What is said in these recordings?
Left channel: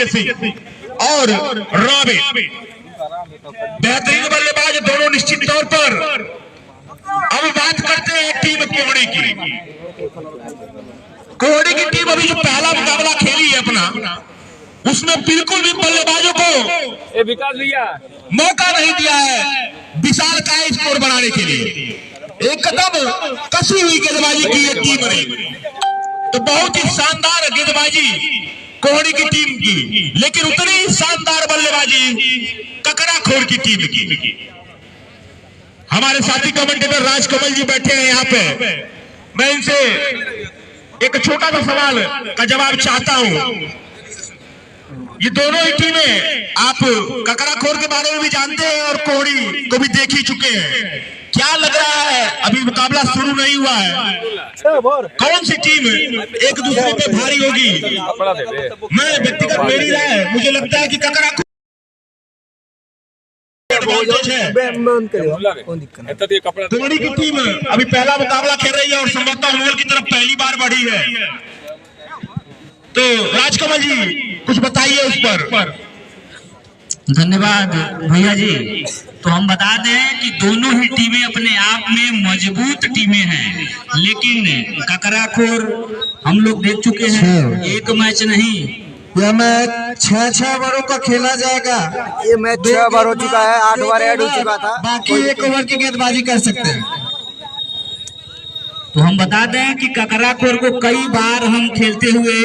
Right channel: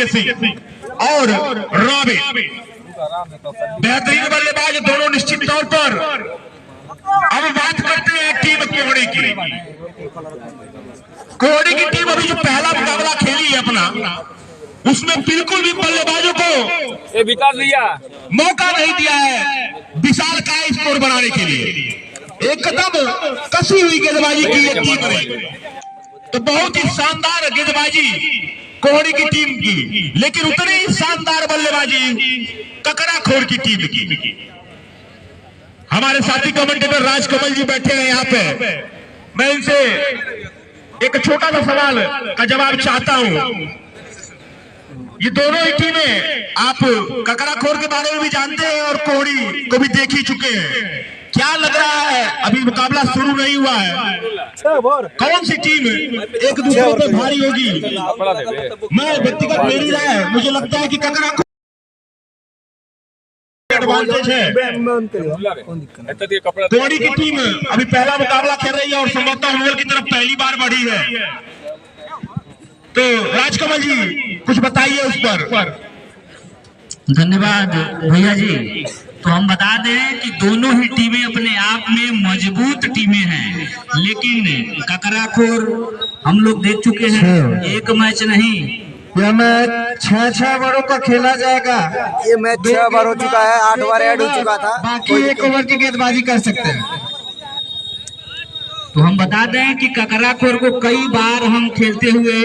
आदित्य सिंह और रॉबिन बेहतरीन बल्लेबाज दोनों निश्चित तौर पर। अब बात करते हैं टीम कोहड़ी की। कोहड़ी की टीम अभी जो पहला मुकाबला खेली है अपना, उसमें बिल्कुल भी बल्लेबाजों को विकास भैया मौका नहीं दिया है विशाल का स्कोर बनाने के लिए। एक कदम कसी हुई गेंदबाजी की ये टीम रही, तो बहुत ही शानदार गेंदबाजी कोहड़ी की टीम की, लेकिन उतनी ही शानदार बल्लेबाजी ककराखोर की टीम की। हमारे साथी कमेंटेटर राजकमल जी बैठे हैं यहाँ पे। मैं इनसे एक छोटा सा सवाल का जवाब चाहता हूँ। ये दोनों ही टीमें आप ककराखोर के बारे में भी जानते हैं और कोहड़ी को भी देख ही चुके हैं। क्या लग रहा है, अभी मुकाबला शुरू नहीं हुआ है, कौन सी टीम एक दूसरे पे भारी होगी? मैं व्यक्तिगत मेरी राय है, मुझे लगता है कि ककराखोर कोहड़ी की टीम अभी पहला मुकाबला खेल रही है और संभवतः ओवल की तरफ पहली बार बढ़ी है। तो राजकमल जी कुछ बताइए उस पर। धन्यवाद भैया जी। तो हम बता दें कि दोनों ही टीमें अपने आप में मजबूत टीमें हैं, लेकिन ककराखोर हम लोग देख चुके हैं, एक मैच नहीं, यह मैच 6 बारों का खेला जाएगा। ये मैच 6 बार हो चुका है, 8 बार ऐड हो चुका था। बाकी एक ओवर की गेंदबाजी कर सकते हैं। तो हम बता दें कि ककराखोर को कई बार हम खेलते हुए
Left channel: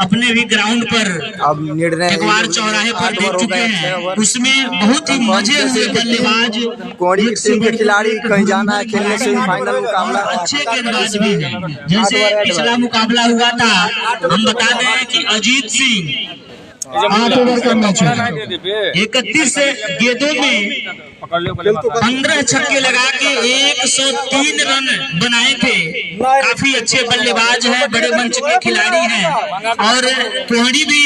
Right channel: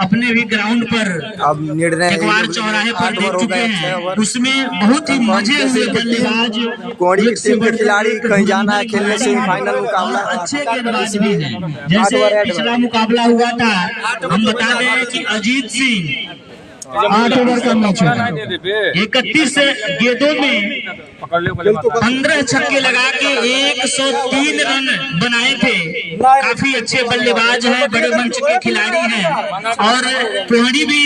अपने भी ग्राउंड पर अब निर्णय चौराहे पर 8 देख ओवर हो चुके गए, हैं। 6 ओवर। उसमें बहुत ही मजे हुए बल्लेबाज कोहड़ी की टीम के खिलाड़ी कहीं जाना है खेलने सेमीफाइनल मुकाबला, अच्छे गेंदबाज भी हैं। जैसे पिछला मुकाबला हुआ था, हम बता दें कि अजीत सिंह 8 ओवर का मैच है। 31 गेंदों में 15 छक्के लगा के 103 रन बनाए थे। काफी अच्छे बल्लेबाज हैं, बड़े मंच के खिलाड़ी हैं, और कोहड़ी भी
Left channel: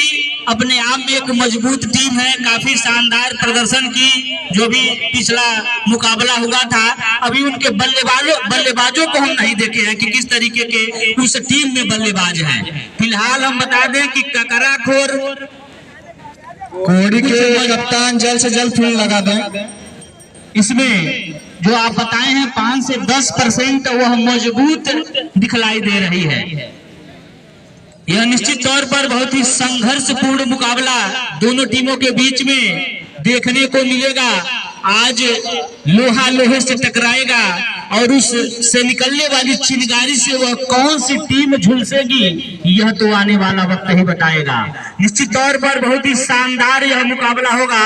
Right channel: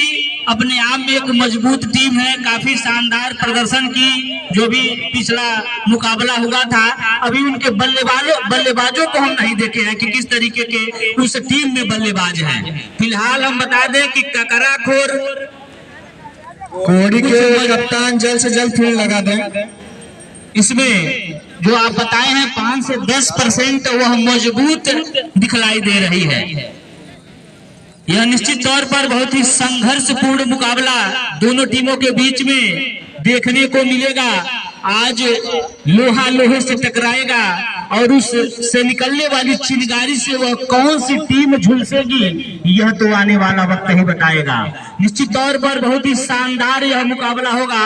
अपने आप में एक मजबूत टीम है। काफी शानदार प्रदर्शन की जो भी पिछला मुकाबला हुआ था। अभी उनके बल्लेबाजों को हम नहीं देखे हैं कि किस तरीके के उस टीम में बल्लेबाज हैं। फिलहाल हम बता दें कि ककराखोर कोहड़ी के कप्तान जल्द से जल्द फील्ड लगा दें। इसमें जो आप बताए हैं 5 से 10% वह मजबूत दिखलाई दे रही है। यह निश्चित तौर पर बहुत ही संघर्षपूर्ण मुकाबला दोनों टीमों के बीच में देखने को मिलेगा। आज लोहा लोहे से टकराएगा और उस से निकलने वाली चिंगारी से वह कौन सी टीम झुलसेगी, यह तो आने वाला वक्त ही बताएगा। निश्चित तौर पर बहुत ही शानदार यह मुकाबला होगा।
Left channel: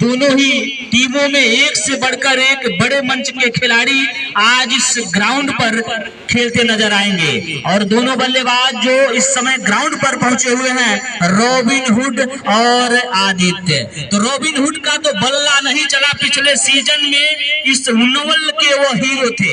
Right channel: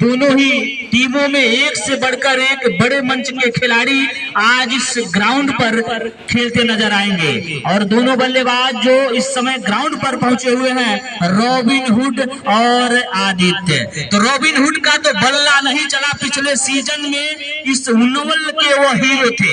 दोनों ही टीमों में एक से बढ़कर एक बड़े मंच के खिलाड़ी आज इस ग्राउंड पर खेलते नजर आएंगे, और दोनों बल्लेबाज जो इस समय ग्राउंड पर पहुंचे हुए हैं, रॉबिन हुड और आदित्य। तो रॉबिन हुड का तो बल्ला नहीं चला पिछले सीजन में, इस नोवल के वो हीरो थे।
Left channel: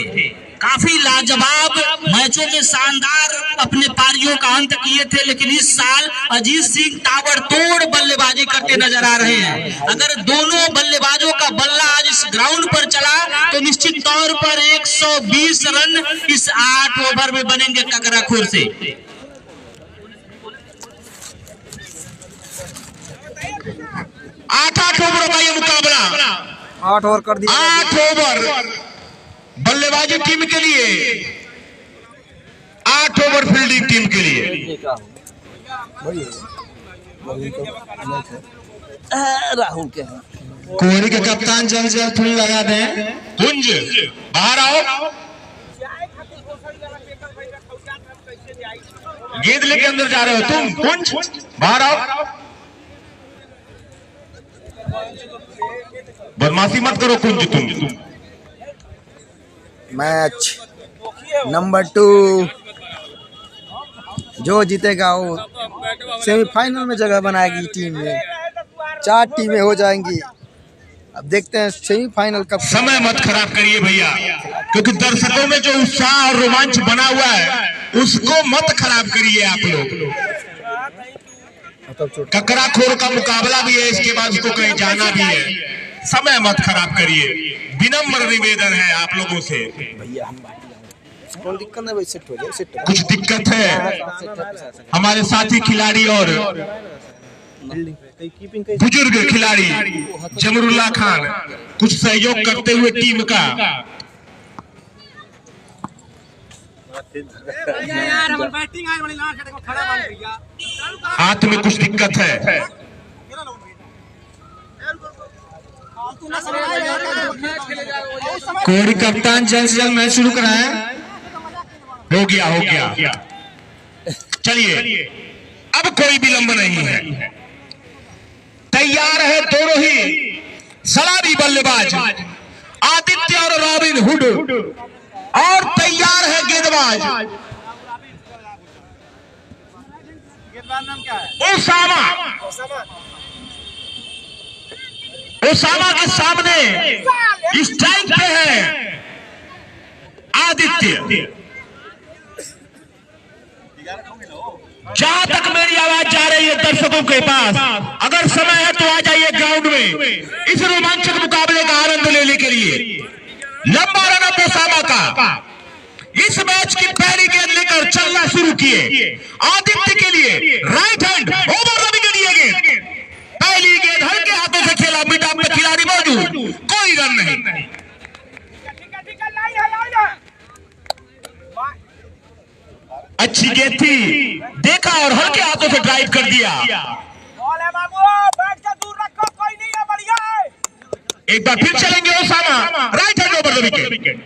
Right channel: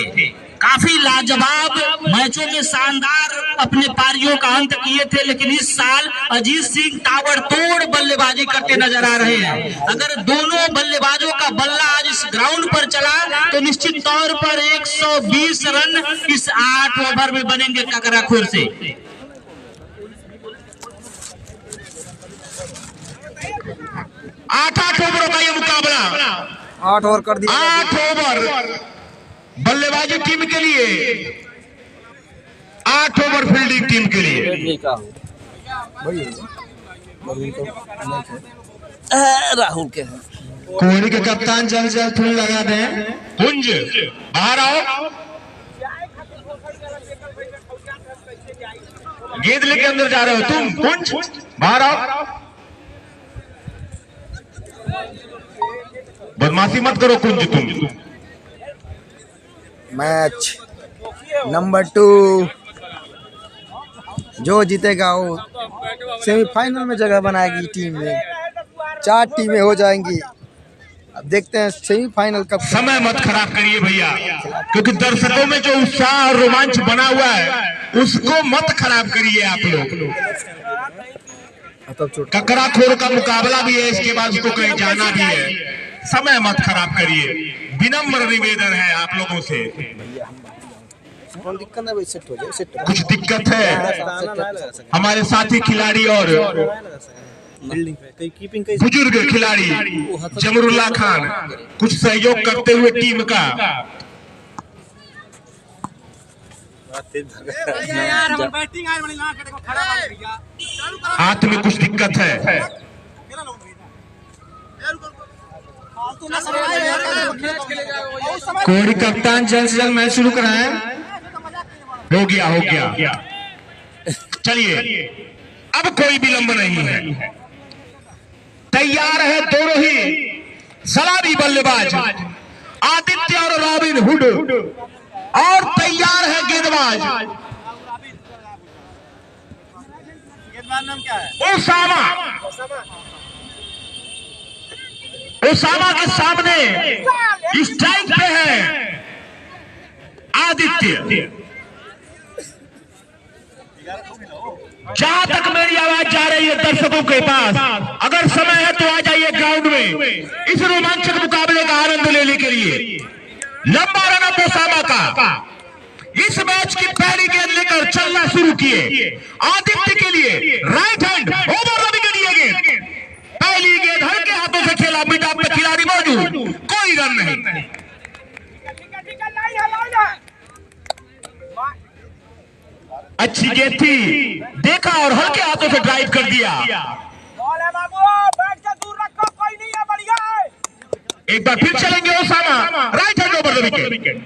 काफी लाजवाब मैचों में शानदार अपने पारियों का अंत किए थे, लेकिन इस साल अजीत सिंह ताबड़तोड़ बल्लेबाजी करते नजर आ रहे हैं। अगर दोनों बल्लेबाजों का बल्ला आज इस ग्राउंड पर चला तो निश्चित तौर पर 120 रन इस 8 ओवर में बनेंगे ककराखोर से। 8 ओवर का ये मुकाबला, 8 ओवर कर दिया। 8 ओवर बल्लेबाजी टीम के लिए, 8 ओवर फील्डिंग टीम के लिए। राहुल के हैं कोहड़ी के कप्तान जल्द से जल्द फील्ड लगा दें। कुंज बाहर आओ, गेंद लेके अंदर जा रहे हो तुम। कुंज बाहर आओ, बदमाशी मत करो कुंज तुम। मैच नंबर 2 जो जीतेगा वो सेमीफाइनल में जगह बनाएगी टीम में। 4 टीमें हो जाएंगी। अब देखते हैं सेमीफाइनल कब। समय मत खराब करिए भैया, क्योंकि दर्शकों में जो उत्साह और रोमांच बना हुआ है उसको मत खराब करिए आप लोग। ककराखोर का मुकाबला भी है, इसके बाद उसको कहीं जाना भी है। समय मत खराब करिए, विनम्र निवेदन है आप लोगों से। दिक्कत है भाई, सेट हो जाए। कुछ दिक्कत है हमारे साथी खिलाड़ी और बुजुर्ग खिलाड़ी जमरुल्लाह खान कुछ सहयोग करते हुए टीम का हाथ में कुछ दिक्कत है। कोहली कप्तान जल्द से जल्द मैच शुरू कराएं। हो गया। चलिए अब कोई विलंब नहीं है। तैयार है दोनों ही सलामी बल्लेबाज आदित्य और रॉबिन हुड और तैयार है गेंदबाज ओसामा के सामने स्ट्राइक पे है आदित्य। जहां तक मेरी आवाज जा रही है दर्शकों के पास, अगर समय है तो आ जाइए ग्राउंड में इस रोमांचक मुकाबले का आनंद लेने के लिए। लंबा रन अप ओसामा का इस मैच की पहली गेंद लेकर चलना शुरू किए। आदित्य के लिए right hand over the wicket ये गेंद। पहली गेंद हल्के हाथों से खेला, बीटा पे खिलाड़ी मौजूद, कोई रन नहीं। अच्छी गेंद थी, देखा और हल्के हाथों से ड्राइव कर दिया। एक बार फिर चलेंगे Osama, right hand over the wicket.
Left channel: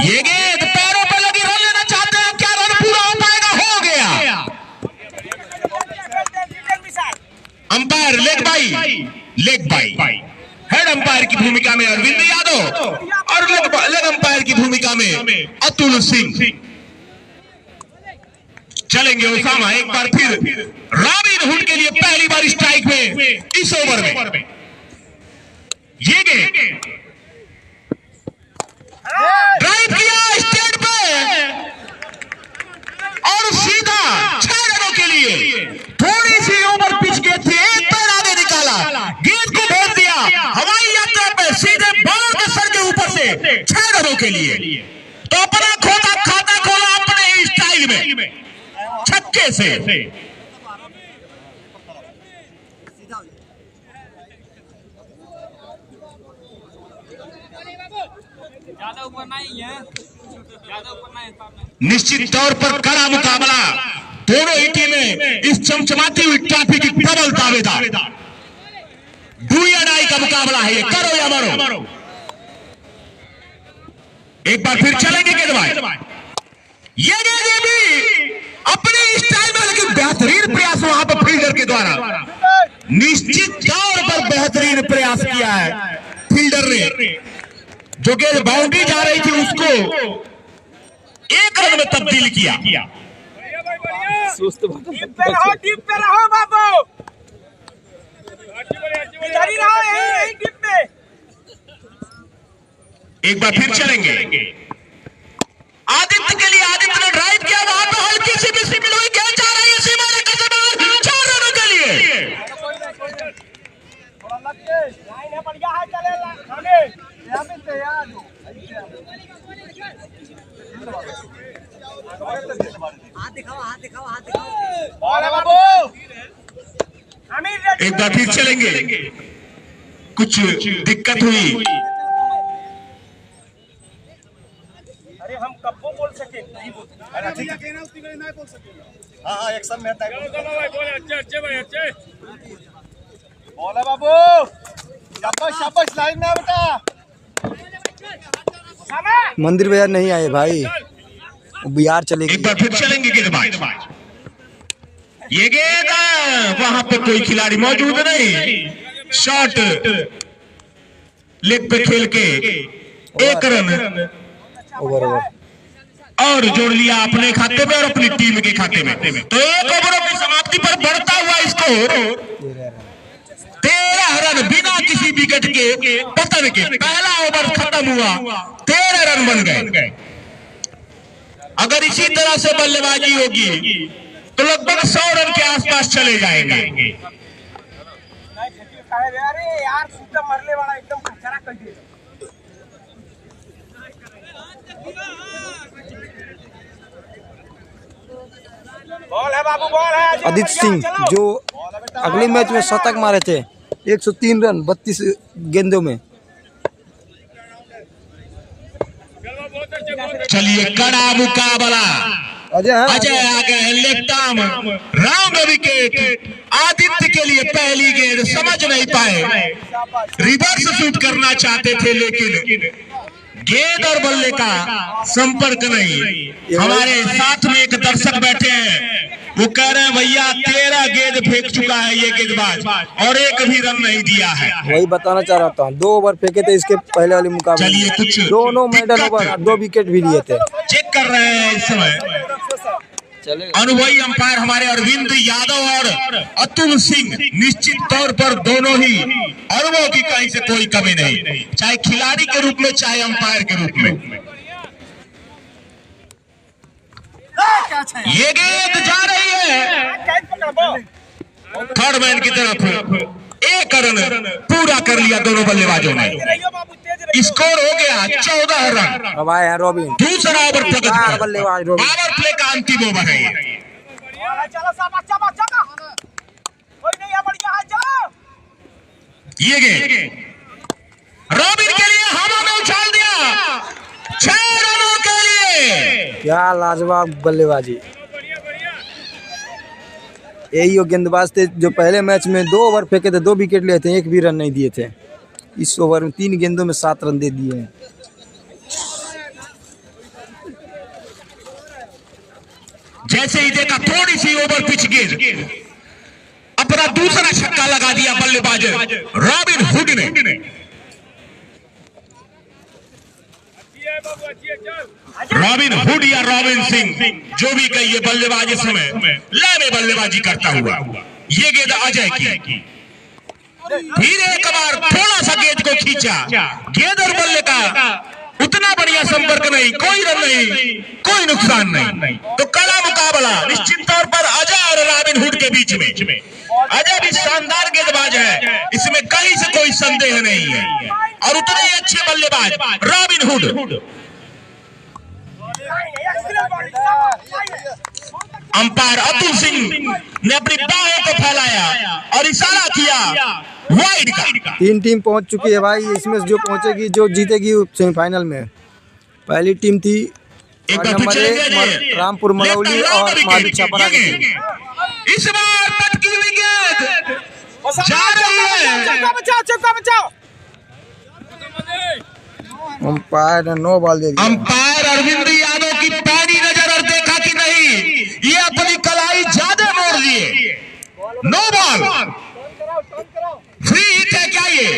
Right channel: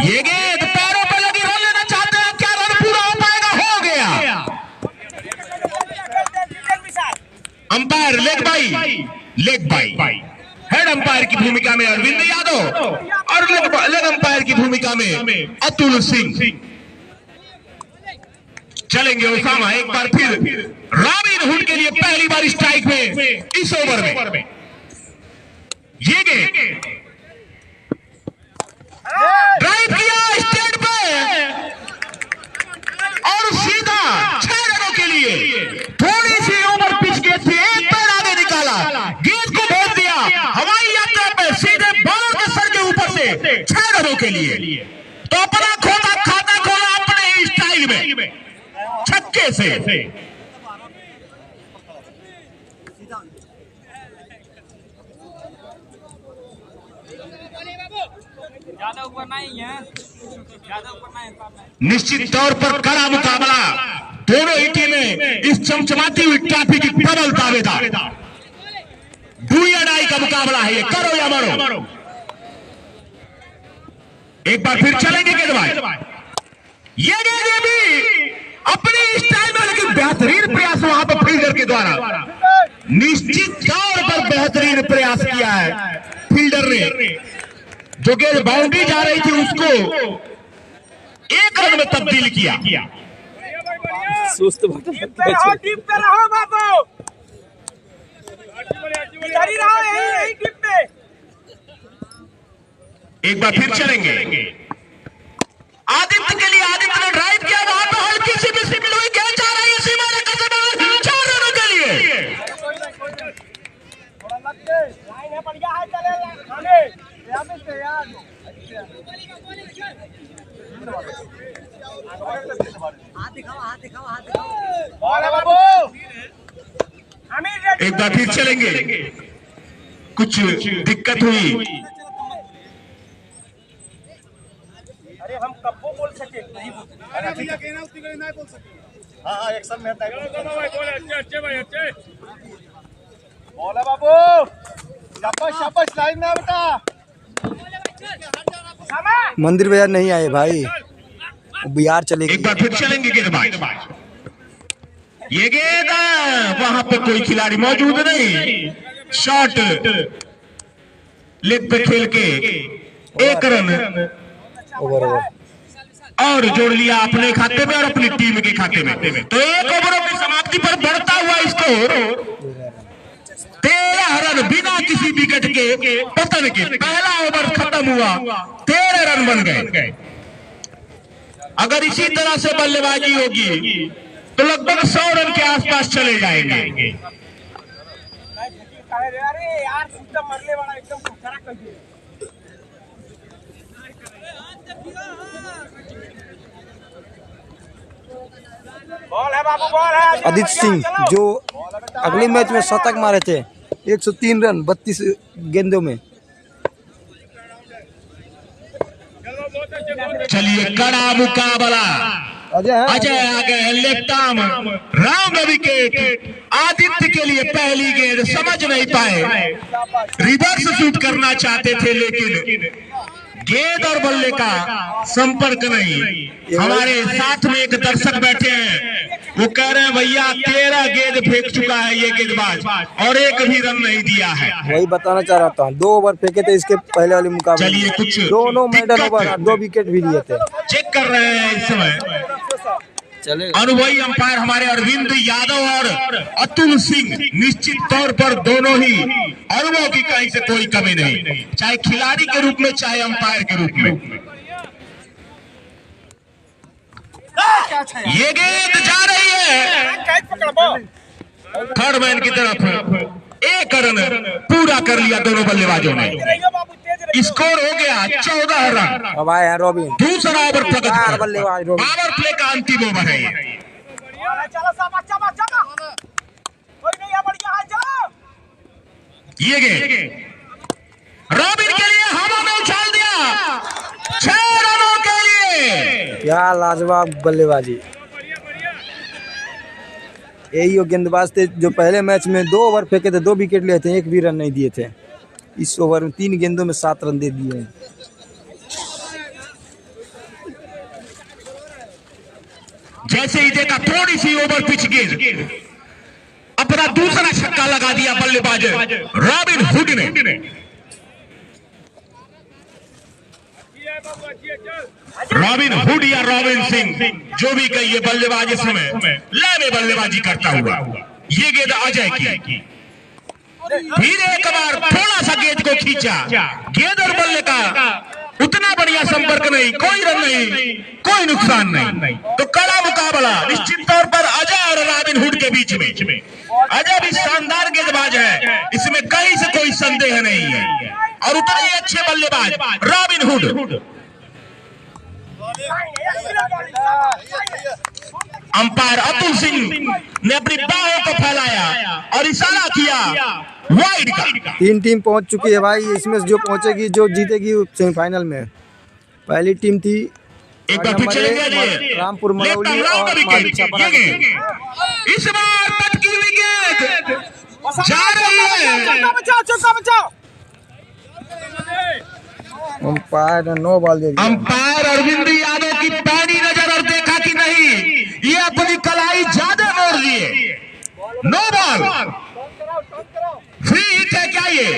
ये गेंद पैरों पर लगी, रन लेना चाहते हैं, क्या रन पूरा हो पाएगा? हो गया। Umpire leg bye head umpire की भूमिका में अरविंद यादव और लेग अंपायर की भूमिका में अतुल सिंह। चलेंगे ओसामा एक बार फिर रॉबिन हुड के लिए पहली बार स्ट्राइक में इस ओवर में। ये गेंद ड्राइव किया स्टेट पे और सीधा 6 रनों के लिए। थोड़ी सी ओवर पिच के थे, एक पैर आगे निकाला, गेंद को भेज दिया हवाई यात्रा पे सीधे बॉल के सर के ऊपर से 6 रनों के लिए। तो अपना खाता खोला अपने ही स्टाइल में छक्के से। निश्चित तौर पर कड़ा मुकाबला, दोनों ही टीमें इस चमचमाती हुई ट्रॉफी की प्रबल दावेदार। डू या डाई का मुकाबला है ये, करो या मरो। एक बार फिर चलेंगे गेंदबाज। ये गेंद भी अपनी स्टाइल में, लेकिन बेहतरीन प्रयास वहां पर फील्डर के द्वारा। निश्चित तौर पर बेहतरीन प्रयास किया है फील्डर ने। जो गेंद बाउंड्री जा रही थी उसको 1 रन में तब्दील किया। एक बार फिर चलेंगे आदित्य के लिए। आदित्य ने ड्राइव किया, वहां पर हल्की सी भी सिमिल हुई, क्या चाह रही है सीमा ने कसम 4 रनों के लिए। एक बार फिर चलेंगे, कुछ दिक्कत हुई। अरे हम कब बोल सके, नहीं बोल सके। हाँ एक्शन में अच्छे भाई अच्छे बोला बाबू। शाबाश लाइन में बेटा। मंदिर बाजार नहीं आए भाई, बिहार चले गए। एक बार फिर चलेंगे गेंदबाज। ये गेंद वहां पे कोई खिलाड़ी मौजूद नहीं, शॉट लेग पे खेल के 1 रन ओवर और जोड़ लिया अपने खाते में और अपनी टीम के खाते में। तो 1 ओवरों की समाप्ति पर बढ़ता हुआ स्कोर 13 रन बिना किसी विकेट के पतन के। पहला ओवर खत्म हुआ, 13 रन बन गए। अगर इसी तरह से बल्लेबाजी होगी तो लगभग 100 रन के आसपास चले जाएंगे। अरे यार मरने वाला एकदम खतरा कर दिया। बॉल है बाबू, बॉल है। आदित्य सिंह जो अगले मैच में शतक मारे थे, 103 रन 32 गेंदों में। चलिए कड़ा मुकाबला, अजय आ गए left arm, round wicket. Aditya के लिए पहली गेंद समझ नहीं पाए, रिवर्स शूट करना चाहते थे लेकिन गेंद और बल्ले का संपर्क नहीं। हमारे साथ में एक दर्शक बैठे हैं, वो कह रहे हैं भैया 13 गेंद फेंक चुका है ये गेंदबाज और एक भी रन नहीं दिया है। वही बताना चाह रहा था, 2 ओवर फेंके थे इसके पहले वाले मुकाबले चलिए में, कुछ दोनों मेडन ओवर और 2 विकेट भी लिए थे। चेक कर रहे हैं इस समय अनुभवी अंपायर हमारे अरविंद यादव और अतुल सिंह। निश्चित तौर पर दोनों ही अनुभव की कहीं से कोई कमी नहीं, चाहे खिलाड़ी के रूप में चाहे अंपायर के रूप में। ये गेंद जा रही है थर्ड मैन की तरफ, एक रन पूरा कर लिया दोनों बल्लेबाजों ने। स्कोर हो गया 14 रन। अब आए हैं रॉबिन, दूसरा ओवर चार बल्लेबाज रॉबिन। पावर प्ले का अंतिम ओवर है ये गेंद रॉबिन के लिए हवा में उछाल दिया, 6 रनों के लिए। क्या लाजवाब बल्लेबाजी। यही वो गेंदबाज थे जो पहले मैच में 2 ओवर फेंके थे, 2 विकेट लिए थे, एक भी रन नहीं दिए थे। इस ओवर में 3 गेंदों में 7 रन दे दिए हैं। जैसे ही देखा थोड़ी सी ओवर पिच गेंद, अपना दूसरा छक्का लगा दिया बल्लेबाज रॉबिन हुड ने। रॉबिन हुड या रॉबिन सिंह जो भी कहिए, बल्लेबाज इस समय लामे बल्लेबाजी करता हुआ। ये गेंद अजय की, फिर एक बार थोड़ा सा गेंद को खींचा, गेंद और बल्ले का उतना बढ़िया संपर्क नहीं, कोई रन नहीं, कोई नुकसान नहीं। तो कड़ा मुकाबला निश्चित तौर पर अजय और रॉबिन हुड के बीच में। अजय भी शानदार गेंदबाज है, इसमें कहीं से कोई संदेह नहीं है, और उतने ही अच्छे बल्लेबाज robin hood. Umpire Atul Singh ने अपनी बाहों को फैलाया और इशारा किया वाइड का। 3 टीम पहुंच चुकी है भाई, इसमें जो पहुंचेगी, जो जीतेगी सेमीफाइनल में। पहली टीम थी नंबर 1 रामपुर मलौली और माधु छापरा की टीम। इस बार पटकी हुई गेंद जा रही है। अंपायर ने 9 बॉल दे दिया। अंपायर अरविंद यादव की पैनी नजर और देखा कि नहीं, ये अपनी कलाई ज्यादा मोड़ दिए। 9 बॉल फ्री हिट है क्या ये?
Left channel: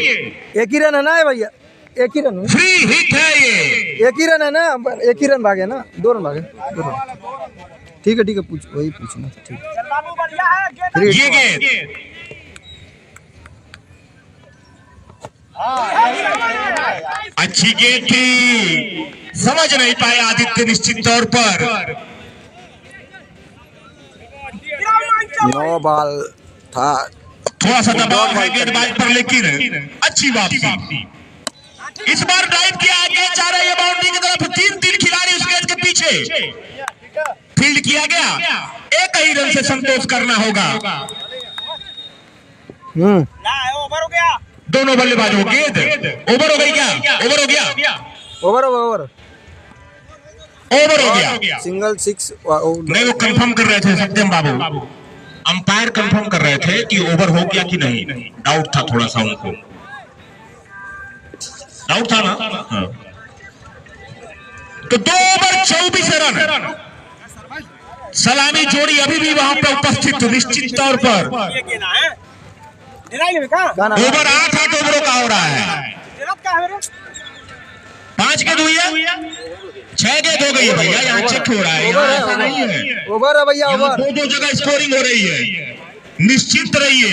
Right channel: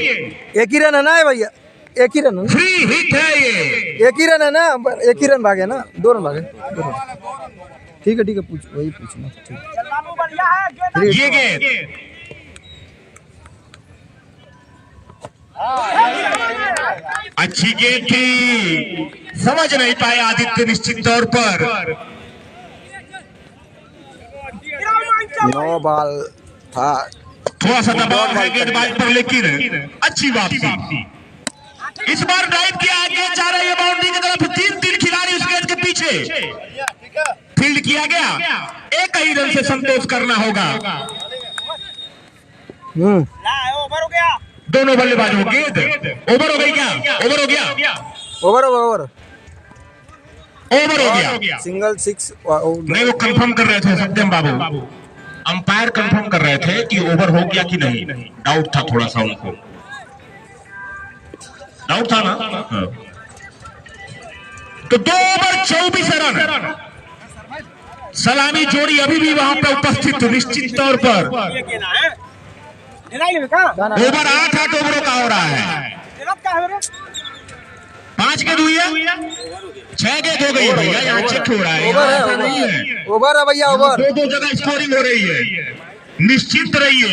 एक ही रन है ना भैया, एक ही रन है, फ्री हिट है ये। एक ही रन है ना, एक ही रन भागे ना, 2 रन भागे, 2 रन। ठीक है पूछ, वही पूछना ठीक। ये गेंद अच्छी गेंद थी, समझ नहीं पाए आदित्य निश्चित तौर पर। 9 बॉल था, थोड़ा सा दबाव है गेंदबाज पर, लेकिन अच्छी बात थी। इस बार ड्राइव किया, गेंद जा रही है बाउंड्री की तरफ। 3 खिलाड़ी उस गेंद के पीछे, फील्ड किया गया। एक ही रन से संतोष करना होगा। दोनों बल्लेबाजों गेंद ओवर हो गई क्या? ओवर हो गया, ओवर ओवर ओवर हो गया। सिंगल 6 नहीं, वो कंफर्म कर रहे थे सत्यम बाबू, अंपायर कंफर्म कर रहे थे कि ओवर हो गया कि नहीं। डाउट था थोड़ा सा, उनको डाउट था ना। हाँ। तो 2 ओवर 24 रन। सलामी जोड़ी अभी भी वहां पर उपस्थित। निश्चित तौर पर ओवर 8 ओवरों का हो रहा है। 5 गेंद हुई है, 6 गेंद हो गई है भैया, यहाँ चेक हो रहा है। ओवर है, ओवर है भैया, ओवर। 2 जगह स्कोरिंग हो रही है। निश्चिंत रहिए,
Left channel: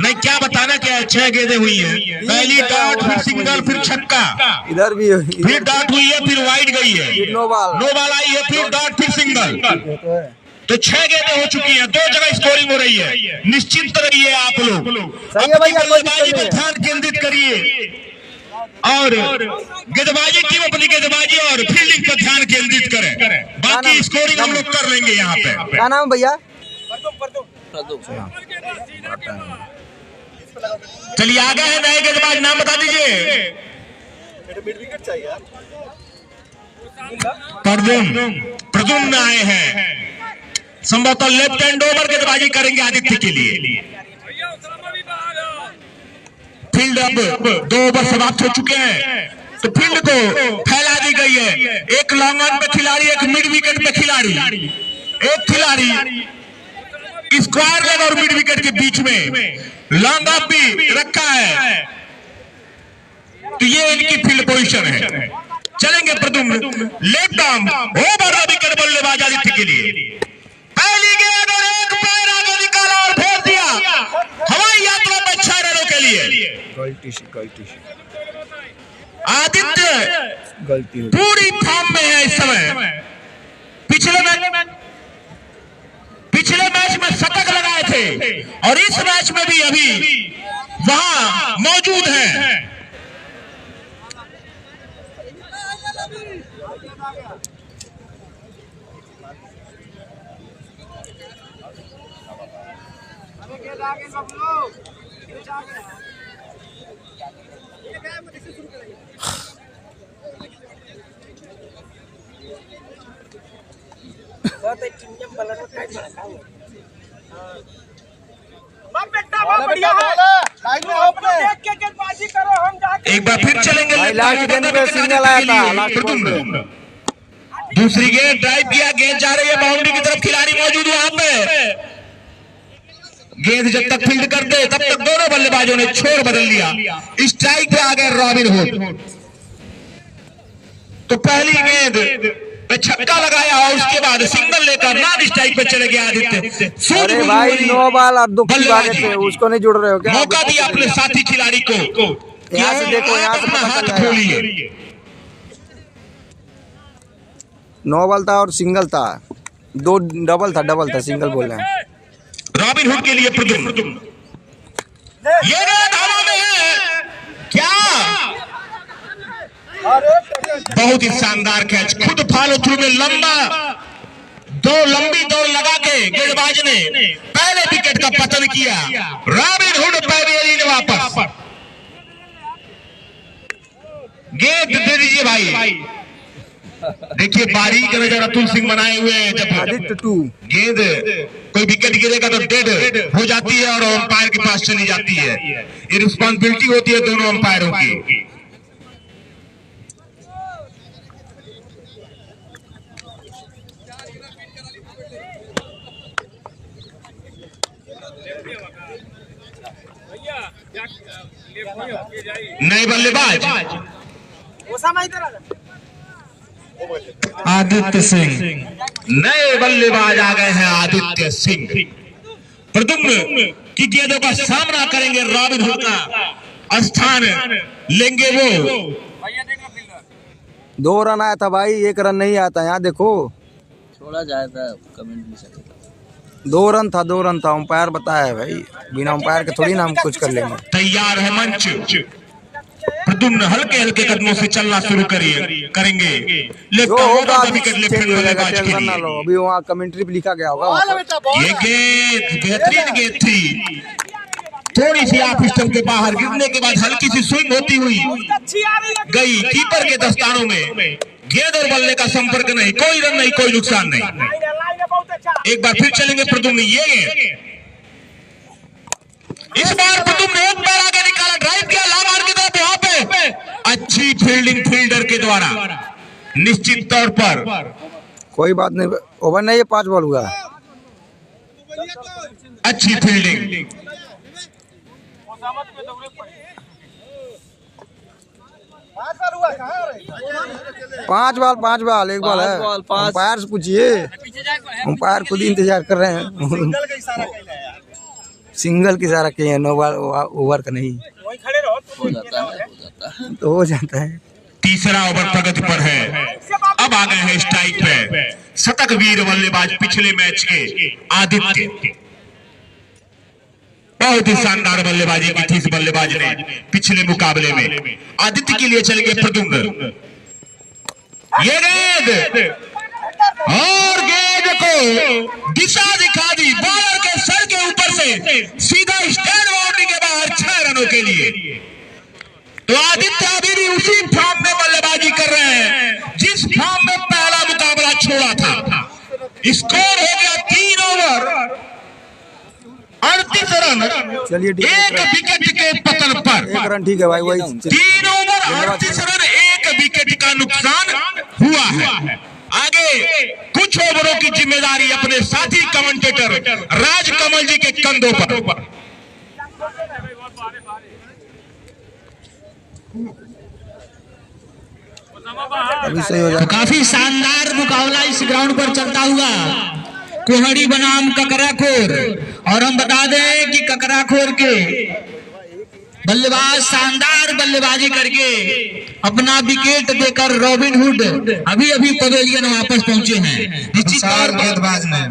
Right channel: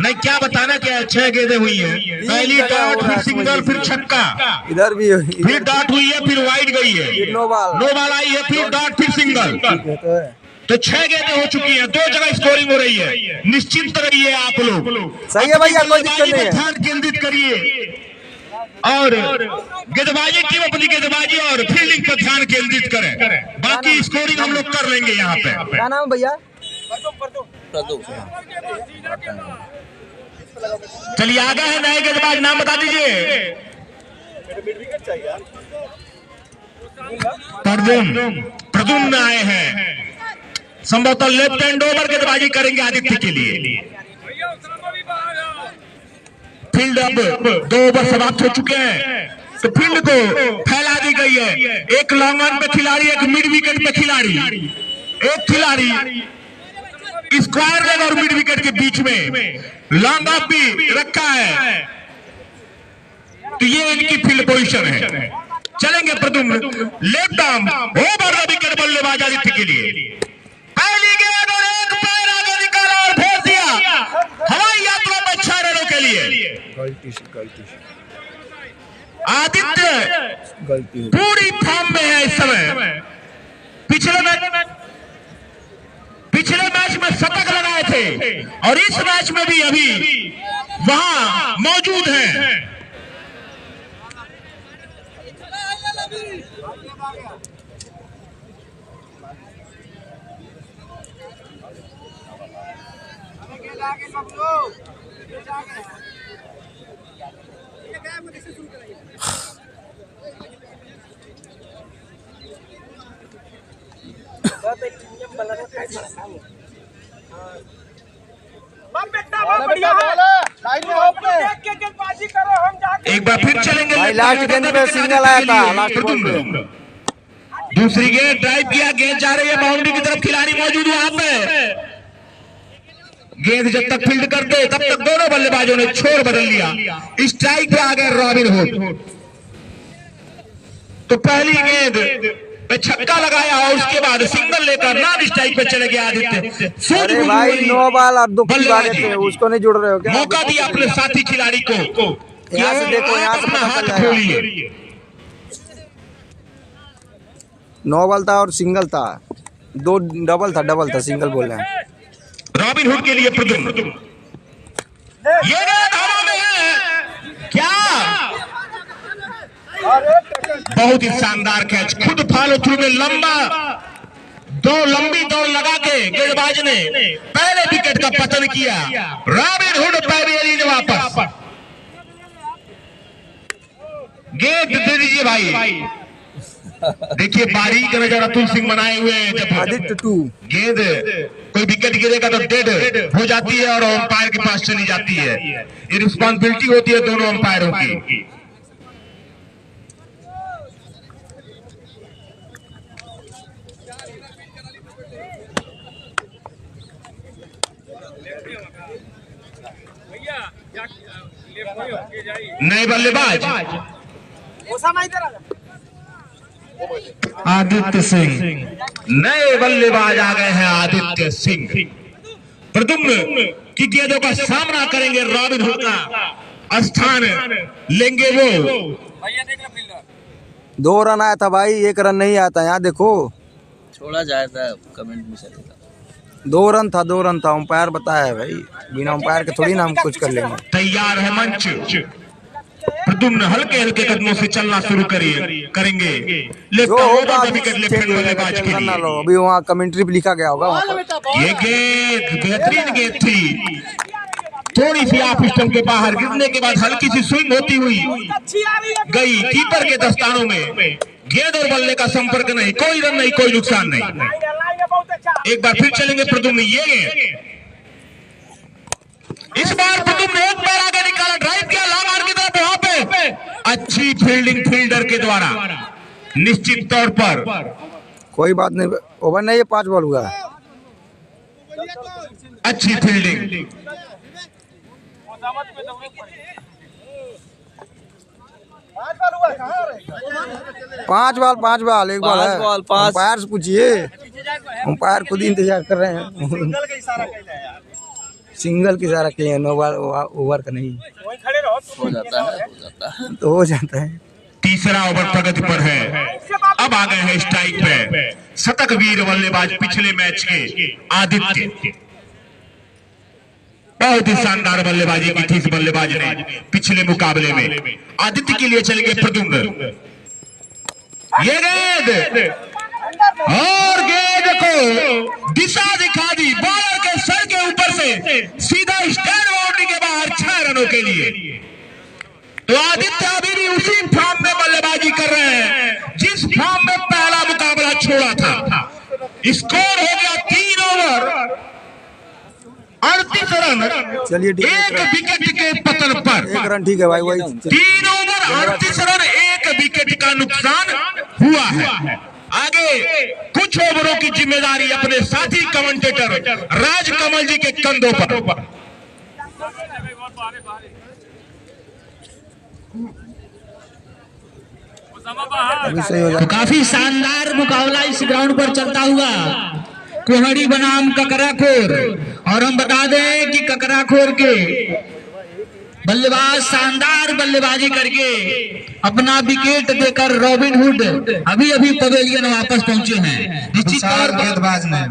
नहीं क्या बताना क्या है। 6 गेंदें हुई है, पहली डॉट, फिर सिंगल, फिर छक्का, इधर भी फिर डॉट हुई है, फिर वाइड गई है, 9 बॉल आई है, फिर डॉट, फिर सिंगल। तो 6 गेंदें हो चुकी हैं, 2 जगह स्कोरिंग हो रही है। निश्चिंत रहिए आप लोग, सही है भैया, कोई दिक्कत नहीं है। ध्यान केंद्रित करिए और गेंदबाजी टीम अपनी गेंदबाजी और फील्डिंग पर ध्यान केंद्रित करें। बाकी स्कोरिंग हम लोग कर लेंगे यहाँ पे। क्या नाम भैया? चलिए आगे है नए गेंदबाज, नाम बता दीजिए। प्रद्युम्न आए हैं, संभवतः लेफ्ट हैंड ओवर गेंदबाजी करेंगे आदित्य के लिए। फील्ड अब 2 ओवर समाप्त हो चुके हैं, तो फील्ड को फैला दी गई है। एक लॉन्ग ऑन पे खिलाड़ी, एक मिड विकेट पे खिलाड़ी, एक खिलाड़ी स्क्वायर लेग और मिड विकेट के बीच में लॉन्ग ऑफ भी रखा है, तो ये इनकी फील्ड पोजीशन है। चलेंगे Pradyumn, left arm over wicket बल्लेबाज आदित्य के लिए। पहली गेंद और एक पैर आगे निकाला और भेज दिया हवाई यात्रा में 6 रनों के लिए। गलती आदित्य पूरी फॉर्म में है इस समय। पिछले मैच में शतक लगाए थे और इस मैच में भी अभी वहां मौजूद है। एक बार फिर चलेंगे भाई, लास्ट गेंद पे सिंगल आया था, लास्ट बॉल पे। दूसरी गेंद ड्राइव किया, गेंद जा रही है बाउंड्री की तरफ, खिलाड़ी मौजूद है यहाँ पे। गेंद जब तक फील्ड करते तब तक दोनों बल्लेबाजों ने छोर बदल लिया। स्ट्राइक पे आ गए रॉबिन हुड। तो पहली गेंद पे छक्का लगाया और उसके बाद सिंगल लेकर नॉन स्ट्राइक पे चले गए आदित्य। अरे भाई, 9 बॉल और 2 की बात है, उसको नहीं जोड़ रहे हो क्या? मौका दिया अपने साथी खिलाड़ी को। यहाँ से देखो, यहाँ से पता चल जाएगा। 9 बॉल था और सिंगल था, 2 डबल था, सिंगल बोल रहे हैं। रॉबिन हुड के लिए प्रद्युम्न, ये हवा में है क्या? बहुत ही शानदार कैच, खुद फॉलो थ्रू में लंबी दौड़ लगा के गेंदबाज ने पहले विकेट का पतन किया। रॉबिन हुड पवेलियन वापस। गेंद दे दीजिए भाई। देखिए बारीक नजर अतुल सिंह बनाए हुए हैं। जब आदित्य 2 गेंद कोई विकेट गिरेगा तो डेड हो जाती है और अंपायर के पास चली जाती है। ये रिस्पॉन्सिबिलिटी होती है दोनों अंपायरों की। नए बल्लेबाज आदित्य सिंह, नए बल्लेबाज आ गए हैं आदित्य सिंह। प्रद्युम्न की गेंदों का सामना करेंगे, रॉबिन हुड का स्थान लेंगे वो। 2 रन आया था भाई, 1 रन नहीं आया था। यहाँ देखो, छोड़ा जाए था कमेंट में से। 2 रन था, अंपायर बताया भाई, बिना अंपायर के थोड़ी ना हम कुछ कर लेंगे। तैयार है मंच। प्रद्युम्न हल्के कदमों से चलना शुरू करेंगे। जो होगा अभी चेंज हो जाएगा, टेंशन ना लो। अभी वहाँ कमेंट्री पे लिखा गया होगा वहाँ पर। ये गेंद बेहतरीन गेंद थी, थोड़ी सी ऑफ स्टंप के बाहर गिरने के बाद हल्की सी स्विंग होती हुई गई कीपर के दस्तानों में। गेंद और बल्ले का संपर्क नहीं, कोई रन नहीं, कोई नुकसान नहीं। एक बार फिर चलेंगे प्रद्युम्न, ये इस बार प्रद्युम्न एक पैर आगे निकाला, ड्राइव किया लॉन्ग ऑन की तरफ। वहां पे अच्छी फील्डिंग फील्डर के द्वारा, निश्चित तौर पर कोई बात नहीं, ओवर नहीं, 5 बॉल हुआ। अच्छी फील्डिंग। 5 बॉल 1 बॉल है। अंपायर से पूछिए, अंपायर खुद ही इंतजार कर रहे हैं। सिंगल की इशारा किए हैं, 9 बॉल ओवर का नहीं। हो जाता है तो हो जाता है। तीसरा ओवर प्रगति पर है। अब आ गए हैं स्ट्राइक पे शतक वीर बल्लेबाज पिछले मैच के आदित्य। बहुत ही शानदार बल्लेबाजी की थी इस बल्लेबाज ने पिछले मुकाबले में। आदित्य के लिए चलेंगे प्रद्युम्न। ये गेंद और गेंद को दिशा दिखा दी, बॉलर के सर के सीधा स्टैंड बाउंड्री के बाहर 6 रनों के लिए। तो आदित्य अभी भी उसी फॉर्म में बल्लेबाजी कर रहे हैं जिस फॉर्म में पहला मुकाबला छोड़ा था। स्कोर हो गया 3 ओवर 38 रन। चलिए ठीक है, एक विकेट के पतन पर 1 रन ठीक है भाई, वही 3 ओवर 38 रन, 1 विकेट का नुकसान हुआ है। आगे कुछ ओवरों की जिम्मेदारी अपने साथी कमेंटेटर राजकमल जी के कंधों पर। अभी सही हो जाएगा। काफी शानदार मुकाबला इस ग्राउंड पर चलता हुआ कोहड़ी बनाम ककराखोर। और हम बता दें कि ककराखोर के बल्लेबाज शानदार बल्लेबाजी करके अपना विकेट देकर रॉबिनहुड अभी अभी पवेलियन वापस पहुंचे हैं निश्चित तौर पर गेंदबाज ने।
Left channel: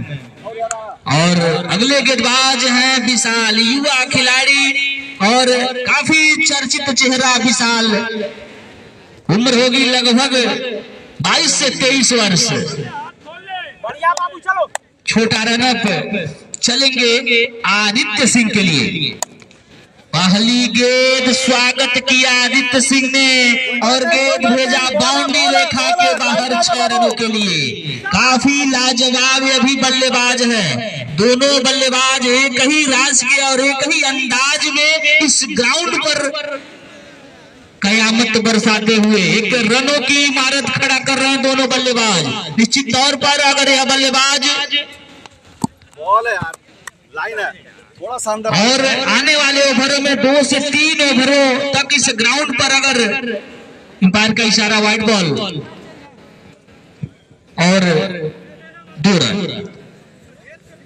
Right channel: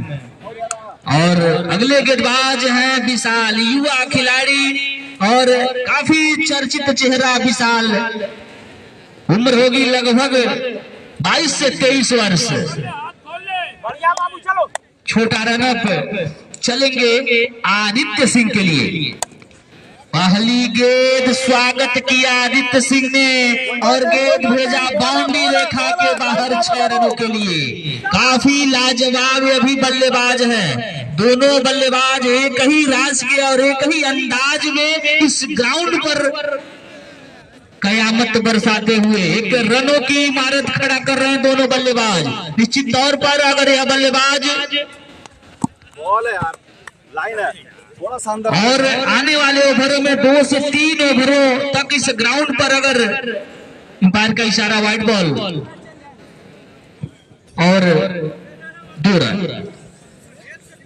और अगले गेंदबाज हैं विशाल, युवा खिलाड़ी और काफी चर्चित चेहरा विशाल। उम्र होगी लगभग 22 से 23 वर्ष। छोटा रनअप चलेंगे आदित्य सिंह के लिए। पहली गेंद स्वागत किया आदित्य सिंह ने और गेंद भेजा बाउंड्री रेखा के बाहर 6 रनों के लिए। काफी लाजवाब अभी बल्लेबाज है। दोनों बल्लेबाज एक ही राज के और एक ही अंदाज में इस ग्राउंड पर कयामत बरसाते हुए एक रनों की इमारत खड़ा कर रहे हैं दोनों बल्लेबाज। निश्चित तौर पर अगर यह बल्लेबाज बॉल है यार, लाइन है थोड़ा शानदार। और आने वाले ओवरों में 2 से 3 ओवरों तक इस ग्राउंड पर अगर अंपायर का इशारा वाइड बॉल और 2 रन,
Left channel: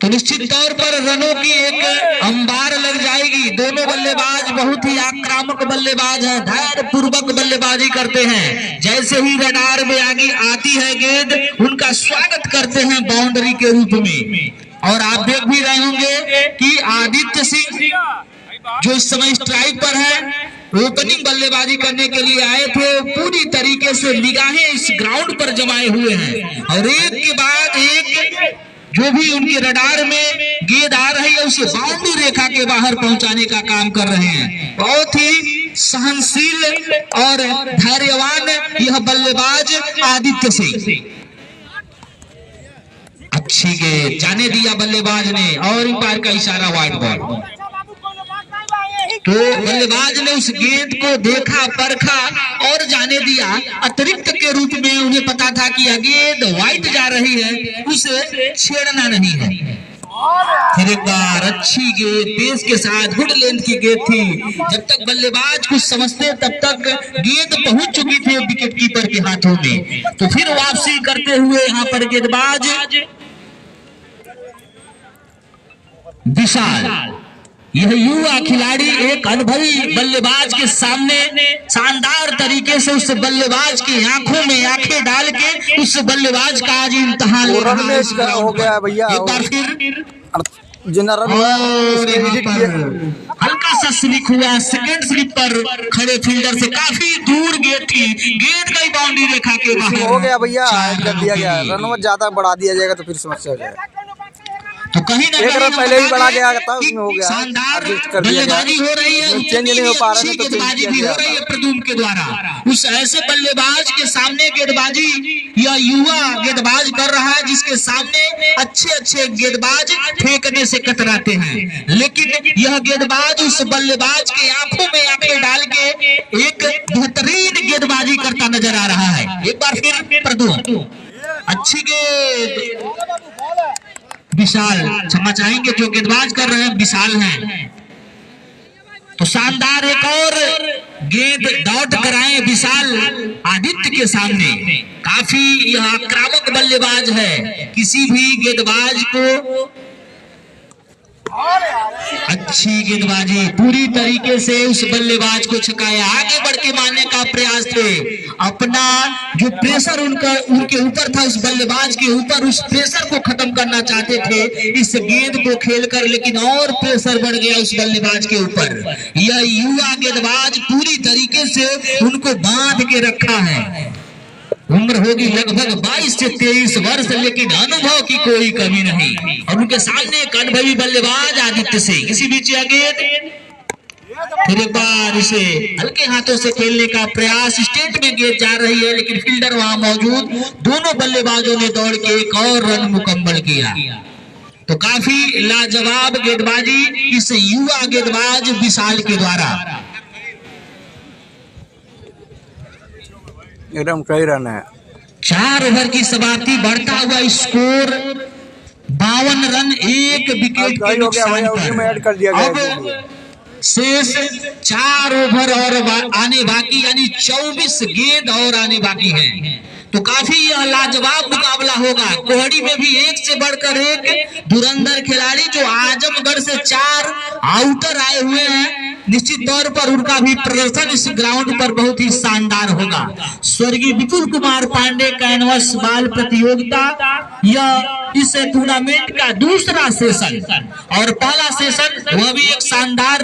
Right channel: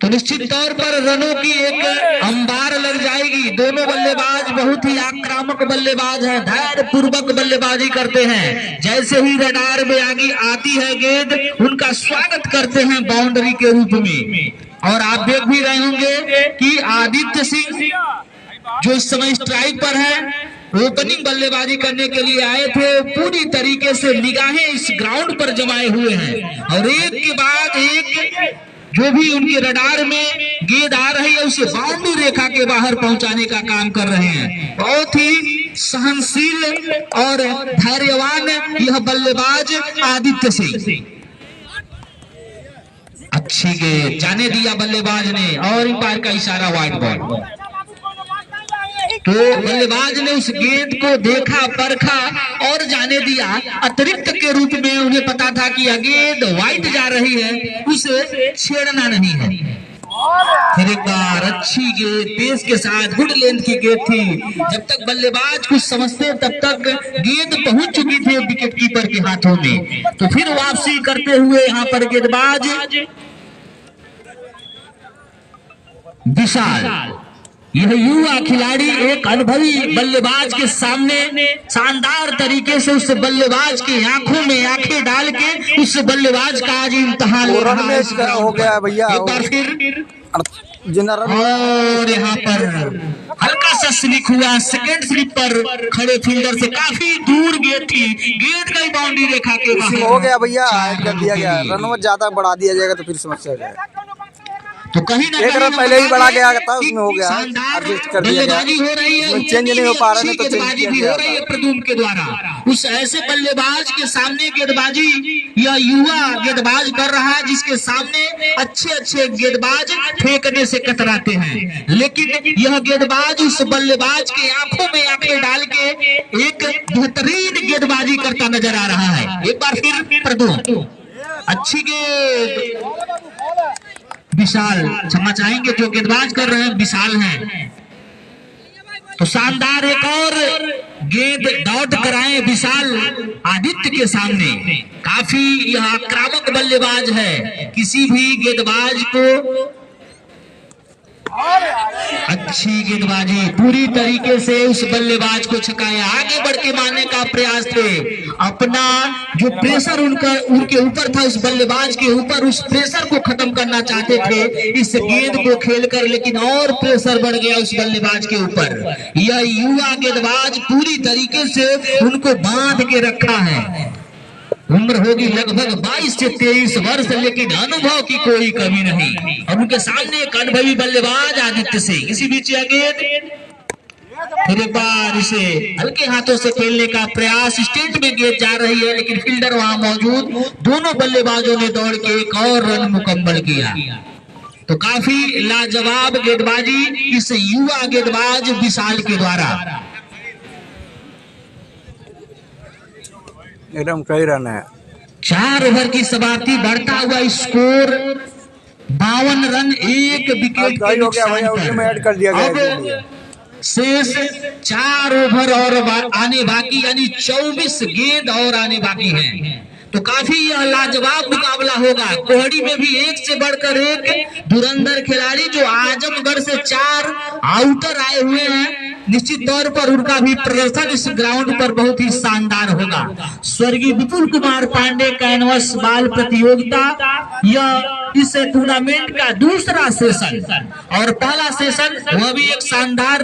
तो निश्चित तौर पर रनों की एक अंबार लग जाएगी। दोनों बल्लेबाज बहुत ही आक्रामक बल्लेबाज हैं, धैर्य पूर्वक बल्लेबाजी करते हैं। जैसे ही रडार में आगे आती है गेंद, उनका स्वागत करते हैं बाउंड्री के रूप में। और आप देख भी रहे होंगे कि आदित्य सिंह जो इस समय स्ट्राइक पर है, ओपनिंग बल्लेबाजी करने के लिए आए थे, पूरी तरीके से निगाहें इस ग्राउंड पर जमाए हुए हैं और एक के बाद एक जो भी उनके रडार में गेंद आ रही है उसे बाउंड्री रेखा के बाहर पहुंचाने का काम कर रहे हैं। बहुत ही सहनशील और धैर्यवान यह बल्लेबाज आदित्य सिंह। अच्छी गेंद जाने दिया बल्लेबाज ने और अंपायर का इशारा वाइड बॉल। तो बल्लेबाज ने उस गेंद को देखा, परखा और जाने दिया। अतिरिक्त के रूप में उन्हें पता था कि यह गेंद वाइड जा रही है, उसे छेड़ना नहीं है। फिर एक बार अच्छी गेंद पेस के साथ, गुड लेंथ की गेंद थी। जब तक बल्लेबाज कुछ समझते तब तक गेंद पहुंच चुकी थी विकेट कीपर के हाथों में। तो फिर वापसी करते हुए यहाँ पर गेंदबाज विशाल, यह युवा खिलाड़ी एक अनुभवी बल्लेबाज के सामने शानदार तरीके से उस बल्लेबाज की आंखों में आंखें डाल के उस बल्लेबाज का आज इम्तिहान ले रहा है। इसका हो गया भैया, एक बार फिर जितना रन और यहाँ पर हल्का सा स्लिप हुआ, सेकंड स्लिप पर खड़े फील्डर से काफी दूर गेंद थी, गेंद का ही बाउंड्री रेखा के बाहर हो गया भैया, ऐड कर दिया गया। रन ज्यादा बढ़ा दिया जाएगा तो फिर समस्या हो जाएगा। तो कहीं ना एक रन पहले ही बढ़ा गया था, उसमें हो गया है, एडजस्ट कर दिया गया। उसमें चेंज नहीं हो पा रहा है तो चेंज किया गया था प्रदूम के द्वारा। उस ऐसे बल्लेबाज के सामने गेंदबाजी या युवा गेंदबाज कर रहा है जिसके सामने अच्छे गेंदबाज फेंकने से कतराते हैं, लेकिन यह गेंदबाज उस बल्लेबाज के आंखों में आंखें डाल के एक बेहतरीन गेंदबाजी करता नजर आ रहा है। एक बार फिर प्रदूम, अच्छी गेंद विशाल, क्षमा चाहेंगे जो गेंदबाज कर रहे हैं विशाल हैं। तो शानदार एक और गेंद डॉट कराए विशाल आदित्य के सामने। काफी यह आक्रामक बल्लेबाज है, किसी भी गेंदबाज को अच्छी गेंदबाजी पूरी तरीके से उस बल्लेबाज को छकाया। आगे बढ़ के मारने का प्रयास थे, अपना जो प्रेशर उनके ऊपर था उस बल्लेबाज के ऊपर, उस प्रेशर को खत्म करना चाहते थे इस गेंद को खेलकर, लेकिन और प्रेशर बढ़ गया उस बल्लेबाज के ऊपर। यह युवा गेंदबाज पूरी तरीके से उनको बांध के रखा है। उम्र होगी लगभग 22 से 23 वर्ष, लेकिन अनुभव की कोई कमी नहीं। और उनके सामने एक अनुभवी बल्लेबाज आदित्य सिंह। इसी बीच गेंद फिर एक बार इसे हल्के हाथों से खेलने का प्रयास, स्टेट में गेंद जा रही है लेकिन फील्डर वहां मौजूद। दोनों बल्लेबाजों ने दौड़ के एक और रन मुकम्मल किया। तो काफी लाजवाब गेंदबाजी इस युवा गेंदबाज विशाल के द्वारा। एकदम कई रन है। 4 ओवर की समाप्ति, बढ़ता हुआ स्कोर 52 रन, 1 विकेट कई हो गया भैया, उसी में ऐड कर दिया गया। शेष 4 ओवर और आने बाकी, यानी 24 गेंद और आने बाकी हैं। तो काफी यह लाजवाब मुकाबला होगा। कोहड़ी में भी एक से बढ़कर एक धुरंधर खिलाड़ी, जो आजमगढ़ से 4 आउटर आए हुए हैं। निश्चित तौर पर उनका भी प्रदर्शन इस ग्राउंड पर बहुत ही शानदार होगा। स्वर्गीय विपुल कुमार पांडे कैनवस बाल प्रतियोगिता, यह इस टूर्नामेंट का दूसरा सेशन, और पहला सेशन वह भी एक शानदार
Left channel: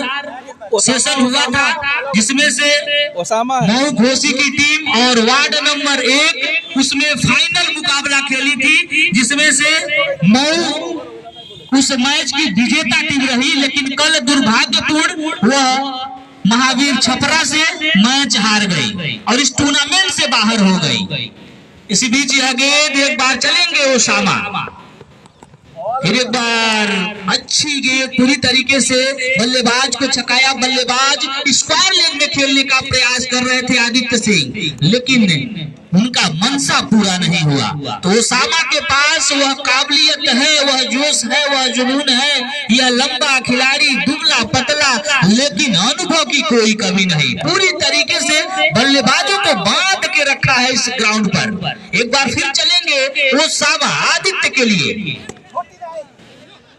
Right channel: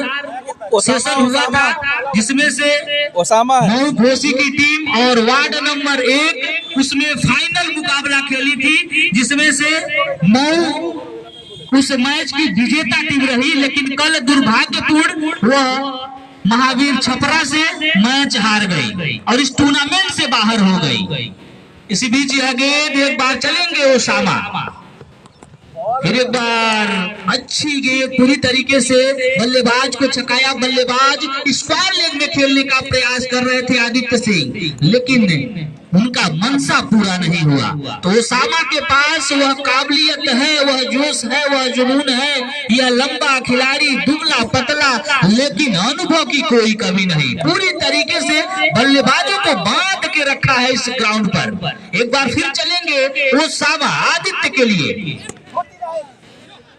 सेशन हुआ था, जिसमें से मऊ घोसी की टीम और वार्ड नंबर 1 उसमें फाइनल मुकाबला खेली थी, जिसमें से मऊ उस मैच की विजेता टीम रही। लेकिन कल दुर्भाग्यपूर्ण वह महावीर छपरा से मैच हार गई और इस टूर्नामेंट से बाहर हो गई। इसी बीच यह गेंद एक बार चलेंगे ओसामा, फिर एक बार अच्छी गेंद पूरी तरीके से बल्लेबाज को छकाया। बल्लेबाज स्क्वायर लेग में खेलने का प्रयास कर रहे थे आदित्य सिंह, लेकिन उनका मनसा पूरा नहीं हुआ। तो ओसामा के पास वह काबिलियत है, वह जोश है, वह जुनून है। यह लंबा खिलाड़ी, दुबला पतला, लेकिन अनुभव की कोई कमी नहीं। पूरी तरीके से बल्लेबाजों को बांध के रखा है इस ग्राउंड पर। एक बार फिर चलेंगे ओसामा आदित्य के लिए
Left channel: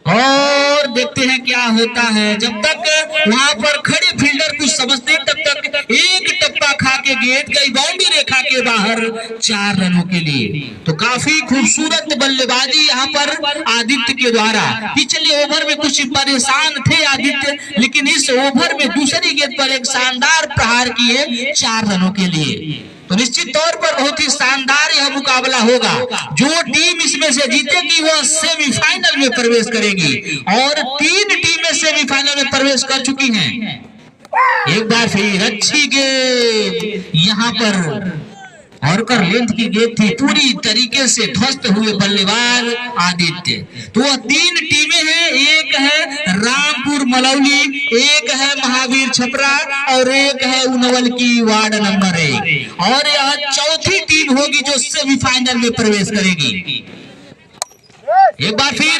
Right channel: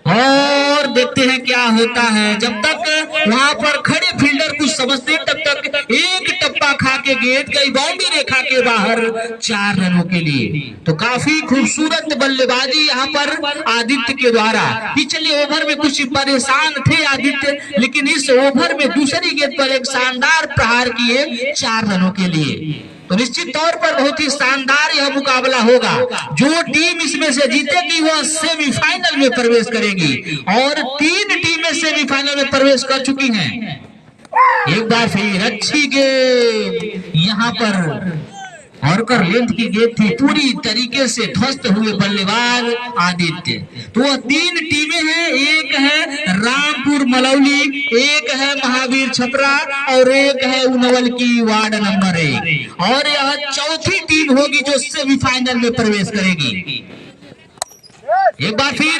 और देखते हैं क्या होता है। जब तक वहां पर खड़े फील्डर कुछ समझते, तब तक एक टप्पा खा के गेंद गई बाउंड्री रेखा के बाहर 4 रनों के लिए। तो काफी खूबसूरत बल्लेबाजी यहाँ पर आदित्य के द्वारा। पिछले ओवर में कुछ परेशान थे आदित्य, लेकिन इस ओवर में दूसरी गेंद पर एक शानदार प्रहार किए 4 रनों के लिए। तो निश्चित तौर पर बहुत ही शानदार यह मुकाबला होगा। जो टीम इसमें से जीतेगी वह सेमीफाइनल में प्रवेश करेगी, और 3 टीमें सेमीफाइनल में प्रवेश कर चुकी हैं। एक बार फिर अच्छी गेंद यहाँ पर हॉर्कर लेंथ की गेंद थी, पूरी तरीके से ध्वस्त हुए बल्लेबाज आदित्य। तो वह 3 टीमें हैं, एक है रामपुर मलौली, एक है महावीर छपरा और एक है उनवल की वार्ड नंबर 1, और यह चौथी टीम होगी जो सेमीफाइनल में प्रवेश करेगी। एक बार फिर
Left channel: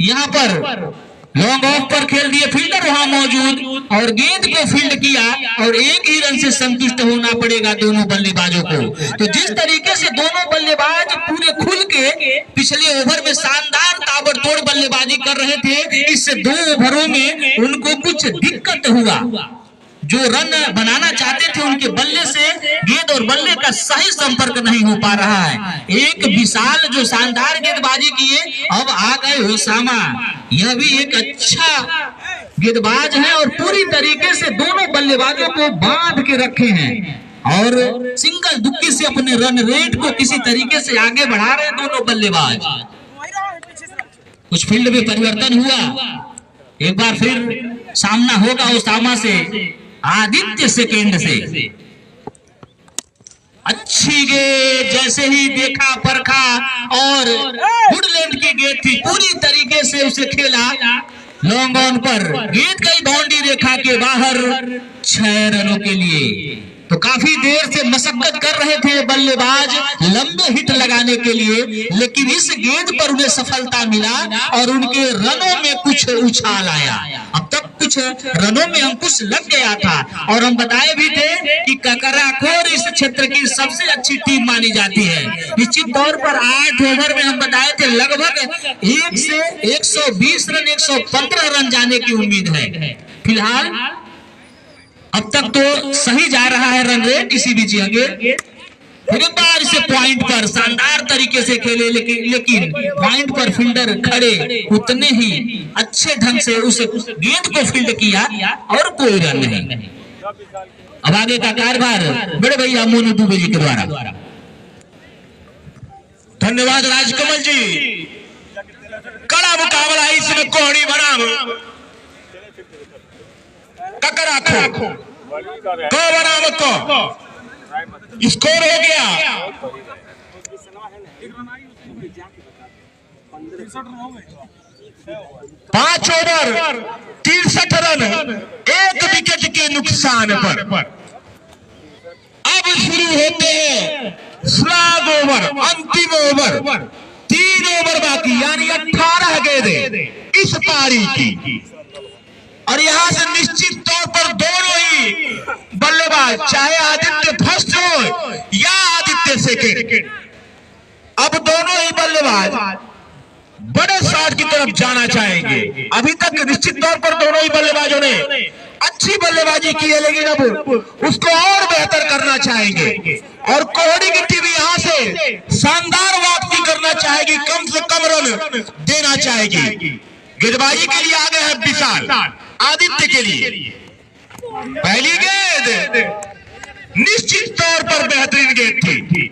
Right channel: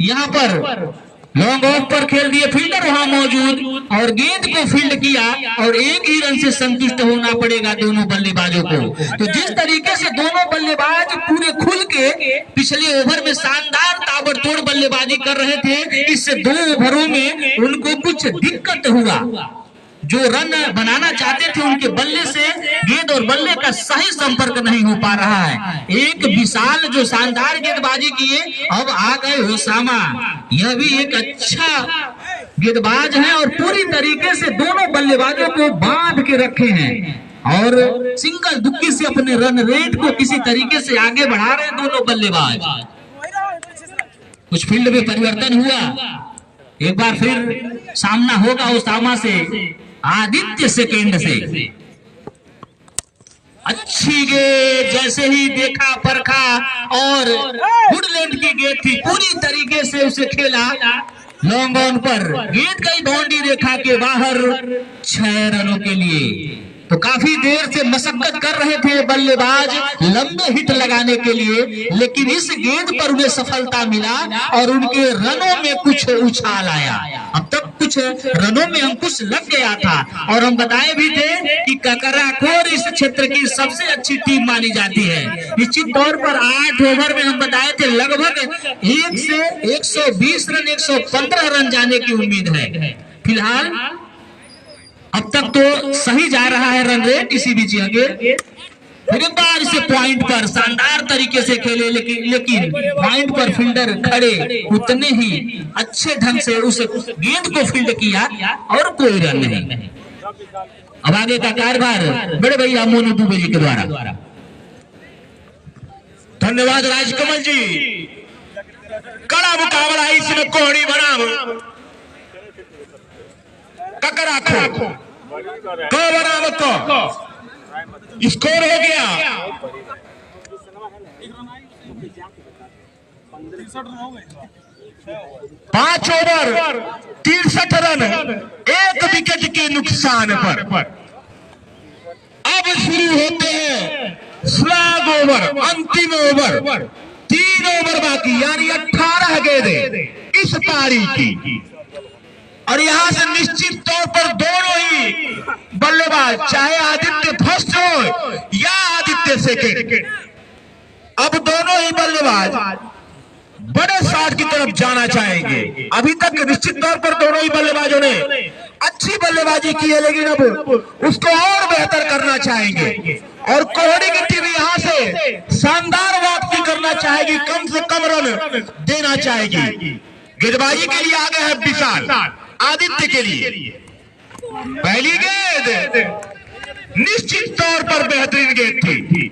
यहाँ पर लॉन्ग ऑफ पर खेल दिए, फील्डर वहां मौजूद और गेंद को फील्ड किया, और एक ही रन से संतुष्ट होना पड़ेगा दोनों बल्लेबाजों को। तो जिस तरीके से दोनों बल्लेबाज पूरे खुल के पिछले ओवर में शानदार ताबड़तोड़ बल्लेबाजी कर रहे थे, इस 2 ओवरों में उनको कुछ दिक्कत हुआ। जो रन बनाना चाहते थे उनके बल्ले से गेंद और बल्ले का सही संपर्क नहीं हो पा रहा है। एक विशाल जो शानदार गेंदबाजी किए, अब आ गए ओसामा। यह भी एक अच्छा गेंदबाज है और पूरी तरीके से दोनों बल्लेबाजों को बांध के रखे हैं, और सिंगल दुक्की से अपने रन रेट को किसी तरीके से आगे बढ़ा रहे हैं दोनों बल्लेबाज। कुछ फील्ड में परिवर्तन हुआ, एक बार फिर सामना होगा ओसामा से आदित्य सेकेंड से। अच्छी गेंद, जैसे ही देखा परखा और वुडलैंड की गेंद थी, पूरी तरीके से उसे खेला लॉन्ग ऑन पर, गेंद गई बाउंड्री रेखा के बाहर 6 रनों के लिए। तो काफी देर से मशक्कत कर रहे थे बल्लेबाज लंबे हिट लगाने के लिए, लेकिन इस गेंद पर उन्हें सफलता मिला और उनके रनों में कुछ उछाल आया। अब तक कुछ रनों में अंकुश लग गया था, और हम बताए भी थे कि ककराखोर इस क्षेत्र की सबसे अच्छी टीम मानी जाती है। निश्चित तौर पर 8 ओवर में हम बताए थे लगभग 1 से 120 रन, 115 रन जाने की उम्मीद है। फिलहाल अब तक तो सही जा रहा है रन रेट। इसी बीच आगे फिर एक बार इसे पॉइंट पर शानदार तरीके से खेले, लेकिन पॉइंट पर फील्डर खड़े उतने ही अच्छे ढंग से उस गेंद को फील्ड किया और कोई रन नहीं। अब आगे का कार्यभार बड़े भैया मोनू दुबे जी के द्वारा। धन्यवाद राजकमल जी। कड़ा मुकाबला इसमें कोहड़ी बनाम ककरा खो दो बनाम को स्कोर हो गया 5 ओवर 63 रन 1 विकेट के नुकसान पर। अब शुरू होते हैं स्लैग ओवर, अंतिम ओवर। 3 ओवर बाकी, यानी 18 गेंदें इस पारी की। और यहां से निश्चित तौर पर दोनों ही बल्लेबाज, चाहे आदित्य फर्स्ट हो या आदित्य सेकेंड, अब दोनों ही बल्लेबाज बड़े शॉट की तरफ जाना चाहेंगे। अभी तक निश्चित तौर पर दोनों ही बल्लेबाजों ने अच्छी बल्लेबाजी की है, लेकिन अब उसको और बेहतर करना चाहेंगे। और कोहड़ी की टीम यहां से शानदार वापसी करना चाहेगी, कम से कम रन देना चाहेगी। गेंदबाजी के लिए आगे है विशाल, आदित्य के लिए पहली गेंद निश्चित तौर पर बेहतरीन गेंद थी।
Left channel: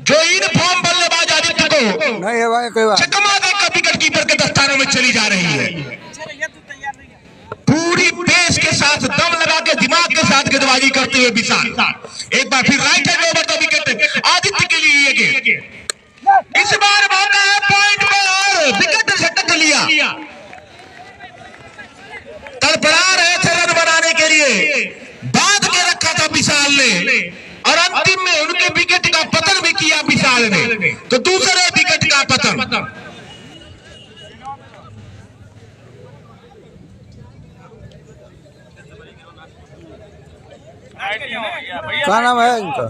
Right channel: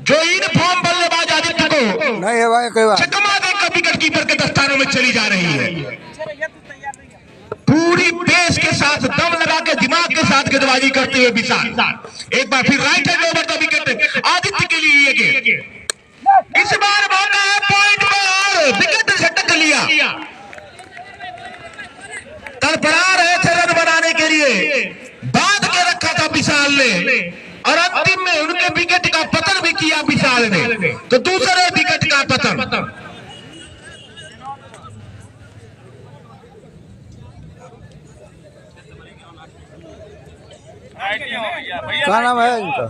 जो इन फॉर्म बल्लेबाज आदित्य को नहीं है भाई कोई बात। चकमा देकर विकेट कीपर के दस्तानों में चली जा रही है। पूरी पेस के साथ, दम लगा के, दिमाग के साथ गेंदबाजी करते हुए विशाल। एक बार फिर राइट हैंड ओवर का विकेट आदित्य के लिए ये गेंद। इस बार मौका है पॉइंट पर और विकेट झटक लिया। तड़पड़ा रहे थे रन बनाने के लिए, बांध के रखा था विशाल ने, और अंतिम में उनके विकेट का पतन भी किया विशाल ने। तो दूसरे विकेट का पतन। क्या नाम है इनका?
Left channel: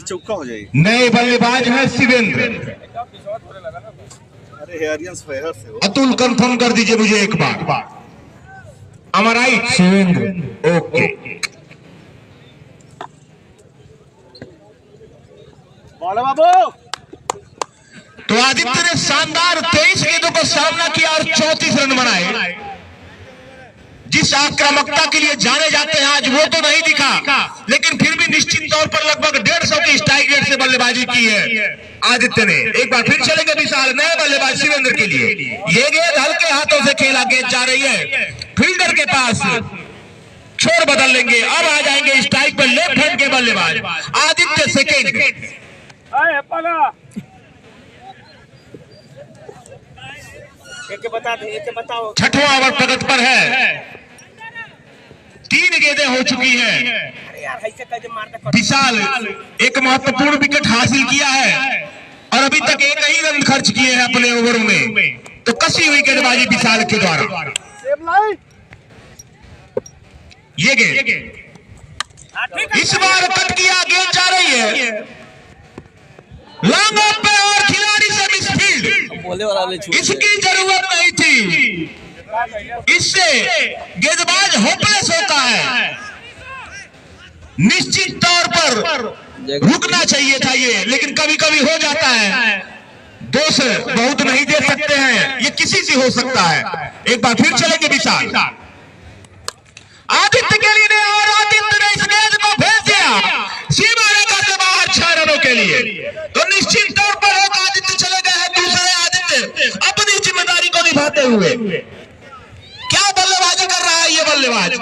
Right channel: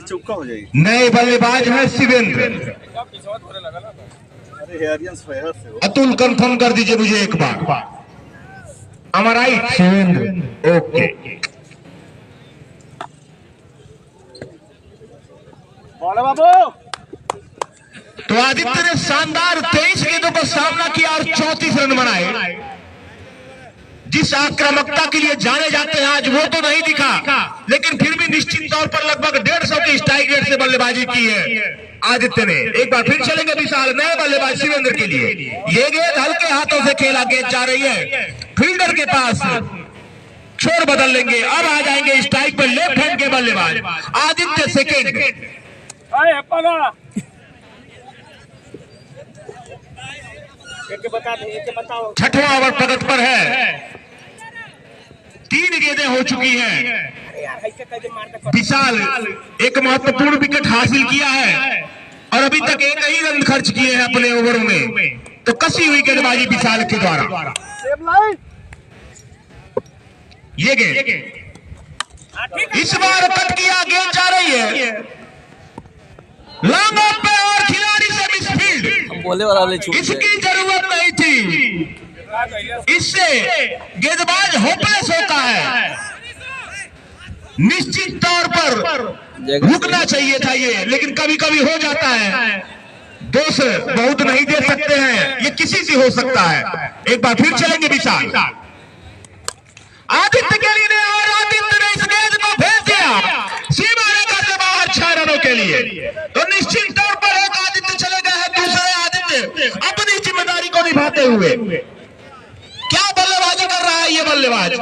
चौका हो जाएगी। नए बल्लेबाज हैं शिवेंद्र। अतुल कंफर्म कर दीजिए मुझे एक बार। हमारा शिवेंद्र ओके। बाबू तो आदित्य ने शानदार 23 गेंदों पर सामना किया और 34 रन बनाए। जिस आक्रामकता के लिए जाने जाते हैं आज वो तो नहीं दिखा, लेकिन फिर भी निश्चित तौर पर लगभग 150 की स्ट्राइक रेट से बल्लेबाजी की है आदित्य ने। एक बार फिर चलेंगे विशाल, नए बल्लेबाज शिवेंद्र के लिए। ये गेंद हल्के हाथों से खेला गेंद जा रही है फील्डर के पास, छोर बदल लेंगे। अब आ जाएंगे स्ट्राइक पर लेफ्ट हैंड के बल्लेबाज आदित्य सेकेंड। छठवां ओवर प्रगत पर है, 3 गेंदें हो चुकी हैं। विशाल एक महत्वपूर्ण विकेट हासिल किया है और अभी तक 1 ही रन खर्च किए हैं अपने ओवरों में। तो कसी हुई गेंदबाजी विशाल के द्वारा। ये गेंद इस बार कट किया, गेंद जा रही है लॉन्ग ऑफ पे और खिलाड़ी से मिसफील्ड। बोले वाला छूट इसकी जरूरत नहीं थी, इससे गेंदबाज होपलेस होता है। निश्चित तौर पर रुकना चाहिए था ये, लेकिन कभी कभी हो जाता है। दोष बहुत नहीं दे सकते हैं, ये किसी से हो सकता है। एक बार फिर चलेंगे विशाल, आदित्य के लिए, और आदित्य ने इस गेंद को भेज दिया सीमा रेखा से बाहर 6 रनों के लिए। तो निश्चित तौर पर एक आदित्य चले गए हैं, दूसरे आदित्य अपनी जिम्मेदारी को निभाते हुए। क्या बल्लेबाजी कर रहा है ये बल्लेबाज,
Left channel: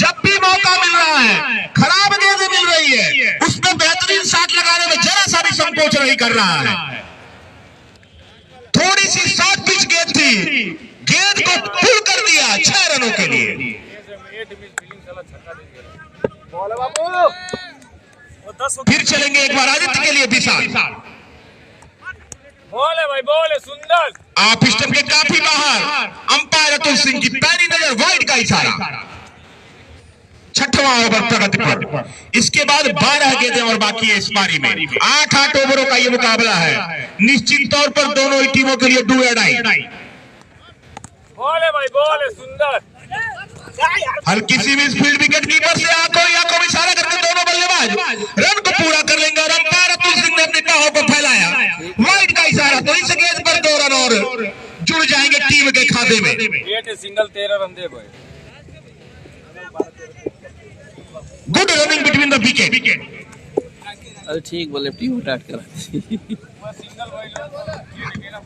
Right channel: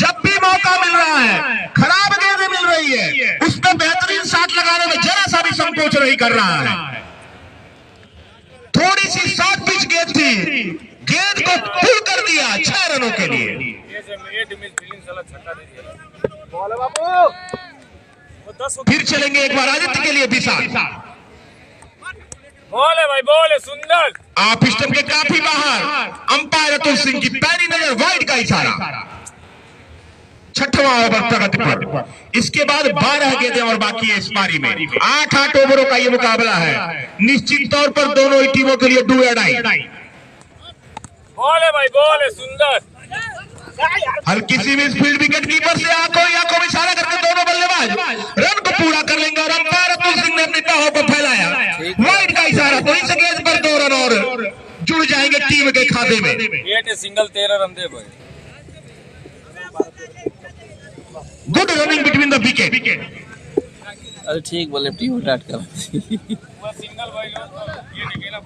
जब भी मौका मिल रहा है, खराब गेंद मिल रही है, उसमें बेहतरीन शॉट लगाने में जरा सा भी संकोच नहीं कर रहा है। थोड़ी सी शॉर्ट पिच गेंद थी, गेंद को पुल कर दिया 6 रनों के लिए। फिर चलेंगे एक बार आदित्य के लिए विशाल। बोले भाई बोले, सुंदर। आप स्टंप के काफी बाहर, अंपायर अतुल सिंह की पैनी नजर, वाइड का इशारा। 6वां ओवर प्रगति पर। इसके बाद 12 गेंदें और बाकी है इस पारी में। 8 ओवरों का ये मुकाबला है। निश्चित तौर पर दोनों ही टीमों के लिए डू और डाई। बोले भाई बोले, सुंदर। हल्की सी मिसफील्ड, विकेट कीपर से आंखों में इशारा करके दोनों बल्लेबाज रन को पूरा कर लेंगे। और अंपायर अतुल सिंह ने अपनी बाहों को फैलाया, वाइड का इशारा। तो इस गेंद पर 2 रन और विकेट सिंगल 13 रन दे भाई। Good running between the wicket. अरे ठीक बोले टीम स्टार्ट कर। सिंगल भाई ये निकला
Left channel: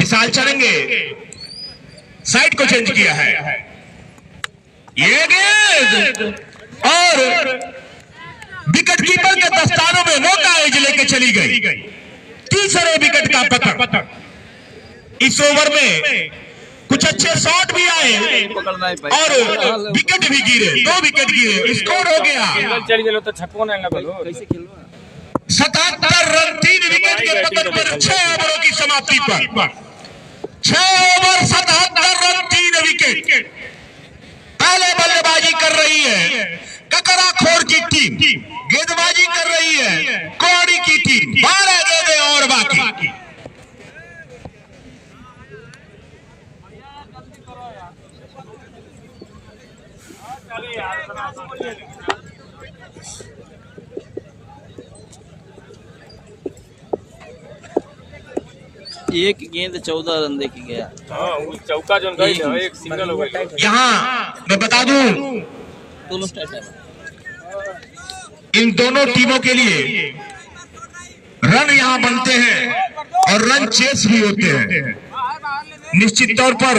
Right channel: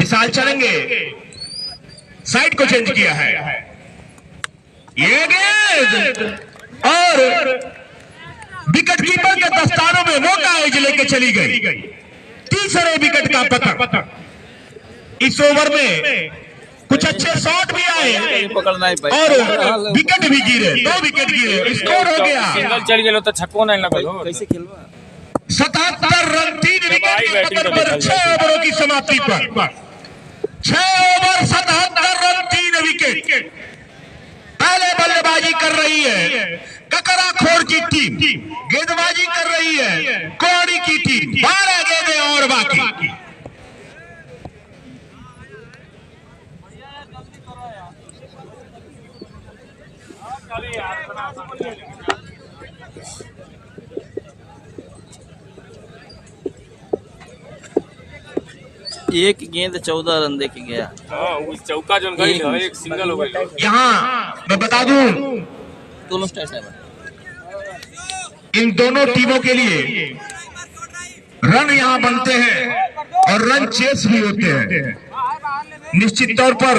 विशाल चलेंगे, साइड को चेंज किया है, ये गेंद और विकेट कीपर के दस्तानों में मौका एज लेके चली गई। तीसरे विकेट का पतन। इस ओवर में कुछ अच्छे शॉट भी आए पकड़ना ही भाई और विकेट भी गिरे, 2 विकेट गिरे, स्कोर हो गया सिंगल चल गेलो तो छक्को नहीं लगल। कैसे खेलवा 77 रन 3 विकेट के पतन पर 6 ओवरों की समाप्ति पर 6 ओवर 77 रन 3 विकेट। पहले बल्लेबाजी कर रही है ककराखोर की टीम, गेंदबाजी कर रही है कोड़ी की टीम। 12 गेंदें और बाकी। एक गेंद 14 रन दे के गया। हां उस चौका जो गई एक सिंगल हो गई। यहाँ मैं बता दूं दोनों स्टाइल है। इन दोनों टीमों के लिए रन यहाँ बनते हैं और रन चेस भी होते हैं। निश्चित तौर पर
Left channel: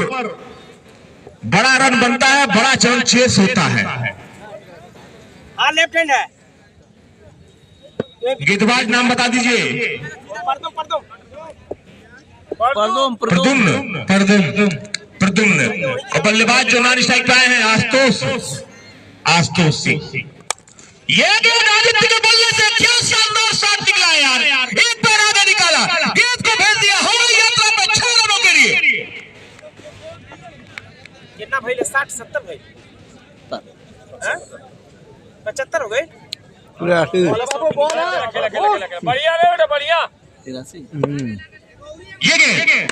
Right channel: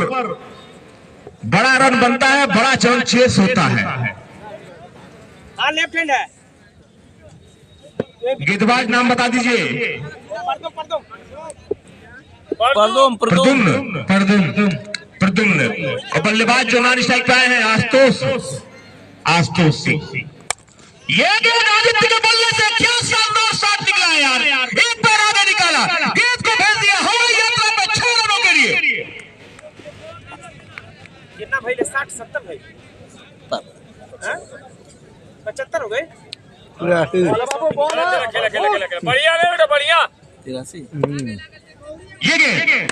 बड़ा रन बनता है, बड़ा रन चेस होता है। हां लेफ्ट हैंड है। गेंदबाज नाम बता दीजिए। परदुम प्रदुम्न। और बल्लेबाज जो नॉन स्ट्राइक पे आए हैं आशुतोष सिंह। ये गेंद आदित्य के बल्ले से क्या शानदार शॉट निकला है यार। एक पैर आगे निकाला, गेंद को भेज दिया हवाई यात्रा में 6 रनों के लिए। कितना भाई 60 70 भाई 75 हो गए। पूरा बढ़िया रे बेटा बढ़िया। 83 ये गेंद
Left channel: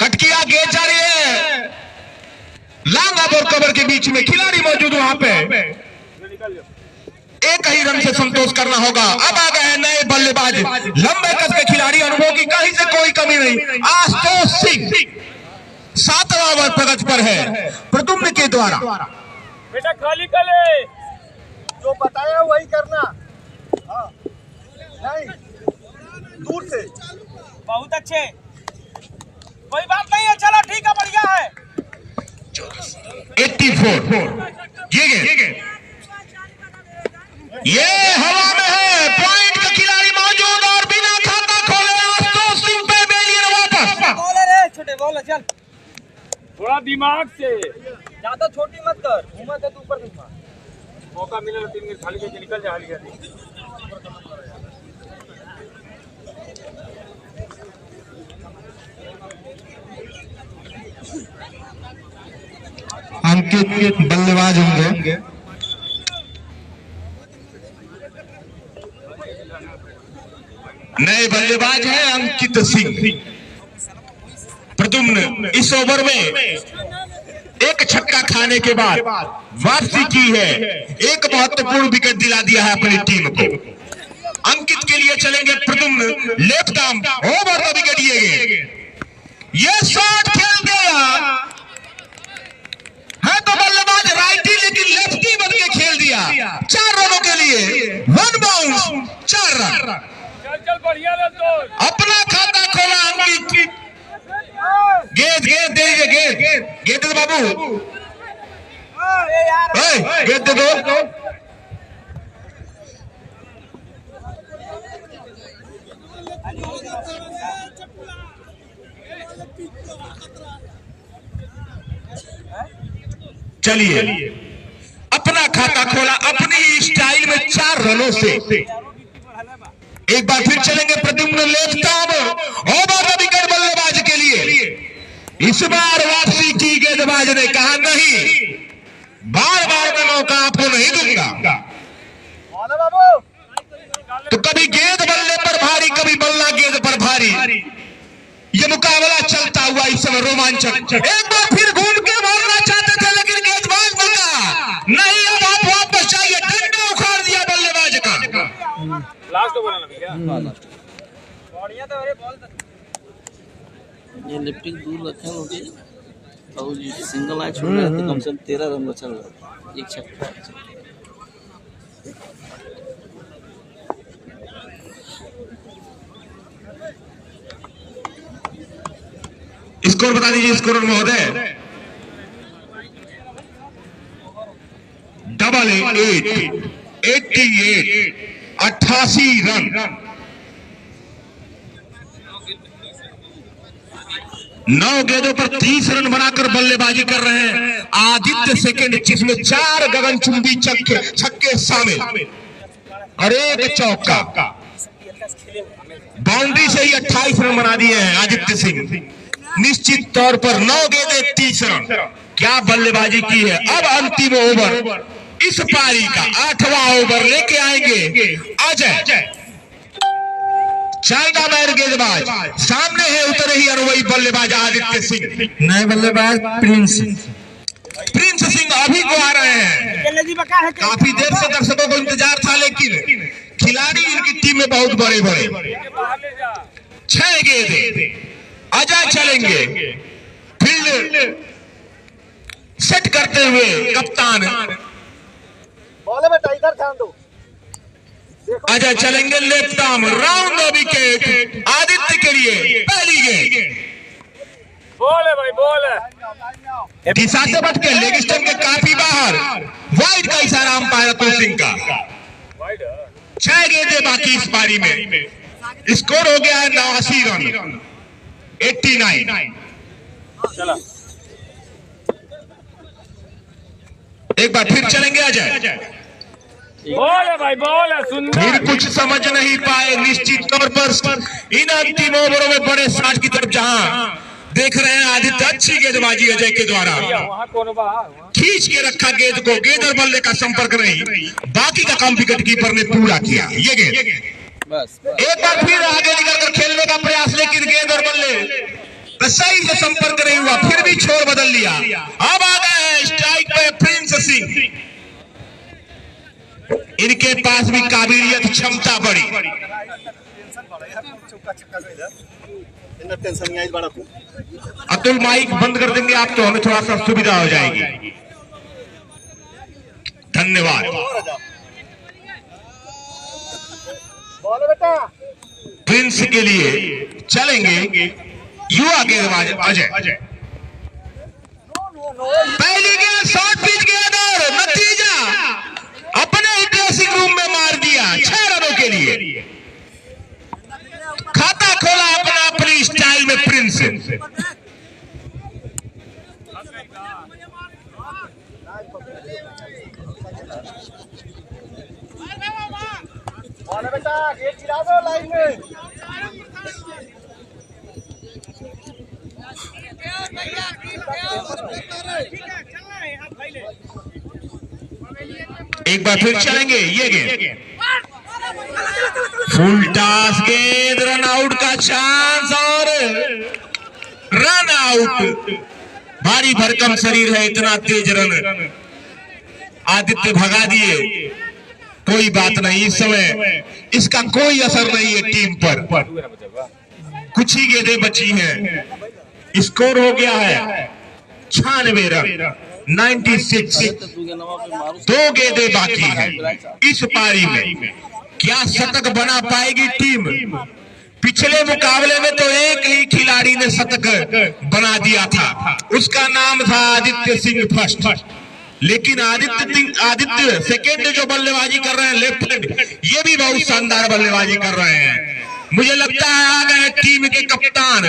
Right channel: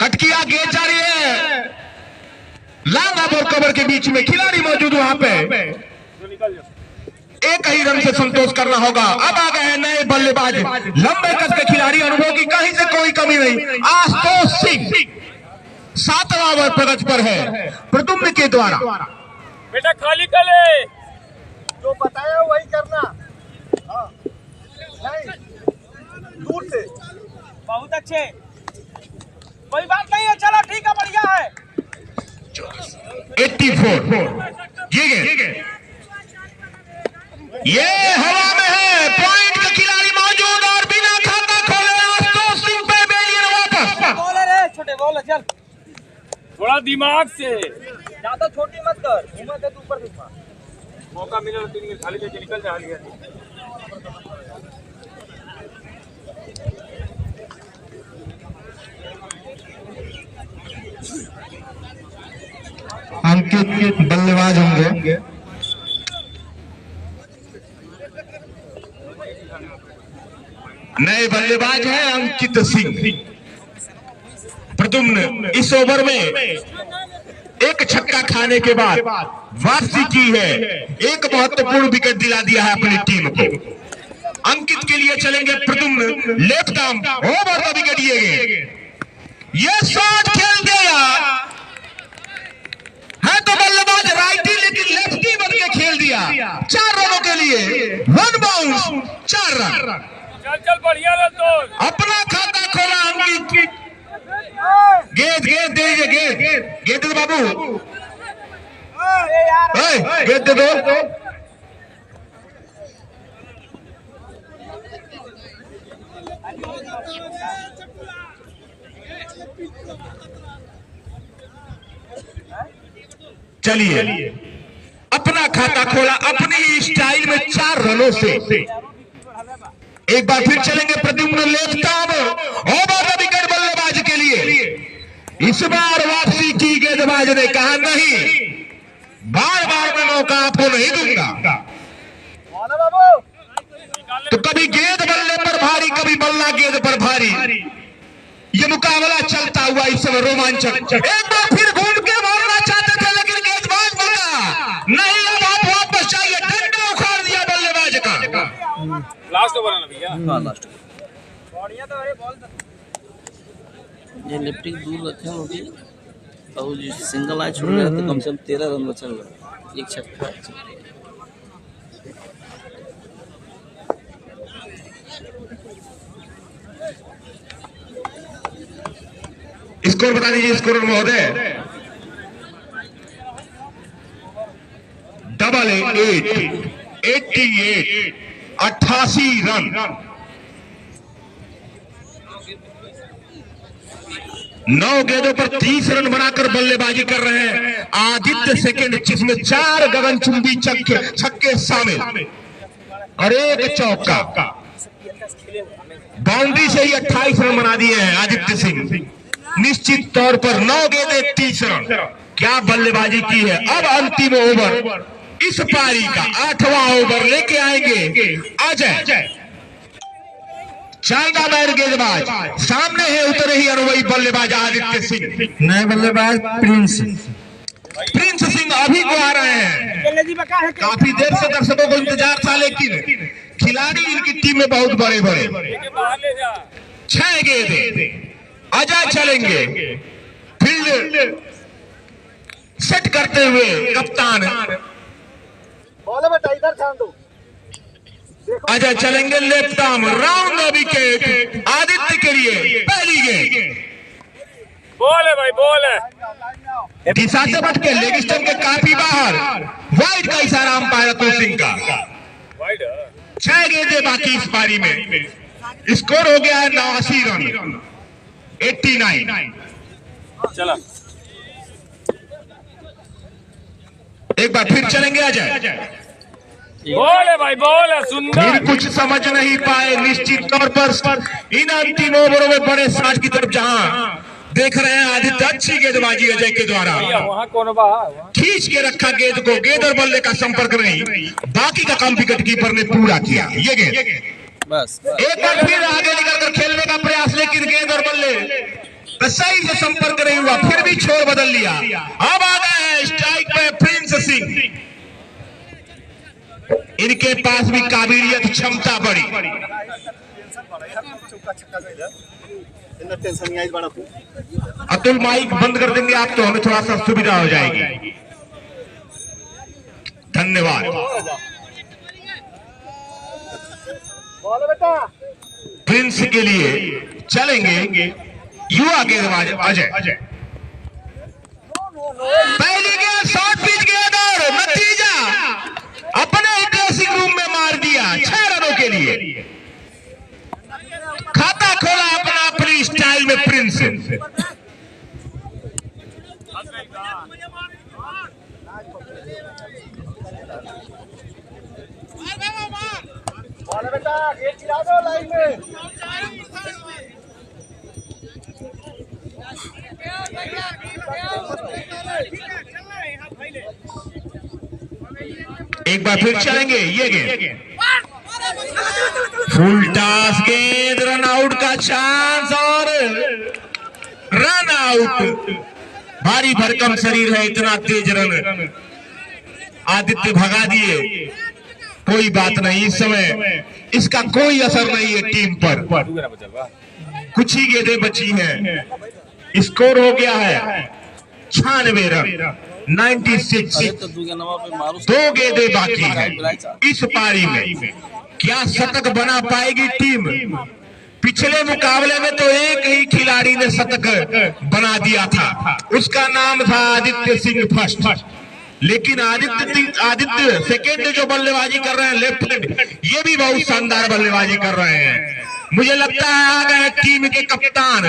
कट किया, गेंद जा रही है लॉन्ग ऑफ और कवर के बीच में, खिलाड़ी मौजूद वहां पे। एक ही रन से संतोष करना होगा। अब आ गए हैं नए बल्लेबाज, लंबे कद के खिलाड़ी, अनुभव की कहीं से कोई कमी नहीं। आशुतोष सिंह 7वां ओवर प्रगति पर है प्रदुम्न के द्वारा। बेटा खाली कर ले, जो बताया वही करना। हाँ नहीं दूर से बहुत अच्छे, कोई बात नहीं है, चलो ठीक है बढ़िया है। 84 ये हवा में है, पॉइंट का खिलाड़ी मौजूद और बिना खाता खोले आशुतोष सिंह पे बेलिए वापस। बोले रे छोटे बोले चल, थोड़ा दिमाग से, ज्यादा छोटी मत कर, घुमा दे तू ऊपर घुमा। मौका मिला तो 3 गेंद खाली करके निकल जा लिया। अंकित बल्लेबाज होंगे। नए बल्लेबाज हैं अंकित सिंह। प्रदुम्न इस ओवर में एक छक्का खाने के बाद वापसी की है, एक महत्वपूर्ण विकेट दिला दिया है अपनी टीम को। अंकित के लिए चलेंगे प्रदुम्न, लेफ्ट आर्म ओवर का विकेट ये शॉट खेल दिया है तो बल्लेबाज राइटी लेकिन लेफ्टी बन के खेल दिया। 4 रनों के लिए 1 बाउंस 4 रन। चल बढ़िया रन तो अपना खाता खोला अंकित। गेंद दे दीजिए, गेंद दे बाबू, गेंद दे दो। चलिए अपना खाता खोला अपनी स्टाइल में 4 रनों से। एक बार फिर चलेंगे Pradyumn left arm over wicket बल्लेबाज के लिए। इस बार वापसी की गेंदबाज ने कहा नहीं, बार का मौका आपको नहीं दूंगा। तो कभी गेंद बल्ले पर भारी, कभी बल्ला गेंद पर भारी। ये मुकाबला चलता हुआ इस समय रोमांचक। एक बार फिर घूम के मारना चाहते थे लेकिन गेंदबाज बता नहीं, अब आप वापस चाहिए। डंडा उखाड़ दिया बल्लेबाज का। लास्ट ओवर है भैया। हां लास्ट बढ़िया तो अरे बॉल ये लिफ्टिंग दूर रखे रोटी और जो सिंगल आंच छोड़ रहे हैं तो कम से कम 13 रन बचल रहा है। एक छक्का स्कोर बता दीजिए स्कोर महोदय। 88 रन। 9 गेंदों पर 30 रन बनाकर बल्लेबाजी कर रहे हैं आदित्य सेकंड, जिसमें 4 गगनचुंबी छक्के शामिल और 1 चौका। बाउंड्री से ही 28 रन बना दिए हैं आदित्य सिंह। निश्चित तौर पर 9 गेंदे 30 रन, क्या बल्लेबाजी की है। अब अंतिम ओवर इस पारी का 8वां ओवर लेके आएंगे अजय। चाइना मैन गेंदबाज सामने है, उतरे ही अनुभवी बल्लेबाज आदित्य सिंह। नए बल्लेबाज प्रिंस सिंह अभी को आ रहे हैं। काफी देर से दर्शकों को इंतजार था, लेकिन खिलाड़ी इनकी टीम में बहुत बड़े बड़े। 6 गेंदे अजय चलेंगे। फील्ड सेट करते हुए कप्तान अजय चलेंगे। Left arm round wicket Aditya के लिए पहली गेंद। बॉल है भाई, बॉल है। दिशा से बच के लेग स्टंप के काफी बाहर। वाइड का इशारा अंपायर अतुल सिंह का। 6 गेंदें बाकी इस पारी में। स्कोर हो गया है 89 रन। 89। चला एक बार फिर चलेंगे अजय। बॉल है भाई, बॉल है। सुंदर। फिर कुछ समझ नहीं पाए। निश्चित तौर पर इन अंतिम ओवरों में बड़े साठ की तरफ जहां देख रहे हैं आदित्य, अच्छी गेंदबाजी अजय के द्वारा। वहाँ कौन बाहर खींच के रखा गेंद को, गेंद और बल्ले का संपर्क नहीं, बाकी का काम विकेट कीपर ने पूरा किया। ये गेंद बस एक बार फिर आगे निकलकर खेलने का प्रयास, लेकिन गेंद और बल्ले का सही से संपर्क नहीं हुआ। फिर भी छोर बदल लिया। अब आ गए हैं स्ट्राइक पे प्रिंस सिंह। इनके पास भी काबिलियत, क्षमता बड़ी। अतुल माइक बंद कर देंगे आप तो हमें थोड़ा सा सुविधा हो जाएगी। धन्यवाद। प्रिंस के लिए चलेंगे युवा गेंदबाज अजय। पहली गेंद शॉर्ट पिच गेंद और नतीजा अपने ही ड्रेसिंग रूम में मार दिया। 6 रनों के लिए खाता खोला अपनी स्टाइल में प्रिंस। एक बार फिर चलेंगे ये गेंद। फुल टॉस गेंद, रन आउट का चांस और रन आउट। भारी भरकम शरीर है, इतना तेज रन आदित्य भगा दिए। कोई बात नहीं, इस समय इसका कोई असर नहीं है टीम पर। कुछ ही गेंदें बची हैं। स्कोर हो गया है 96 रन, 96। 2 गेंदें बाकी हैं इस पारी में। क्या शतक बना पाएगी टीम? पिछले मुकाबले में तो एक ही खिलाड़ी ने शतक बना दिया था, उसका नाम था आदित्य सिंह फर्स्ट। लेकिन आदित्य सेकेंड जो बल्लेबाजी कर रहे हैं लेफ्ट हैंड, ये भी बहुत शानदार बल्लेबाजी कर रहे हैं। मुझे लगता है आ गए टीम के कप्तान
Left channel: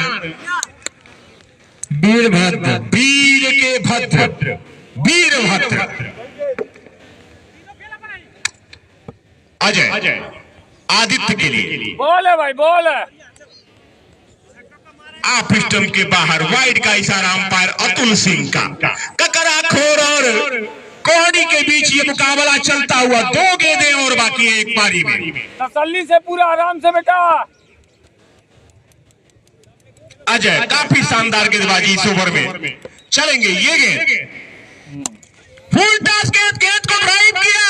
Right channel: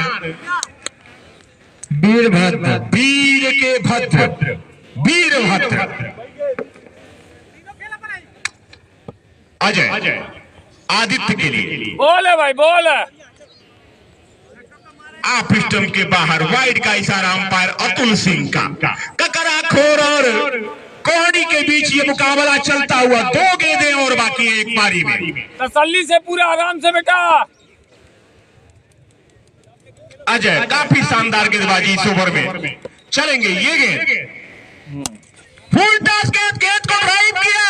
वीरभद्र, वीर के भद्र, वीरभद्र अजय आदित्य के लिए। बॉल है भाई, बॉल है। आप स्टंप के बाहर, वाइड का इशारा अंपायर अतुल सिंह का। ककरा खोर और कोहनी के बीच ये मुकाबला चलता हुआ। 2 गेंदें और बाकी है एक पारी में। तसल्ली से, पूरा आराम से बेटा। अजय काफी शानदार गेंदबाजी इस ओवर में। चलेंगे ये गेंद, फुल टॉस गेंद को ड्राइव किया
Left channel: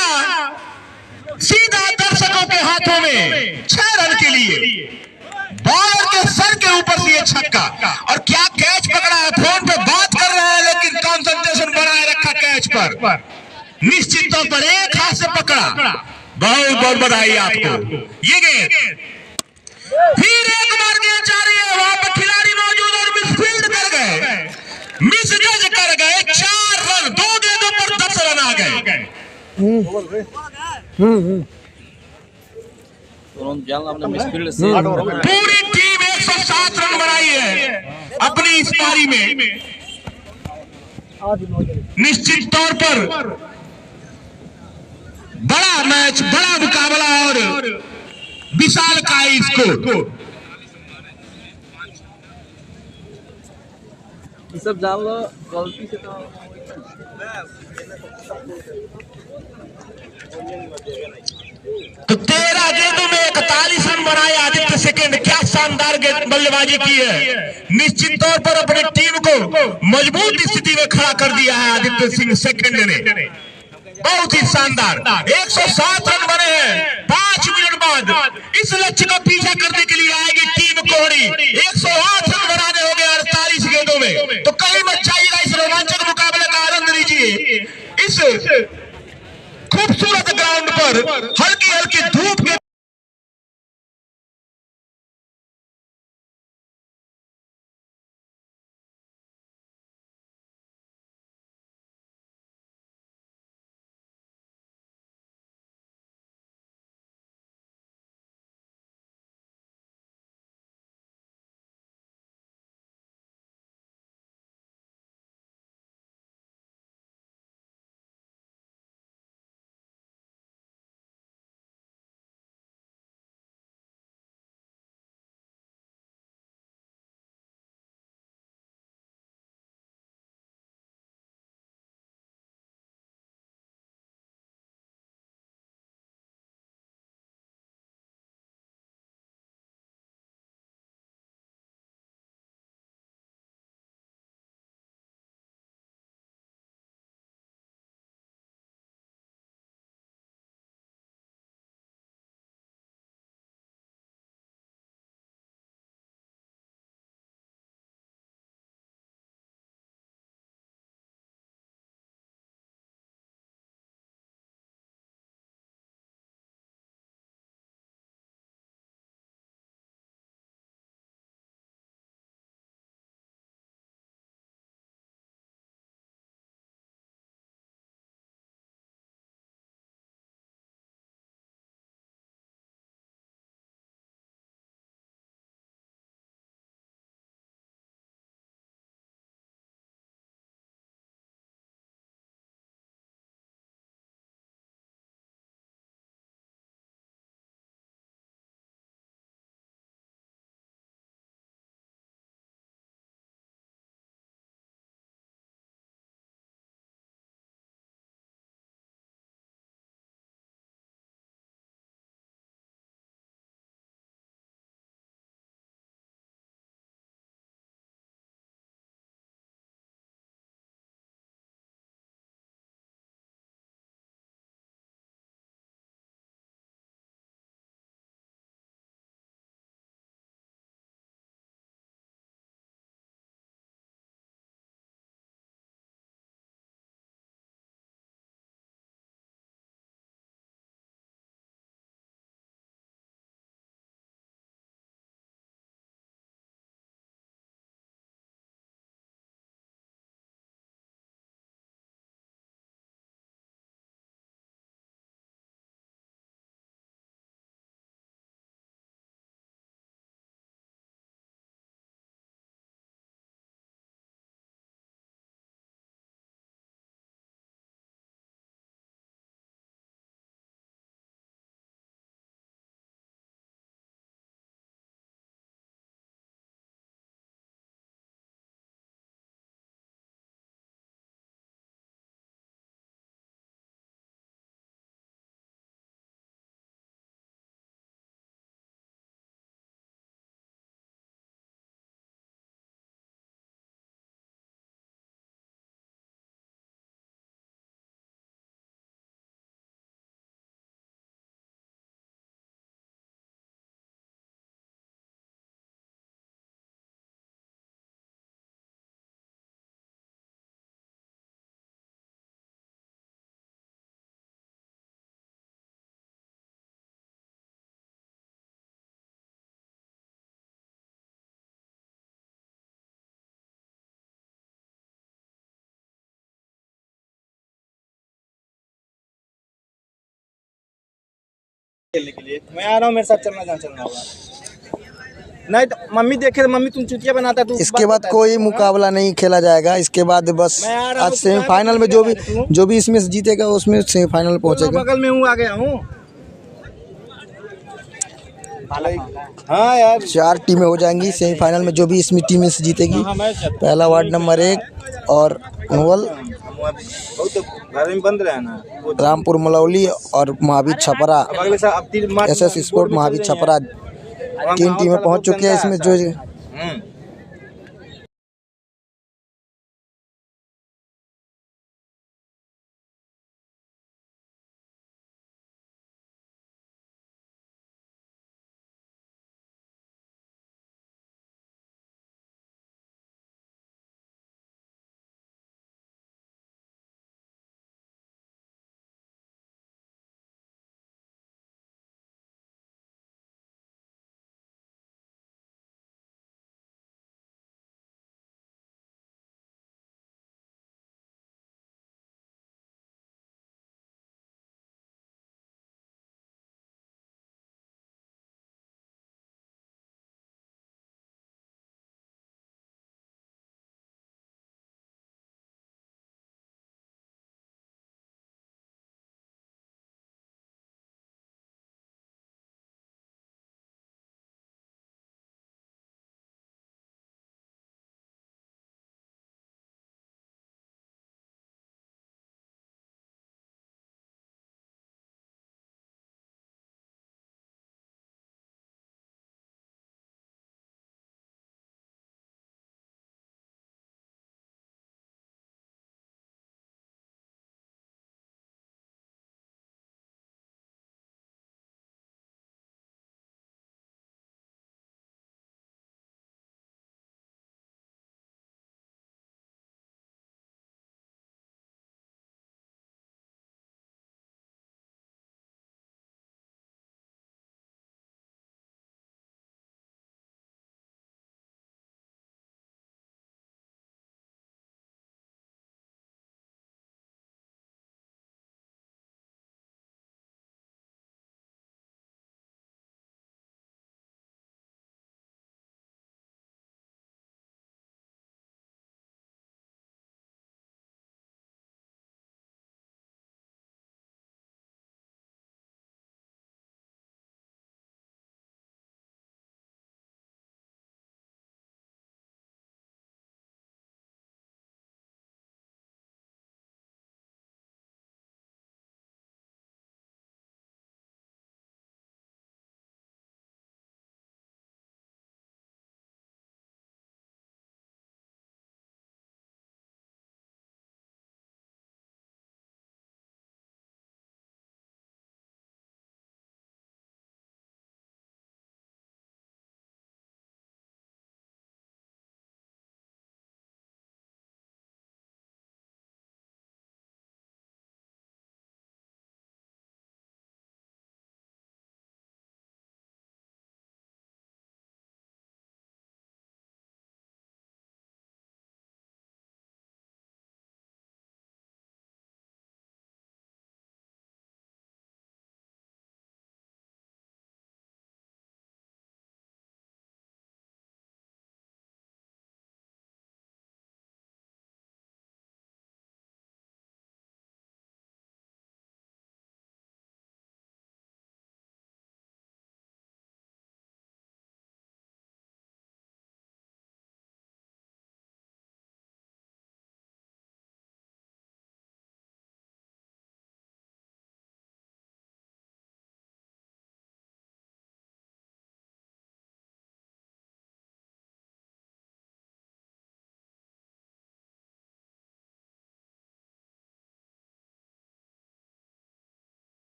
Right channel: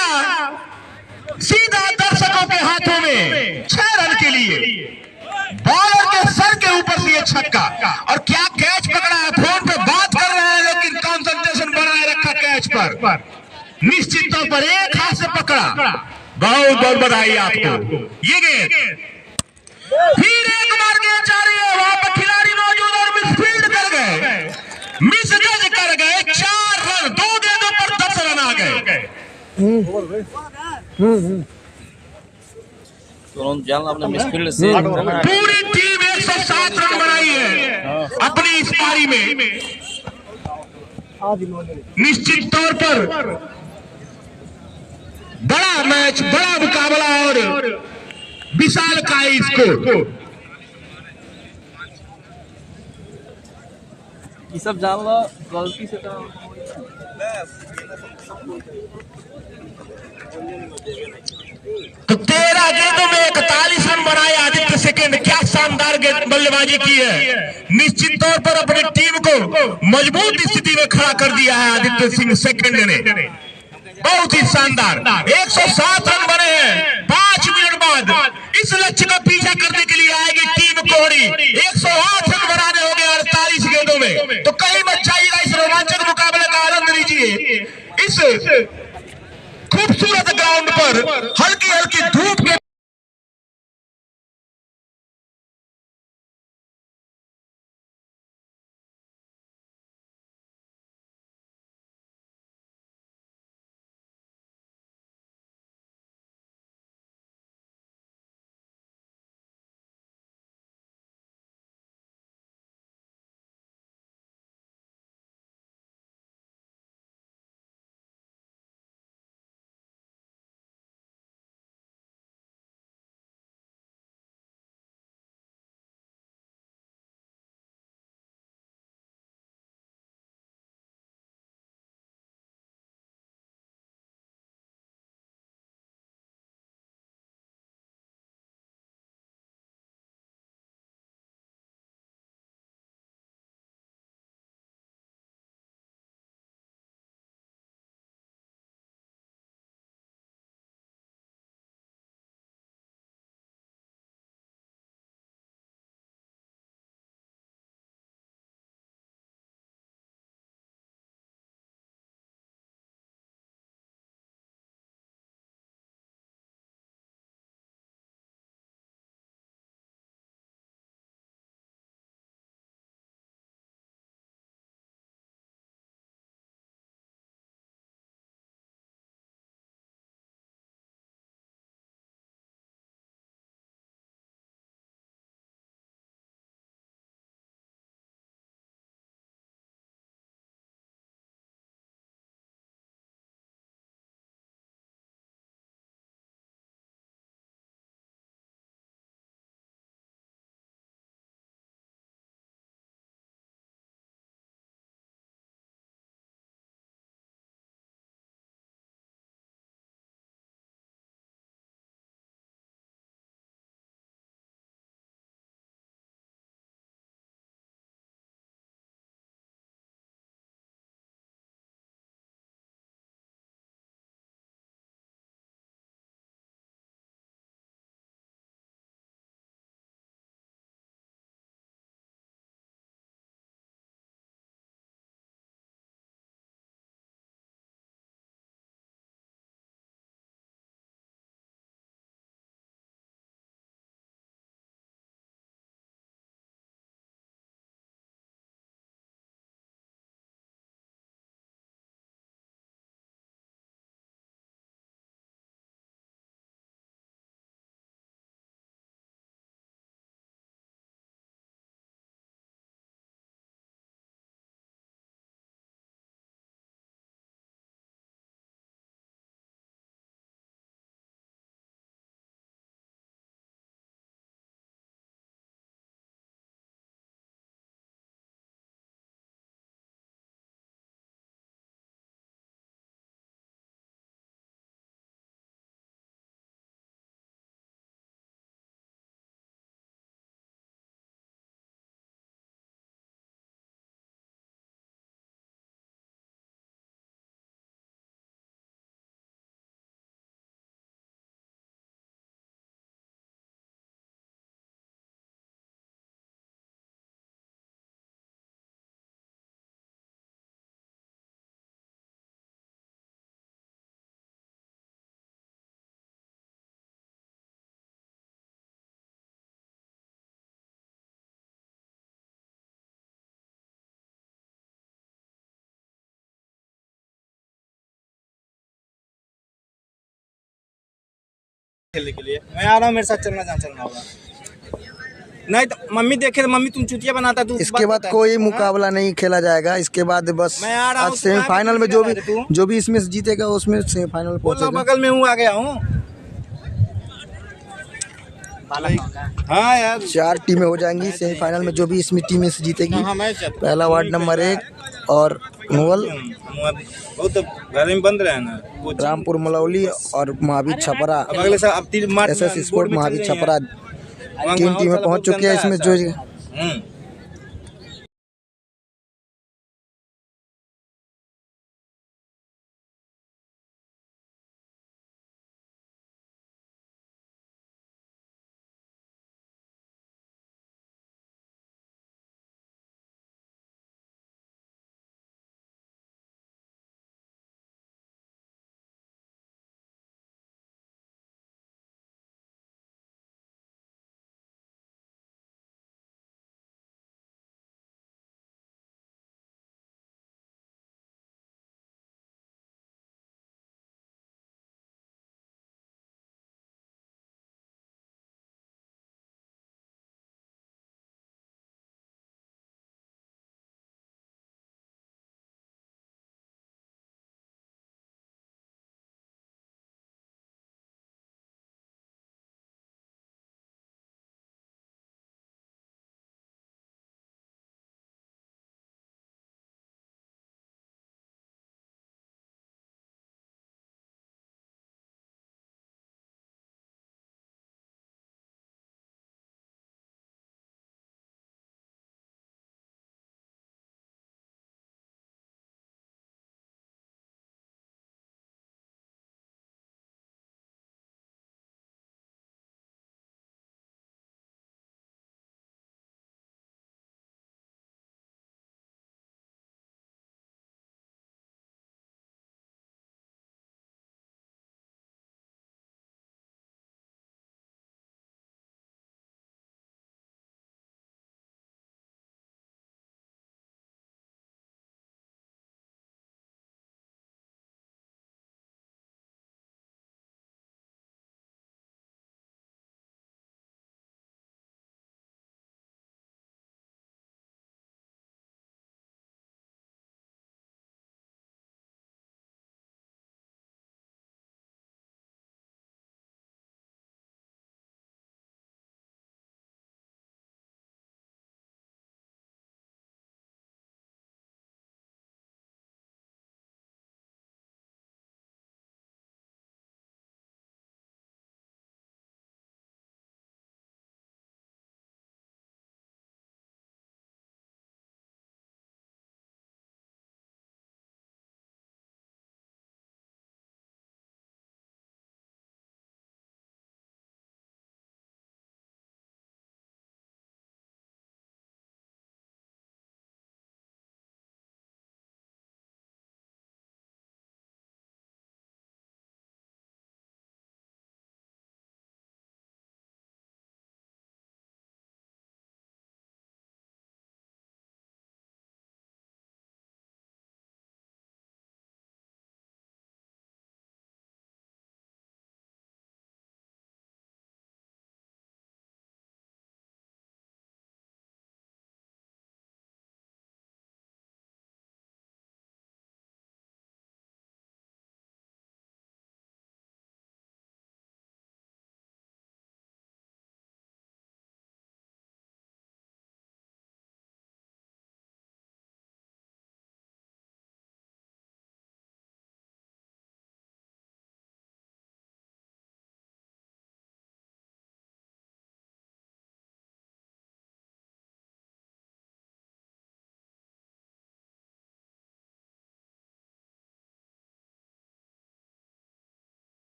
सीधा दर्शकों के हाथों में। 6 रन के लिए बॉलर के सर के ऊपर से ये छक्का। और क्या निश्चित तौर पर एक हाथ से पकड़ा, बहुत बहुत बधाई आपको। ये गेंद फिर एक बार गेंद जा रही है, वहां पर खिलाड़ी मौजूद और मिसफील्ड कर गए, मिस जज कर गए। 4 रन, 2 गेंदों पर 10 रन आ गए। तुरंत जान अपने मिसफील्ड से पूरी टीम 107 रन बनाई है अपनी इस पारी में। निश्चित तौर पर बड़ा मैच, बड़ा मुकाबला और विशाल का स्कोर। ये सब जान लो गलती से तो 13 गेंदों में 41 रन बनाए आदित्य सेकंड। क्या शानदार बल्लेबाजी की है। निश्चित तौर पर अपनी टीम को मजबूत स्थिति में खड़ा कर दिया है आदित्य सिंह सेकंड ने। बहुत ही शानदार 107 रन बने हैं 5 मिनट बाद। इस लक्ष्य का पीछा करने के लिए आएगी टीम कोहड़ी। 108 रन बनाने होंगे 48 गेंदों में। तो कहीं मत जाइएगा, इस रोमांचक मुकाबले का आनंद लीजिए। इस खूबसूरत ग्राउंड पर हल्की हल्की धूप के खेलने के लिए मैं आ रहा हूँ, मेरे साथ चलना होगा। नहीं तो मम्मी देखे, मम्मी तुम चुतिया बनाता तू। इसके बाद कोई मुकाबला नहीं खेला जाएगा। इसके बाद बस आज सेमीफाइनल में जो भी इसमें जीतेगा उसमें सेमीफाइनल पहुंचेगा। बगल में हूँ, आ गया हूँ। हाँ यार 4 टीमें हो जाएंगी सेमीफाइनल में, जो भी इसमें टीम से जीतेगी। पहला वार्ड नंबर 1 और नोवल बंद रहा है ना, रामपुर मलौली और महावीर छपरा, SS स्पोर्ट महावीर छपरा 3 टीमें पहुंच चुकी है इसमें। जो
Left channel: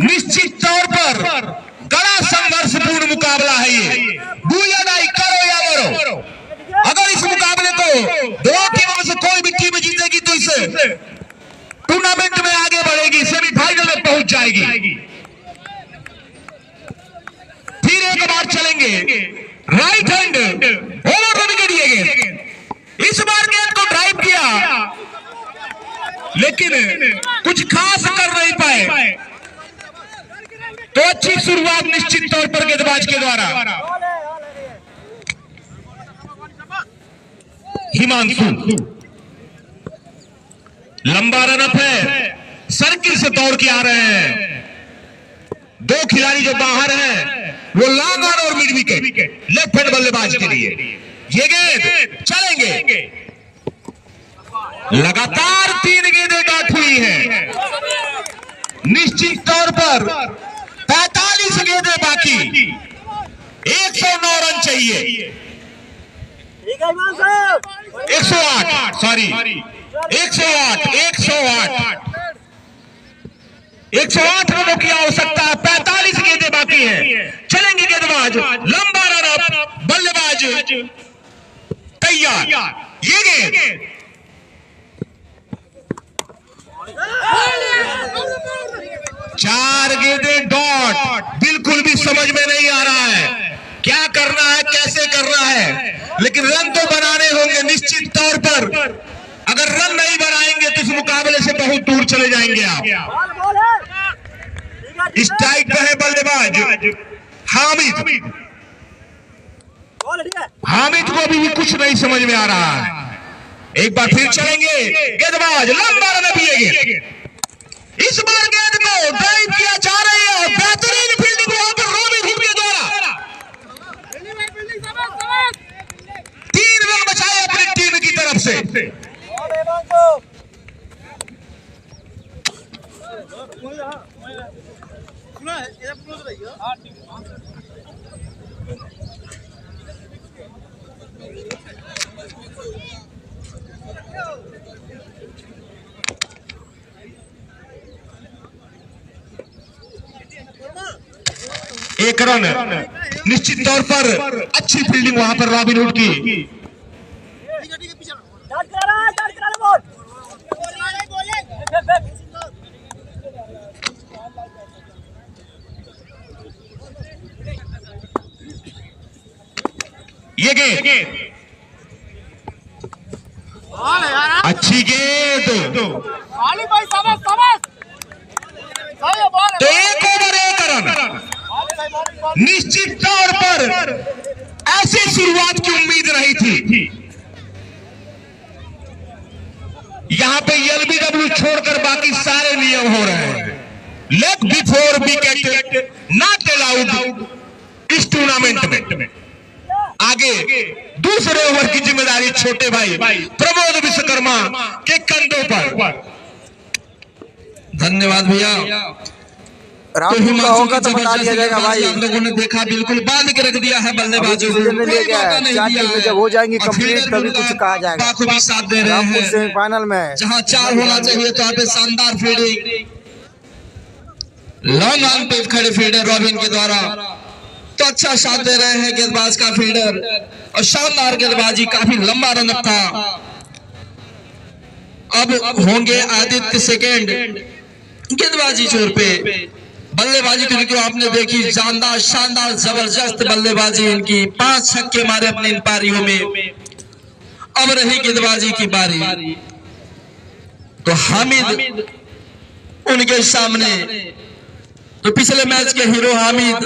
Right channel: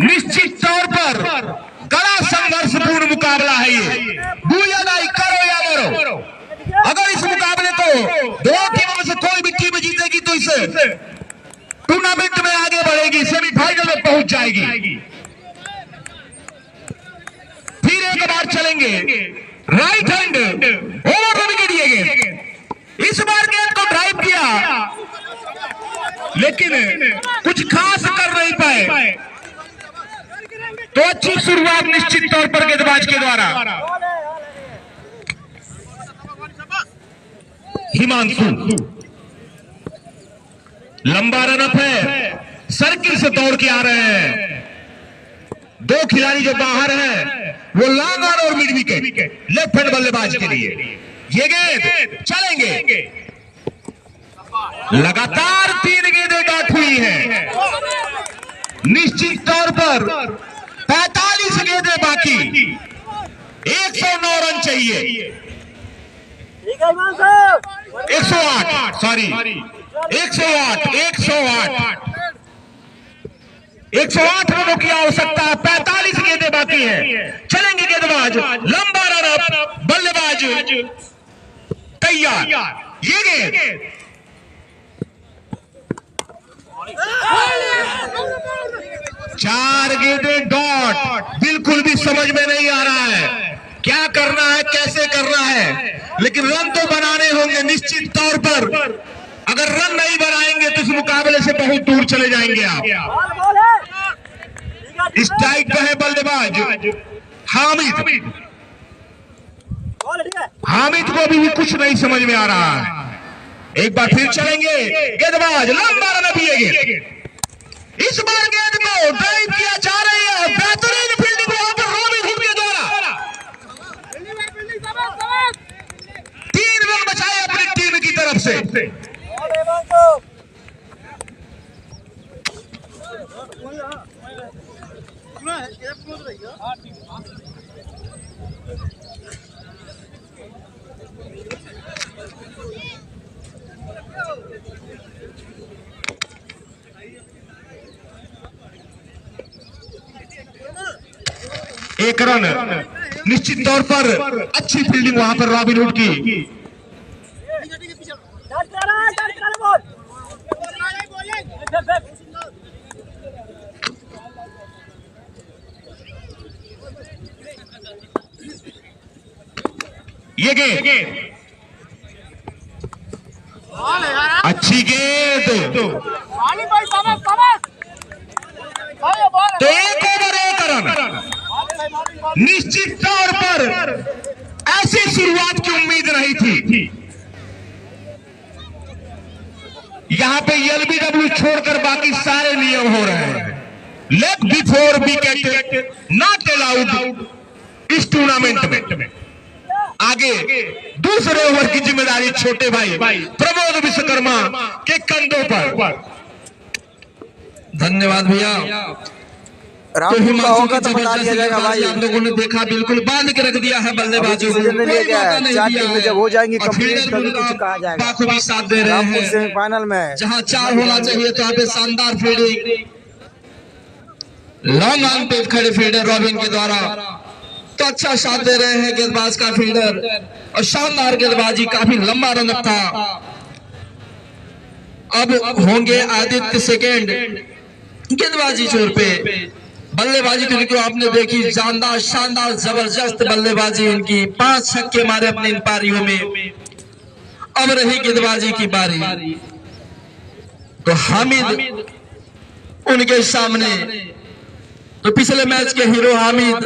निश्चित तौर पर गड़ा करेंगे राइट हैंड ओवर विकेट ये गेंद। इस बार गेंद को ड्राइव किया लेकिन कुछ खास कर नहीं पाए, तो अच्छी शुरुआत निश्चित तौर पर गेंदबाज के द्वारा। हिमांशु लंबा रनअप है, सर्किल से दौड़ के आ रहे हैं। दो खिलाड़ी जो बाहर हैं वो लॉन्ग ऑन और मिड विकेट लेफ्ट हैंड बल्लेबाज के लिए। ये गेंद चलेंगे, लगातार 3 गेंदें डाक हुई हैं। निश्चित तौर पर 45 गेंदें बाकी, 109 रन चाहिए। 108 सॉरी 108 रनों की आवश्यकता, 45 गेंदें बाकी है। चलेंगे गेंदबाज, लंबा रन, बल्लेबाज तैयार। ये गेंद 4 गेंदें डॉट, बिल्कुल भी समझ में नहीं आ रहा है क्या करना है, कैसे करना है, लेकिन रन तो बनाने होंगे निश्चित तौर पर। अगर रन नहीं बनाएंगे तो इस मुकाबले से बहुत दूर चले जाएंगे आप। स्ट्राइक पे है बल्लेबाज हामिद को अभी भी कुछ नहीं समझ में आ रहा है। एक बार फिर चलेंगे गेंदबाज, लंबा रन पिएंगे। इस बार गेंद को ड्राइव किया जा रही है, बेहतरीन फील्डिंग वहां पर हामिद के द्वारा। 3 रन बचाए अपनी टीम की तरफ से। एक रन, निश्चित तौर पर अच्छी फील्डिंग वहां पर रॉबिनहुड की। ये गेंद अच्छी गेंद, तो 1 ओवर 1 रन। निश्चित तौर पर ऐसी शुरुआत की उम्मीद नहीं थी। यहां पे एलबीडब्ल्यू छोड़कर बाकी सारे नियम हो रहे हैं। Leg before wicket not allowed इस टूर्नामेंट में। आगे दूसरे ओवर की जिम्मेदारी छोटे भाई प्रमोद विश्वकर्मा के कंधों पर। धन्यवाद भैया। रामपुर का होगा तो बता दिया जाएगा भाई। हम लोगों ने देखा, बिल्कुल बांध के रख दिया है बल्लेबाजों को। ले गया है 4 टीमें जब हो जाएंगी कंप्लीट तभी कुछ कहा जाएगा। भी साथ दे रहे रामपुर हैं, सेमीफाइनल में जहां 4 होना चाहिए तो यहाँ पे शानदार फील्डिंग, लॉन्ग ऑन पे खड़े फील्डर रॉबिन के द्वारा तो अच्छा साथ दे रहे हैं गेंदबाज का फील्डर, और शानदार गेंदबाजी, काफी लंबा रन था। अब होंगे आदित्य सेकेंड गेंदबाजी छोर पे। बल्लेबाजी तो आपने देखी, शानदार शानदार जबरदस्त बल्लेबाजी इनकी, 5 छक्के मारे अपनी इन पारियों में। अब रही गेंदबाजी की बारी, तो हामिद उनके सामने, तो पिछले मैच के हीरो हामिद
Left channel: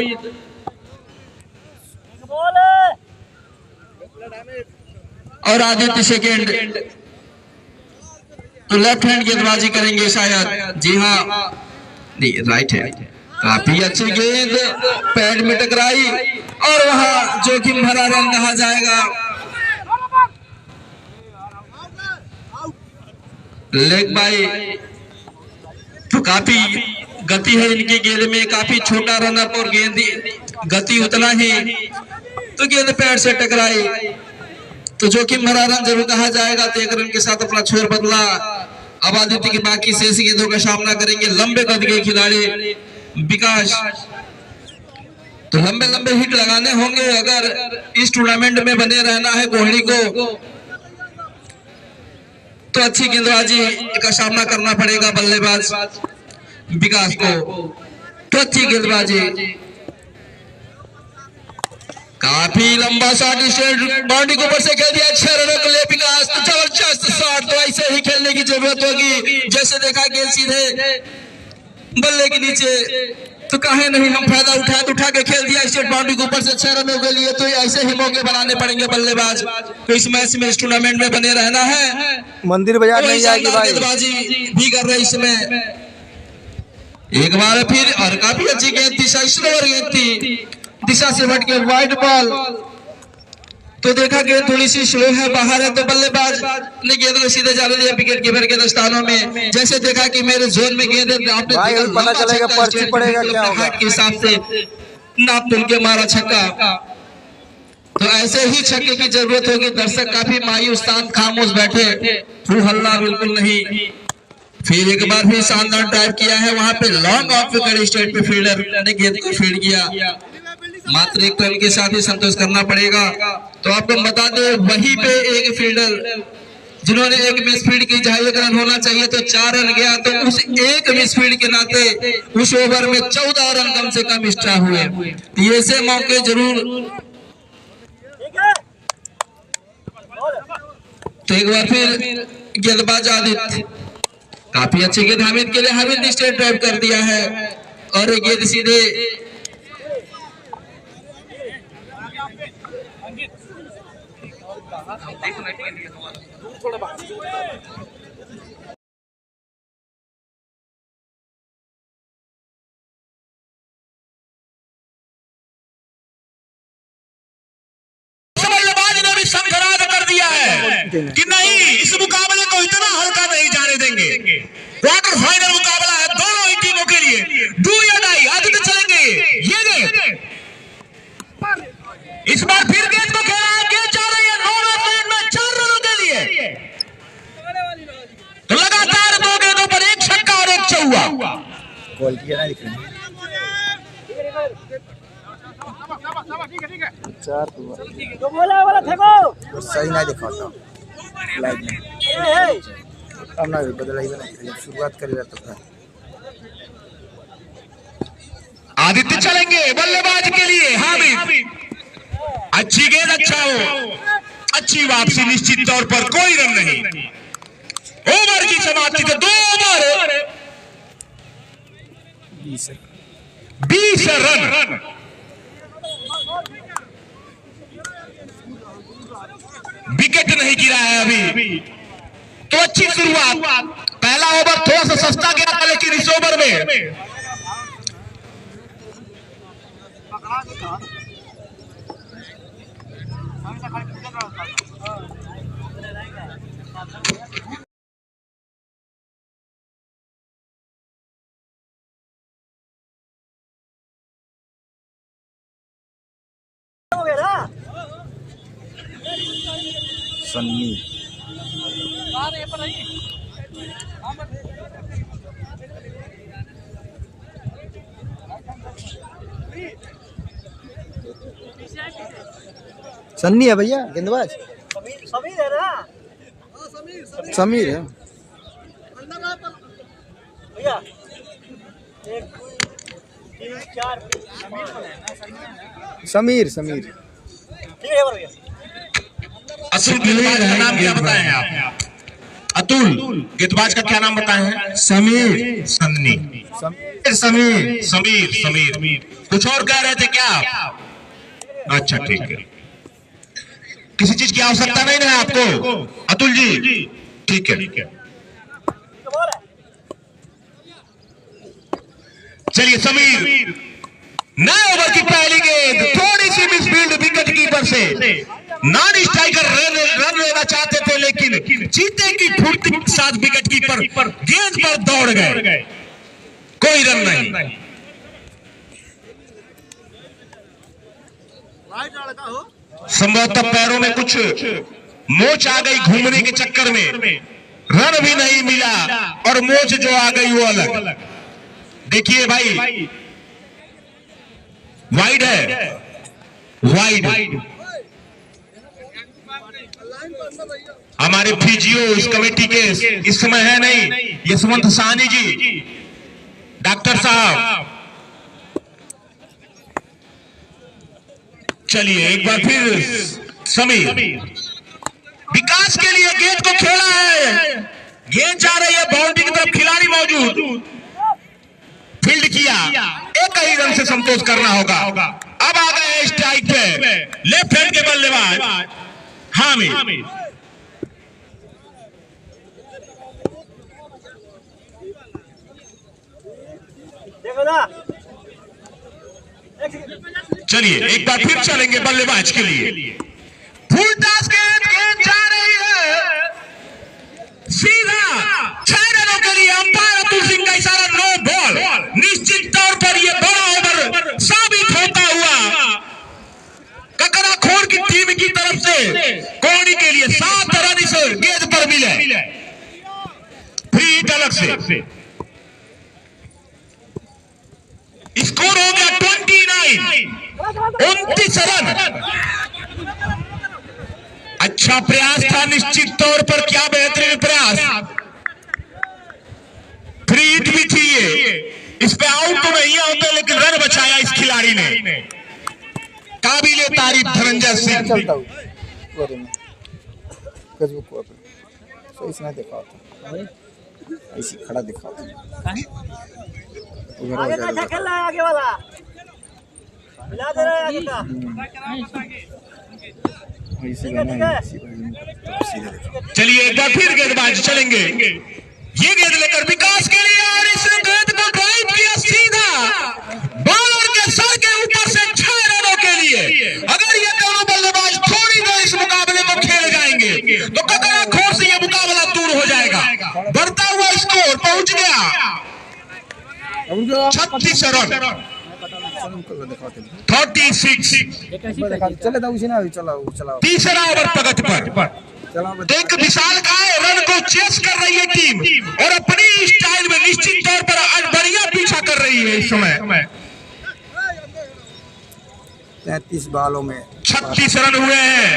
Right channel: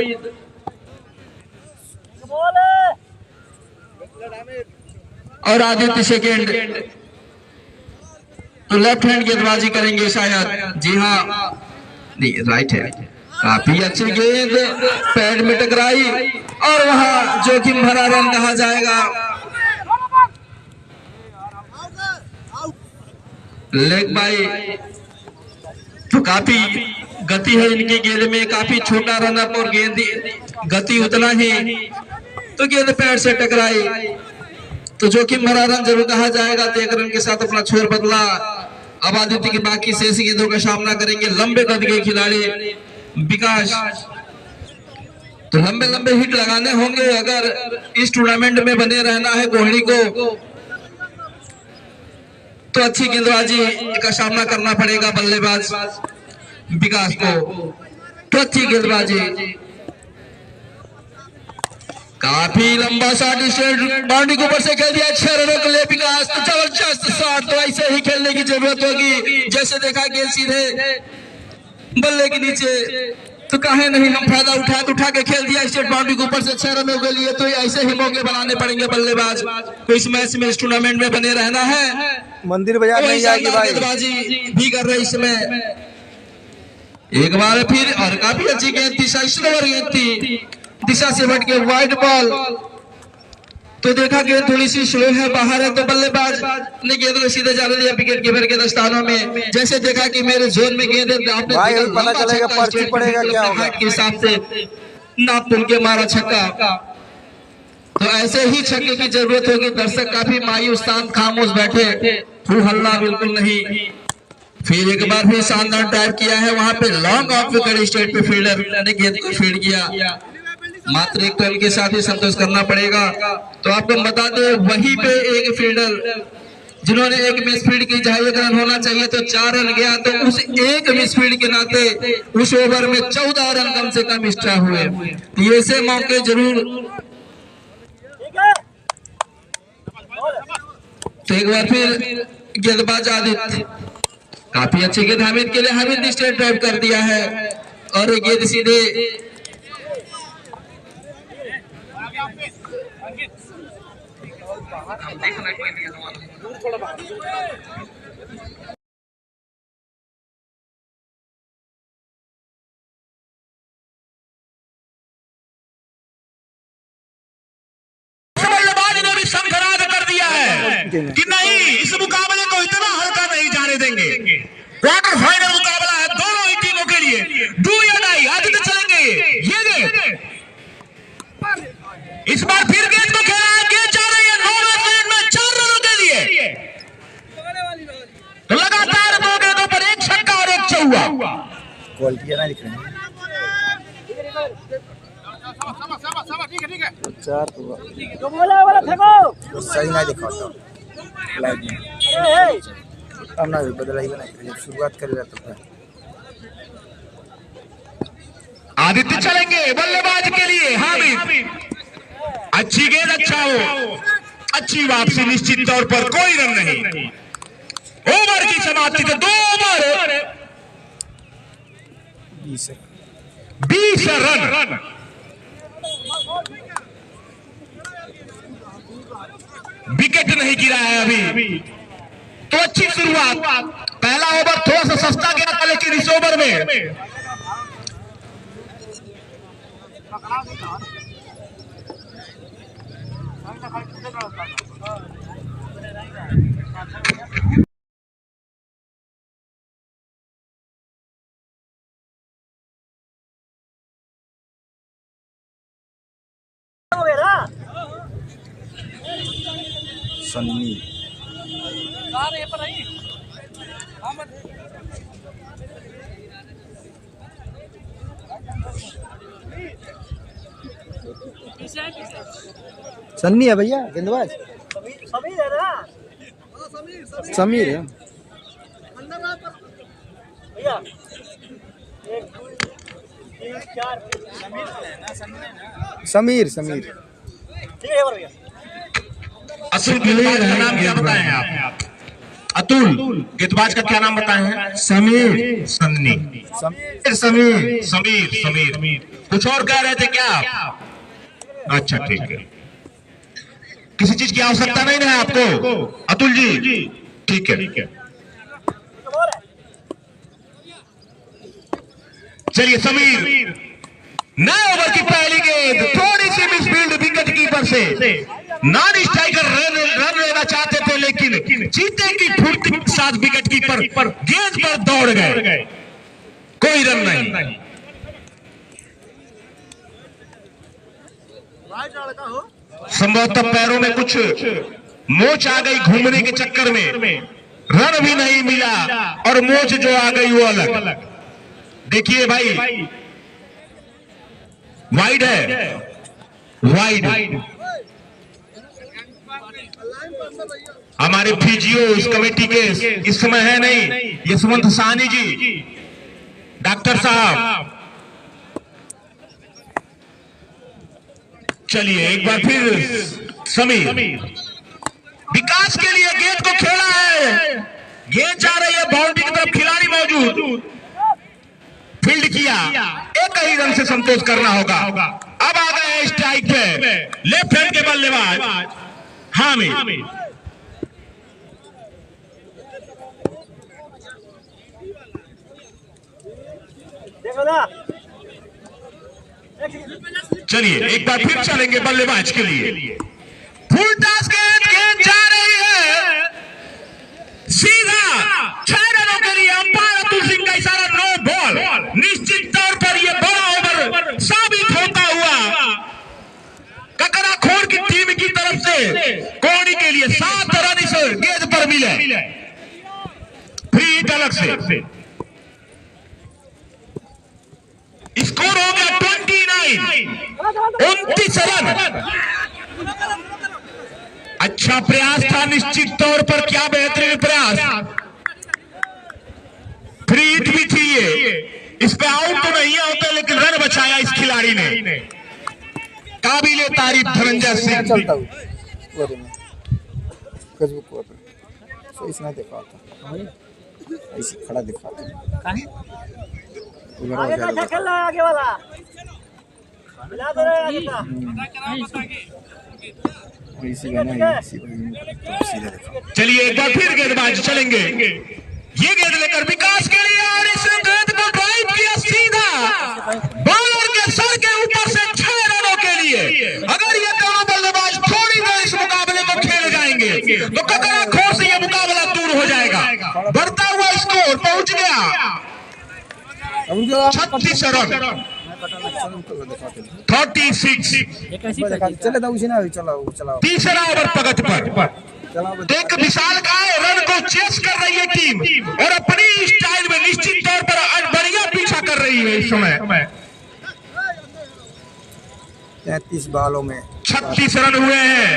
और आदित्य सेकेंड, तो लेफ्ट हैंड गेंदबाजी करेंगे शायद। जी हाँ, नहीं राइट हैंड। काफी अच्छी गेंद पैड में टकराई और वहां जोखिम भरा रन कहा जाएगा। लेग बाई, तो काफी गति है इनकी गेंद में, काफी छोटा रन अप और गेंद गति उतना ही, तो गेंद पैड से टकराई तो जोखिम भरा रन जरूर कहा जाएगा। तो 1 रन के साथ अपना छोर बदला। अब आदित्य की बाकी शेष गेंदों का सामना करेंगे लंबे कद के खिलाड़ी विकास। तो लंबे लंबे हिट लगाने होंगे अगर इस टूर्नामेंट में बने रहना है कोहली को, तो अच्छी गेंदबाजी का सामना करना पड़ेगा बल्लेबाज विकास को। तो अच्छी गेंदबाजी, काफी लंबा शॉट बाउंड्री के ऊपर से खेल दिया, 6 रनों के लिए विकास। तो जबरदस्त शॉट, तो ऐसे ही खेलने की जरूरत होगी। जैसे देखा गेंद सीधे बल्ले के नीचे, तो कहे नहीं हम फायदा उठा के खेल दिया स्टेट बाउंड्री के ऊपर से 6 रनों के लिए। तो ऐसे ही मौके बनाने पड़ेंगे बल्लेबाज तो इस मैच में, इस टूर्नामेंट में बने रहना है। मंदिर बाजार नहीं जाएगी भाई। गेंदबाजी भी कर रहे इसमें एक बार फिर, और काफी अच्छी गेंद थी, स्लोअर गेंद थी, दिशा से हट के वाइड बॉल। तो देखा गेंद थोड़ी सी स्लो है, बाहर है, तो बल्लेबाज ने गेंद को सीधे जाने दिया विकेट कीपर के दस्तानों में। जैसे देखा कि मेरे जोन में गेंद है, भाई अभी पता चलेगा पर्ची पड़ेगा क्या होगा के हिसाब से नाप तुल के मारा छक्का। तो ऐसे ही छक्के की जरूरत होगी। दर्शक काफी मायूस शांत खामोश बैठे, हू हल्ला बिल्कुल नहीं। फिर एक बार भी शानदार ड्राइव किया है, वहां पे लॉन्ग ऑफ विकेट स्टेट पे फील्डर ने गेंद को फील्ड किया। मात्र एक रन के साथ ही संतोष करना पड़ेगा। तो आपको बता दो, वहीं पे एक फील्डर जिन्होंने एक मिस फील्ड की, जहां एक रन होना चाहिए तो 4 रन गया, तो उस एक मिस फील्ड के नाते उस ओवर में 14 रन कम से कम एक्स्ट्रा हुए। ऐसे मौके जरूर। तो एक बार फिर गेंदबाज आदित्य, काफी अच्छी गेंद हामिद के लिए, हामिद ने स्ट्रेट ड्राइव कर दिया है और गेंद सीधे बल्लेबाज ने भी संघर्ष कर दिया है कि नहीं, इस मुकाबले को इतना हल्का नहीं जाने देंगे। क्वार्टर फाइनल मुकाबला है दोनों ही टीमों के लिए, डू या डाई। आदित्य चलेंगे, ये गेंद इस बार फिर गेंद को खेला, गेंद जा रही है 9वें मिनट में 4 रनों के लिए। तो लगातार 2 गेंदों पर एक छक्का और एक चौका। क्वालिटी ना दिख रही है। 4 तो सही ना दिखाता लाइव में। अब ना बदला ही बना, जब शुरुआत करेगा तो था। आदित्य चलेंगे बल्लेबाज के लिए, हामिद अच्छी गेंद, अच्छा हो, अच्छी वापसी, निश्चित तौर पर कोई रन नहीं। ओवर की समाप्ति तो 2 ओवर 20 रन। विकेट नहीं गिरा है अभी, तो अच्छी शुरुआत। पहला ओवर थोड़ा सा सस्ता गया था, लेकिन इस ओवर में सन्नी सन्नी है भैया, गेंदबाज समीर है समीर। समीर असल प्लेयर का नाम क्या बताए हैं आप? अतुल। गेंदबाज का क्या नाम बताए हैं? समीर। सन्नी। समीर। समीर। समीर। कुछ और कह रहे थे क्या? अच्छा ठीक है, किसी चीज की आवश्यकता नहीं है आपको अतुल जी? ठीक है, चलिए समीर। नए ओवर की पहली गेंद, थोड़ी सी मिसफील्ड विकेट कीपर से। नॉन स्ट्राइकर रन लेना चाहते थे, लेकिन चीते की फुर्ती के साथ विकेट कीपर गेंद पर दौड़ गए, कोई रन नहीं। संभवतः पैरों में कुछ मोच आ गई घूमने के चक्कर में, रन भी नहीं मिला और मोच जो आ गई वो अलग। देखिए भाई, वाइड है, वाइड। हमारे फिजियो इस कमेटी के इस समय है नहीं, यशवंत साहनी जी, डॉक्टर साहब। चलिए एक बार फिर समीर विकास के लिए गेंद को खेला है, गेंद जा रही है बाउंड्री की तरफ, खिलाड़ी मौजूद, फील्ड किया, एक ही रन से संतोष करना होगा। अब आ गए स्ट्राइक पे लेफ्ट हैंड के बल्लेबाज हामिद। चलिए एक बार फिर चलेंगे बल्लेबाज के लिए, फुल टॉस गेंद जा रही है सीधा 6 रनों के लिए। अंपायर अतुल सिंह का इशारा, नो बॉल। निश्चित तौर पर यह बड़ा ओवर साबित होता हुआ ककराखोर की टीम की तरफ से कोहली के लिए 7 रन इस गेंद पर मिले, फ्री हिट अलग से। स्कोर हो गया 29 रन। अच्छा प्रयास था निश्चित तौर पर, क्या बेहतरीन प्रयास, फ्री हिट भी थी ये, इस पे आउट तो नहीं होते लेकिन रन बचाया इस खिलाड़ी ने। काबिले तारीफ धनंजय सिंह। चलता हूँ फेसबुक पर, सो इसने देखा था ऐसी खड़ा दिखा था उधर हो जाएगा आगे वाला मिला दे रहा है। चलिए एक बार फिर गेंदबाज चलेंगे, ये गेंद लेकर विकास के लिए, और इस गेंद को ड्राइव किया सीधा बॉलर के सर के ऊपर से 6 रनों के लिए। अगर ये दोनों बल्लेबाज थोड़ी देर इस मुकाबले को खेल जाएंगे तो ककराखोर से ये मुकाबला दूर हो जाएगा। बढ़ता हुआ स्कोर पहुंच गया 36 रन, 36। चले था उसी ना चलाओ तीसरा ओवर प्रगति पर, एक विशालकाय रन को चेस कर रही है टीम और अपनी स्टाइल में निश्चित तौर पर बढ़िया पीछा कर रही है। इस समय 33 बालों में 36 रन हुए हैं,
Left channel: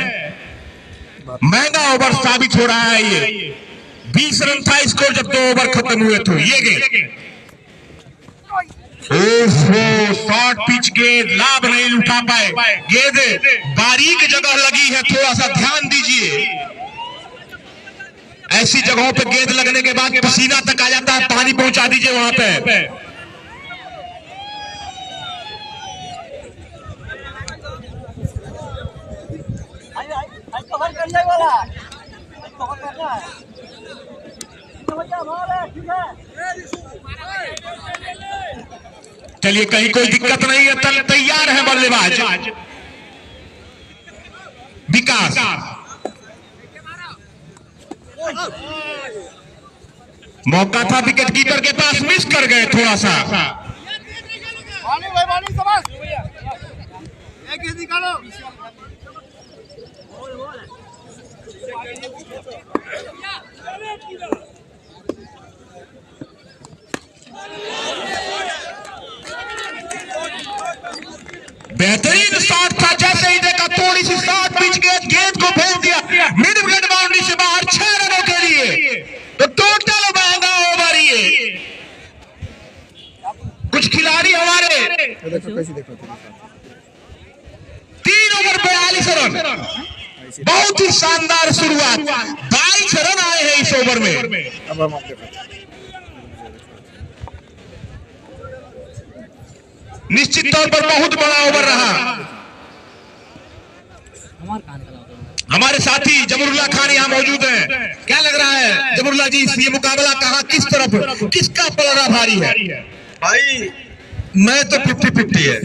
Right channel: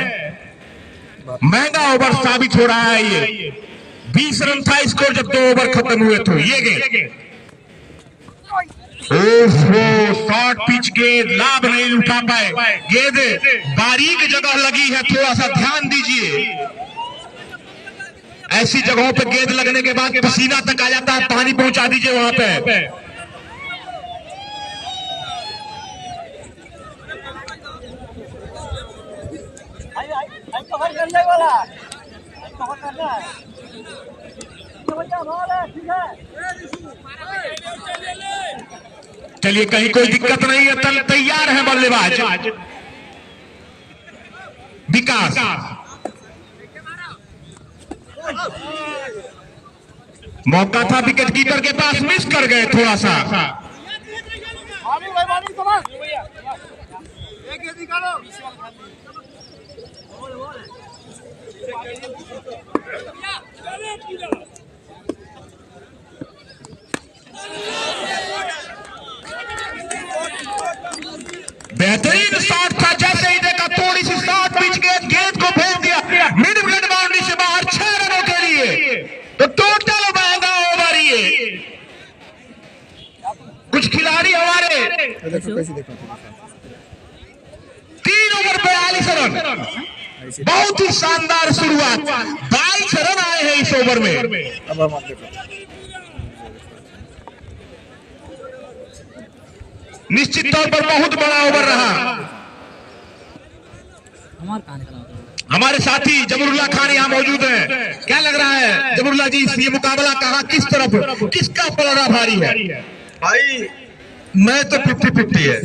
महंगा ओवर साबित हो रहा है ये। 20 रन था स्कोर जब 2 ओवर खत्म हुए थे। ये गेंद शॉर्ट पिच गेंद, लाभ नहीं उठा पाए, गेंद बारीक जगह लगी है, थोड़ा सा ध्यान दीजिए। ऐसी जगहों पे गेंद लगने के बाद पसीना तक आ जाता है, पानी पहुंचा दीजिए वहां पे। कवर करने वाला कवर करना है, चलिए कहीं कोई दिक्कत नहीं है, तैयार है बल्लेबाज विकास। मौका था विकेट कीपर के पास, मिस कर गए थोड़ा सा। बेहतरीन शॉट था, जैसे ही देखा थोड़ी सी शॉर्ट पिच गेंद को भेज दिया मिड विकेट बाउंड्री से बाहर 6 रनों के लिए। तो टोटल महंगा ओवर ये। कुछ खिलाड़ी हमारे 3 ओवर 42 रन, बहुत ही शानदार शुरुआत, 22 रन आए हैं इस ओवर में। अब हम आप देखो निश्चित तौर पर बहुत बड़ा ओवर रहा। हमारे साथी जमरुल्लाह खान यहाँ मौजूद हैं, क्या लग रहा है जमरुल्लाह जी, ये मुकाबला कहाँ किस तरफ किसका पलड़ा भारी है? भाई मैं तो 50-50 है।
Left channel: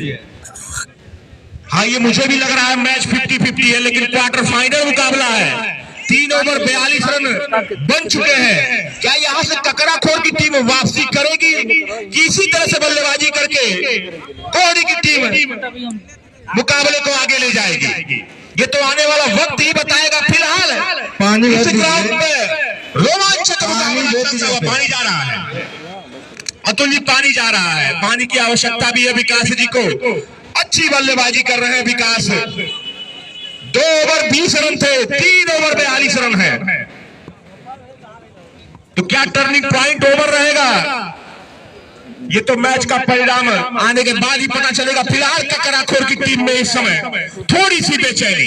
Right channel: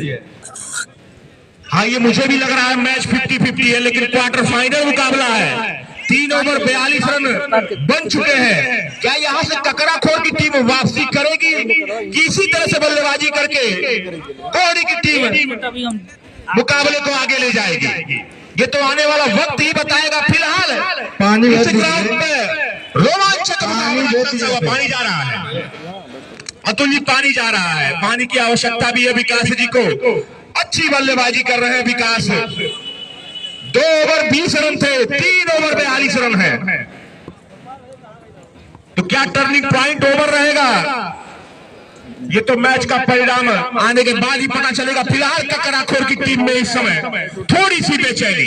हाँ ये मुझे भी लग रहा है मैच 50-50 है, लेकिन क्वार्टर फाइनल मुकाबला है। 3 ओवर 42 रन बन चुके हैं। क्या यहाँ से ककराखोर की टीम वापसी करेगी कि इसी तरह से बल्लेबाजी करके कोहली की टीम मुकाबले को आगे ले जाएगी? ये तो आने वाला वक्त ही बताएगा। फिलहाल पानी इस ग्राउंड पे रोमांचक पानी जा रहा है, अतुल जी पानी जा रहा है, पानी की आवश्यकता भी है विकास जी को। अच्छी बल्लेबाजी कर रहे हैं विकास। 2 ओवर 20 रन थे, 3 ओवर 42 रन है। तो क्या टर्निंग पॉइंट ओवर रहेगा? ये तो मैच का परिणाम आने के बाद ही पता चलेगा। फिलहाल ककराखोर की टीम में इस समय थोड़ी सी बेचैनी।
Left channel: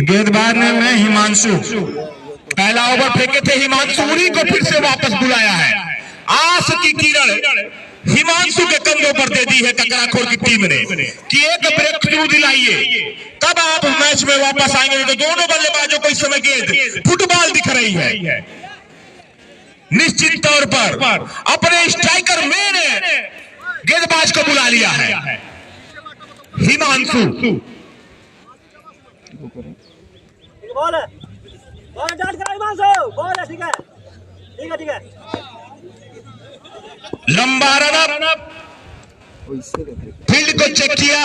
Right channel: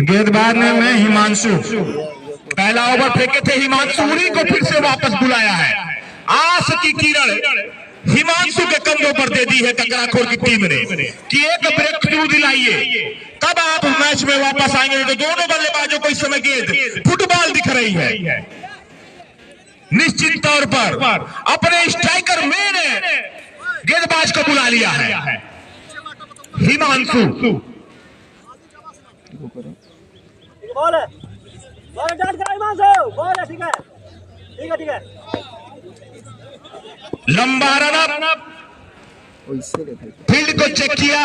गेंदबाज ने मैं हिमांशु, पहला ओवर फेंके थे हिमांशु, उन्हीं को फिर से वापस बुलाया है। आस की किरण हिमांशु के कंधों पर दे दी है ककराखोर की टीम ने कि एक ब्रेक थ्रू दिलाइए, तब आप मैच में वापस आएंगे। तो दोनों बल्लेबाजों को इस समय गेंद फुटबॉल दिख रही है। निश्चित तौर पर अपने स्ट्राइकर में ने गेंदबाज को बुला लिया है हिमांशु। बॉल है, बॉल डाल कर हिमांशु, बॉल है, ठीक है ठीक है ठीक है। लंबा रन अप, फील्ड को चेक किया,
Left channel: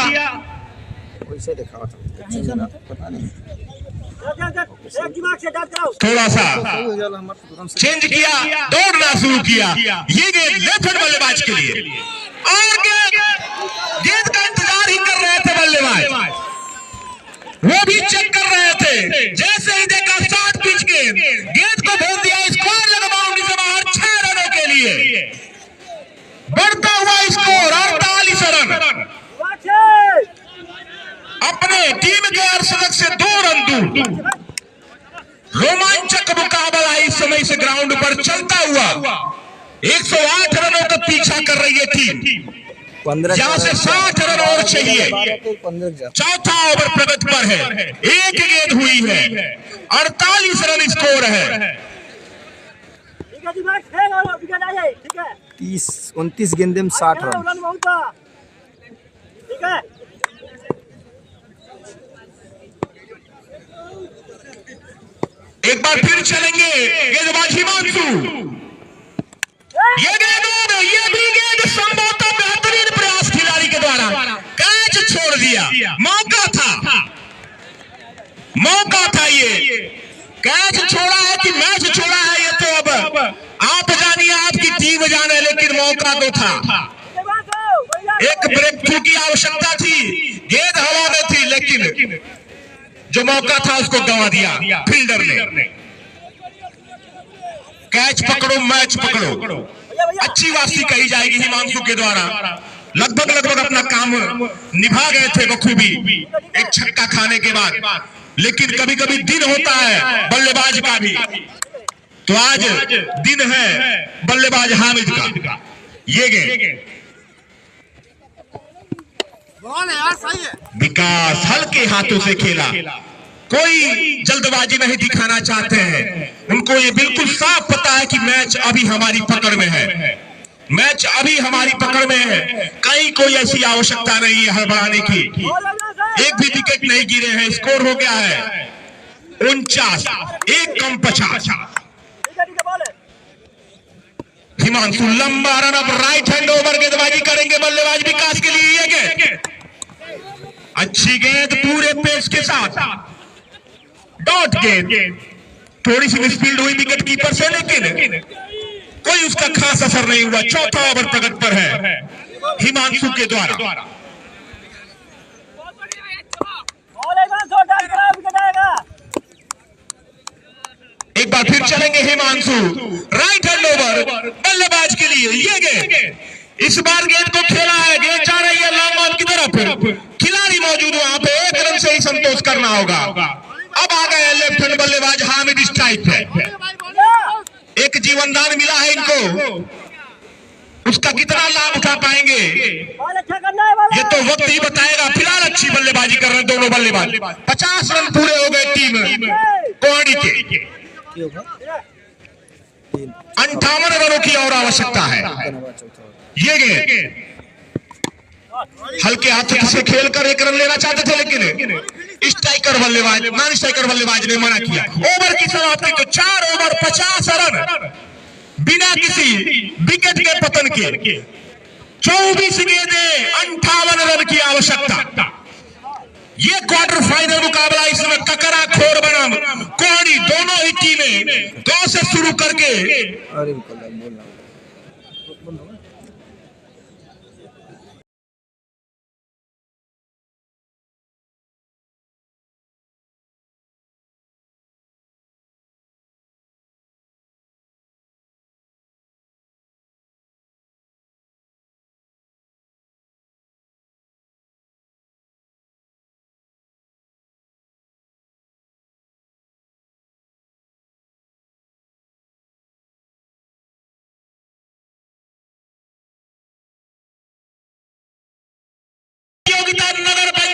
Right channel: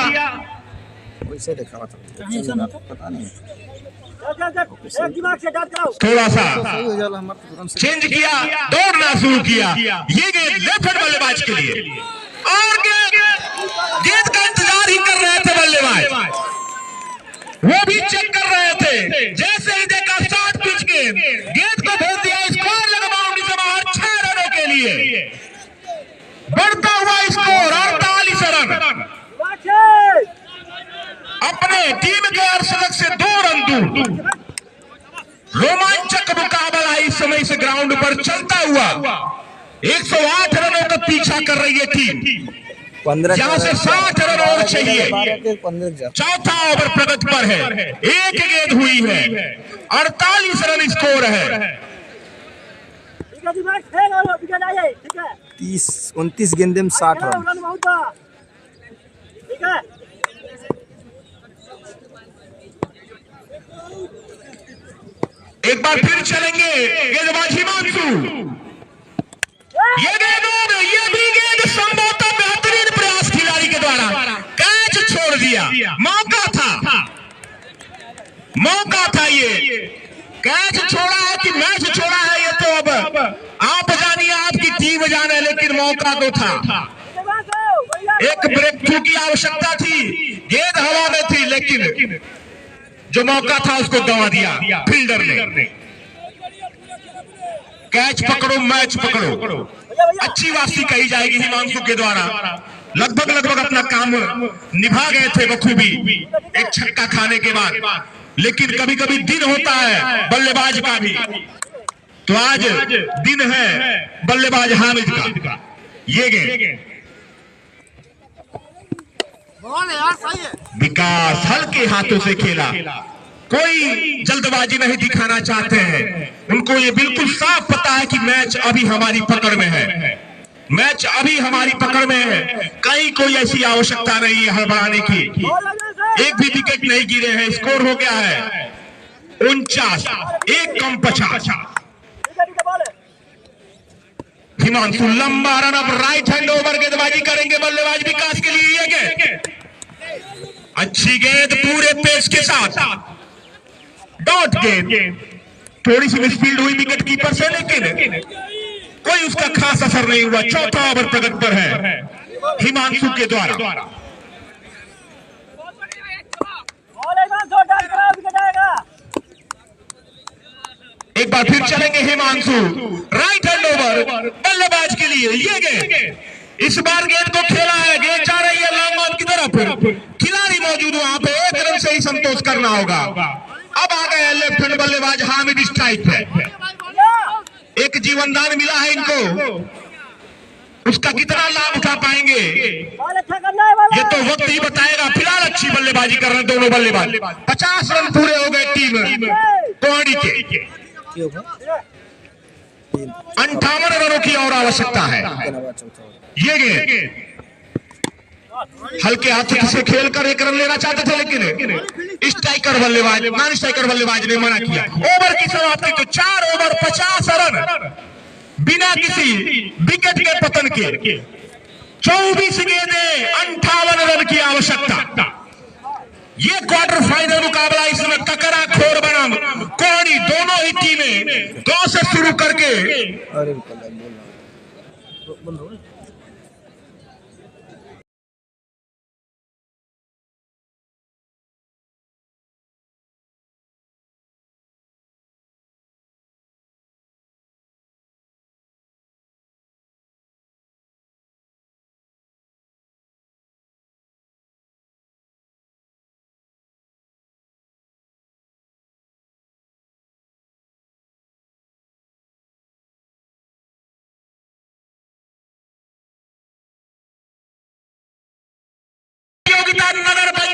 पता नहीं एक दिमाग से डाल कराओ, थोड़ा सा चेंज किया, दौड़ना शुरू किया। ये गेंद लेफ्ट हैंड बल्लेबाज के लिए, और गेंद का इंतजार ही कर रहे थे बल्लेबाज, वो भी चेक कर रहे थे। जैसे ही देखा शॉर्ट पिच के गेंद को भेज दिया स्कोर लगा बाउंड्री से बाहर 6 रनों के लिए। बढ़ता हुआ स्कोर 48 रन, अपने टीम के अर्धशतक से 2 रन दूर। रोमांचक मुकाबला इस समय इस ग्राउंड पर चलता हुआ 108 रनों का पीछा कर रही है टीम। 15 यहाँ से 60 रन और चाहिए। चौथा ओवर प्रगति पर है, एक गेंद हुई है, 48 रन स्कोर है। 29 गेंदे में 60 रन। ठीक है एक बार फिर चलेंगे गेंदबाज हिमांशु, ये गेंद संभवतः बेहतरीन प्रयास खिलाड़ी के द्वारा, कैच छोड़ दिया, मौका था ये कैच छोड़ा है कि मैच छोड़ा है ये तो अब आप जानिए, आपकी टीम जाने, लेकिन मौका तो था। एक ब्रेक थ्रू की आवश्यकता थी, गेंद हवा में थी, लेकिन जो मौका था उसको गंवा दिया फील्डर ने। कैच पकड़ो मैच पकड़ो, अच्छी वापसी कही जाएगी हिमांशु के द्वारा। लगभग अपना काम निभा गए थे बखूबी एक छक्का खाने के बाद, लेकिन कभी कभी दिन होता है बल्लेबाज का भी, तो आज दिन है बल्लेबाज हामिद का। ये गेंद विकास हल्के हाथों से खेला, कोई जल्दबाजी नहीं दिखाना चाहते हैं, उनको ये बिल्कुल साफ पता है कि मैच अभी हमारी पकड़ में है, मैच अभी हमारी पकड़ में है, कहीं कोई ऐसी आवश्यकता नहीं है हड़बड़ाने की। एक भी विकेट नहीं गिरे हैं, स्कोर हो गया है 49, एक कम 50। हिमांशु लंबा रन अब राइट हैंड ओवर गेंदबाजी करेंगे बल्लेबाज विकास के लिए। ये गेंद अच्छी गेंद पूरे पेस के साथ, डॉट गेंद, थोड़ी सी मिसफील्ड हुई विकेट कीपर से, लेकिन कोई उसका खास असर नहीं हुआ। चौथा ओवर प्रगति पर है हिमांशु के द्वारा। एक बार फिर चलेंगे हिमांशु, राइट हैंड ओवर बल्लेबाज के लिए। ये गेंद इस बार गेंद को खेला है, गेंद जा रही है लॉन्ग ऑन की तरफ, खिलाड़ी मौजूद वहां पे, एक रन से ही संतोष करना होगा। अब आ गए लेफ्ट हैंड बल्लेबाज हामिद स्ट्राइक पे, एक जीवनदान मिला है इनको, उसका कितना लाभ उठा पाएंगे ये तो वक्त ही बताएगा। फिलहाल अच्छी बल्लेबाजी कर रहे हैं दोनों बल्लेबाज, 50 रन पूरे हो गए टीम कोहड़ी के। 58 रनों की और आवश्यकता है। ये गेंद हल्के हाथों से खेलकर एक रन लेना चाहते थे, लेकिन स्ट्राइकर बल्लेबाज नॉन स्ट्राइकर बल्लेबाज ने मना किया। ओवर की समाप्ति को 4 ओवर 50 रन बिना किसी विकेट के पतन के, 24 गेंदें 58 रन की आवश्यकता। ये क्वार्टर फाइनल मुकाबला इसमें ककराखोर बनाम कोहड़ी दोनों ही टीमें 2 से शुरू करके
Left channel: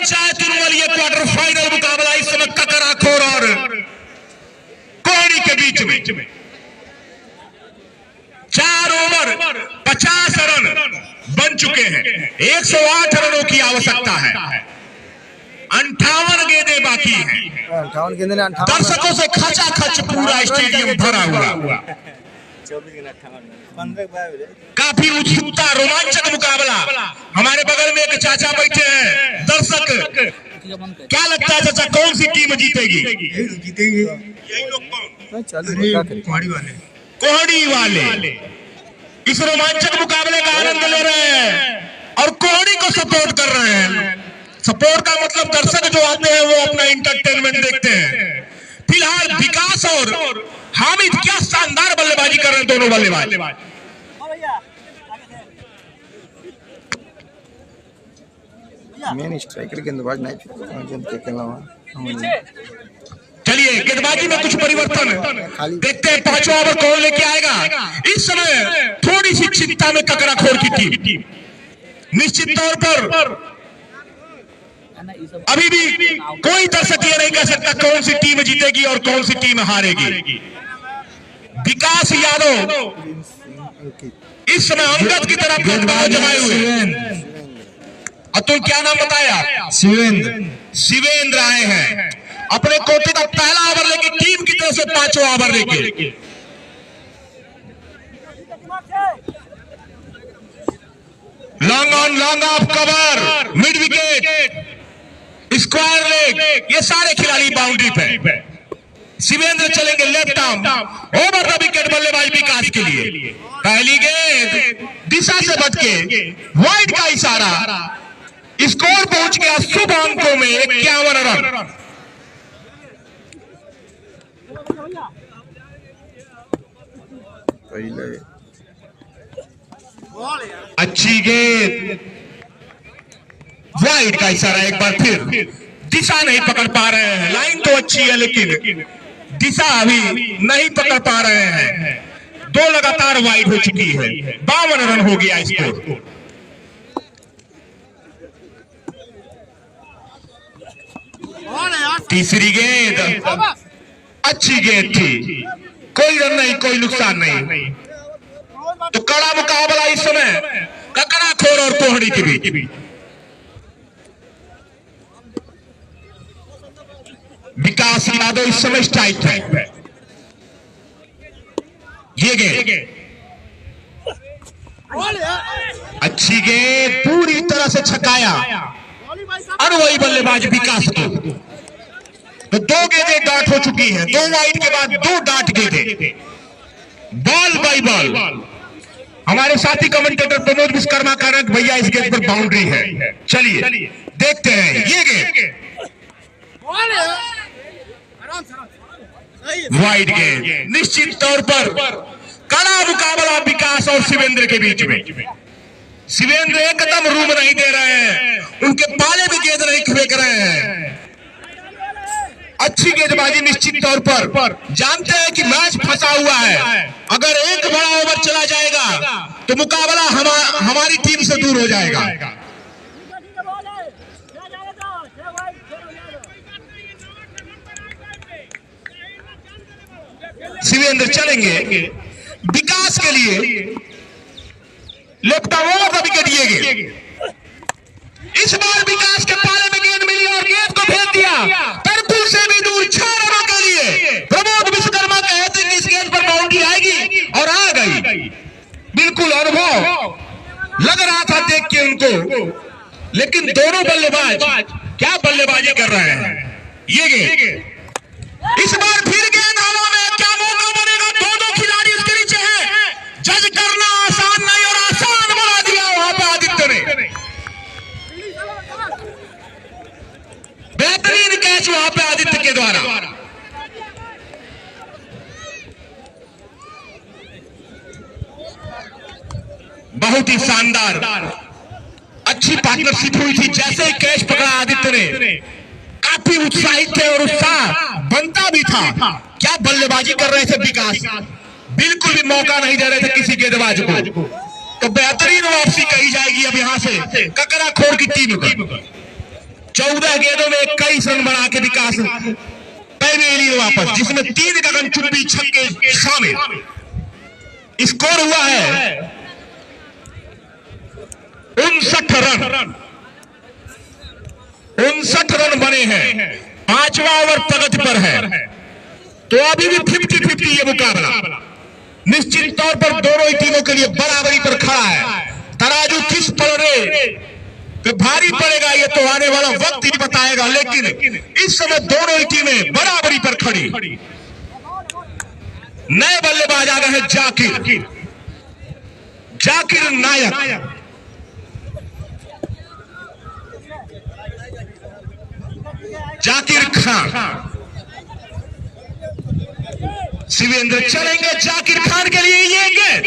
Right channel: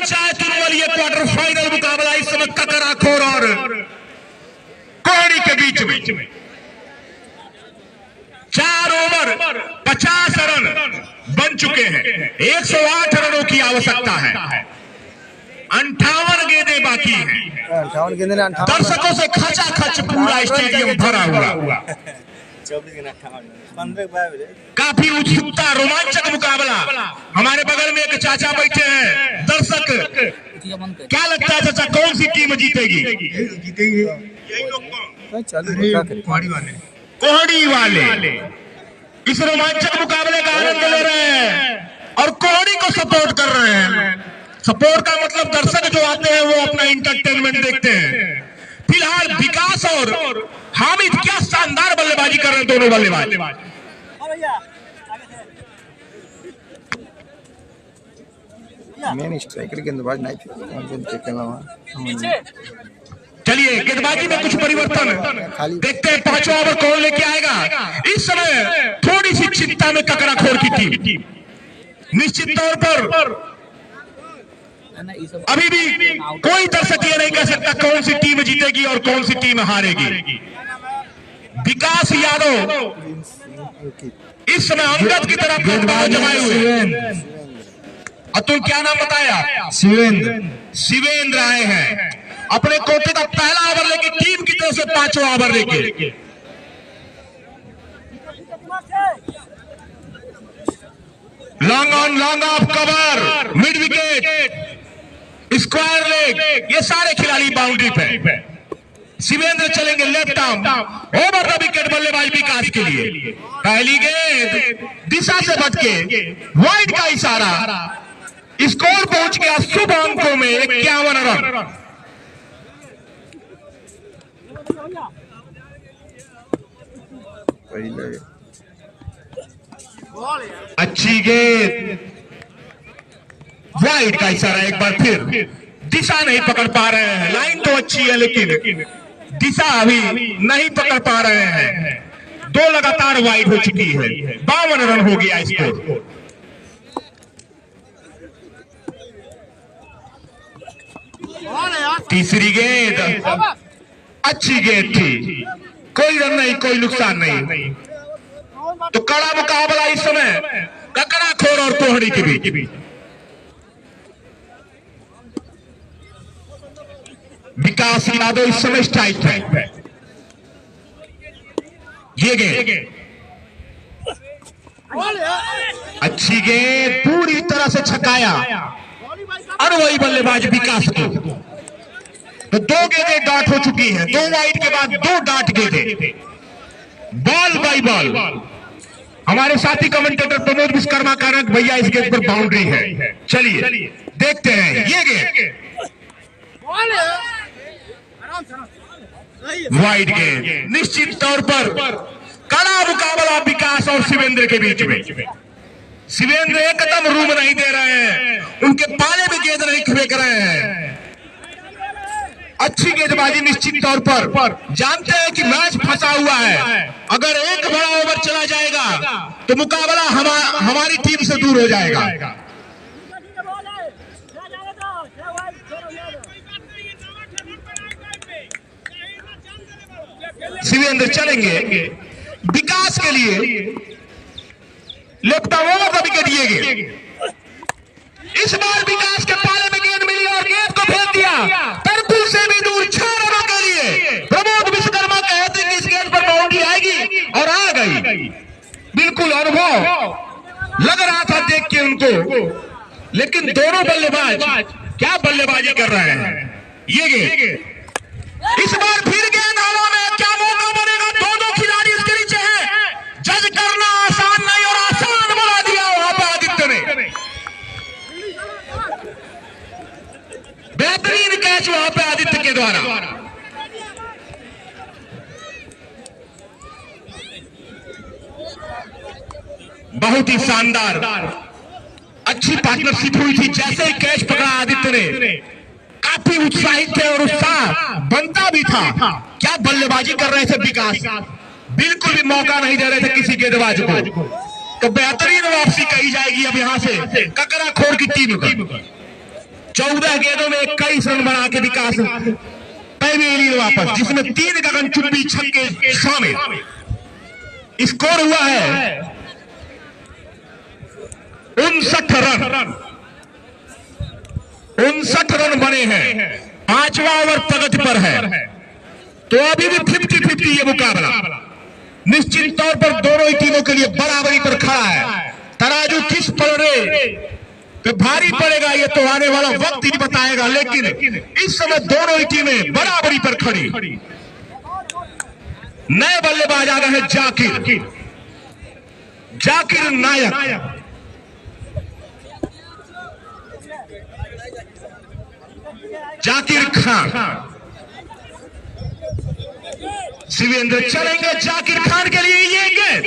पंचायत चुनवल ये क्वार्टर फाइनल मुकाबला इस समय ककराखोर और कोहड़ी के बीच में 4 ओवर 50 रन बन चुके हैं। 108 रनों की आवश्यकता है। 58 गेंदें बाकी हैं। 58 गेंदे ने 58 दर्शकों से खचाखच पूरा स्टेडियम भरा हुआ। काफी उत्सुकता, रोमांचक मुकाबला। हमारे बगल में एक चाचा बैठे हैं, दर्शक। क्या लगता है चाचा, कौन सी टीम जीतेगी? कोहड़ी वाले इस रोमांचक मुकाबले का आनंद ले रहे हैं और कोहड़ी को सपोर्ट कर रहे हैं। सपोर्ट का मतलब दर्शक जो आते हैं वो अपना इंटरटेनमेंट देखते हैं। फिलहाल विकास और हामिद क्या शानदार बल्लेबाजी कर रहे हैं, दोनों बल्लेबाज। मेन स्ट्राइकर गेंदबाज नहीं थे। चलिए गेंदबाजी में कुछ परिवर्तन देखते हैं। 5वां ओवर कौन लेके आएगा? इस समय थोड़ी सी चिंता में ककराखोर की टीम। निश्चित तौर पर अभी भी कोई दर्शक ये नहीं कह सकता कौन सी टीम जीतेगी और कौन सी टीम हारेगी। विकास यादव इस समय अंगद की तरफ जमाए हुए। अतुल क्या नाम बताया? शिवेंद्र आए हैं अपने कोटे का पहला ओवर लेके, टीम की तरफ से 5वां ओवर लेके। Long on long off cover, mid wicket, square leg, ये सारे खिलाड़ी बाउंड्री पे। शिवेंद्र चलेंगे left arm, over the wicket बल्लेबाज विकास के लिए। पहली गेंद दिशा से बच के वाइड का इशारा, स्कोर पहुंच गया शुभ अंकों में 51 रन। अच्छी गेंद, वाइड का इशारा एक बार फिर। दिशा नहीं पकड़ पा रहे हैं, लाइन तो अच्छी है लेकिन दिशा अभी नहीं पकड़ पा रहे हैं। 2 लगातार वाइड हो चुकी है, 52 रन हो गया स्कोर। तीसरी गेंद अच्छी गेंद थी, कोई रन नहीं, कोई नुकसान नहीं। तो कड़ा मुकाबला इस समय ककराखोर और कोहड़ी के बीच। विकास यादव इस समय स्ट्राइक है। ये गेंद अच्छी गेंद, पूरी तरह से छकाया अनुभवी बल्लेबाज विकास को। तो 2 गेंदें डॉट हो चुकी हैं, 2 वाइड के बाद 2 डॉट गेंदें, बॉल बाई बॉल। हमारे साथी कमेंटेटर प्रमोद विश्वकर्मा का रंग भैया इस गेंद पर बाउंड्री है। चलिए देखते हैं ये गेंद, वाइड गेंद। निश्चित तौर पर कड़ा मुकाबला विकास और शिवेंद्र के बीच में। शिवेंद्र एकदम रूम नहीं दे रहे हैं, उनके पाले में गेंद नहीं फेंक रहे हैं। अच्छी गेंदबाजी निश्चित तौर पर। जानते हैं कि मैच फंसा हुआ है, अगर एक बड़ा ओवर चला जाएगा तो मुकाबला हमारी टीम से दूर हो जाएगा। शिवेंद्र चलेंगे विकास के लिए, लेफ्ट ओवर द विकेट। ये गेंद इस बार विकास के पाले में गेंद मिली और गेंद को फेंक दिया 35 से भी दूर 6 रनों के लिए। प्रमोद विश्वकर्मा कहते हैं कि इस गेंद पर बाउंड्री आएगी और आ गई। बिल्कुल अनुभव लग रहा था देख के उनको, लेकिन दोनों बल्लेबाज क्या बल्लेबाजी कर रहे हैं। ये गेंद इस बार फिर गेंद हवा में, क्या मौका बनेगा? दोनों खिलाड़ी इसके नीचे हैं। जज करना आसान नहीं और आसान बना दिया वहां पर आदित्य ने। बेहतरीन कैच वहां पे आदित्य के द्वारा। बहुत ही शानदार अच्छी पार्टनरशिप हुई थी। जैसे ही कैच पकड़ा आदित्य ने, काफी उत्साहित थे और उत्साह बनता भी था। क्या बल्लेबाजी कर रहे थे विकास, बिल्कुल भी मौका नहीं दे रहे थे किसी गेंदबाज को। तो बेहतरीन वापसी कही जाएगी अब यहां से ककराखोर की टीम को। 14 गेंदों में 21 रन बना के विकास पेवेलियन वापस, जिसमें 3 गगनचुंबी छक्के शामिल। स्कोर हुआ है 59 रन। 59 रन बने हैं, 5वां ओवर प्रगति पर है। तो अभी भी 50-50 ये मुकाबला निश्चित तौर पर दोनों ही टीमों के लिए बराबरी पर खड़ा है। तराजू किस पलड़े पे भारी पड़ेगा ये तो आने वाला वक्त ही बताएगा, लेकिन इस समय दोनों ही टीमें बराबरी पर खड़ी। नए बल्लेबाज आ गए हैं जाकिर नायक। जाकिर खान, शिवेंद्र चलेंगे जाकिर खान के लिए। ये गेंद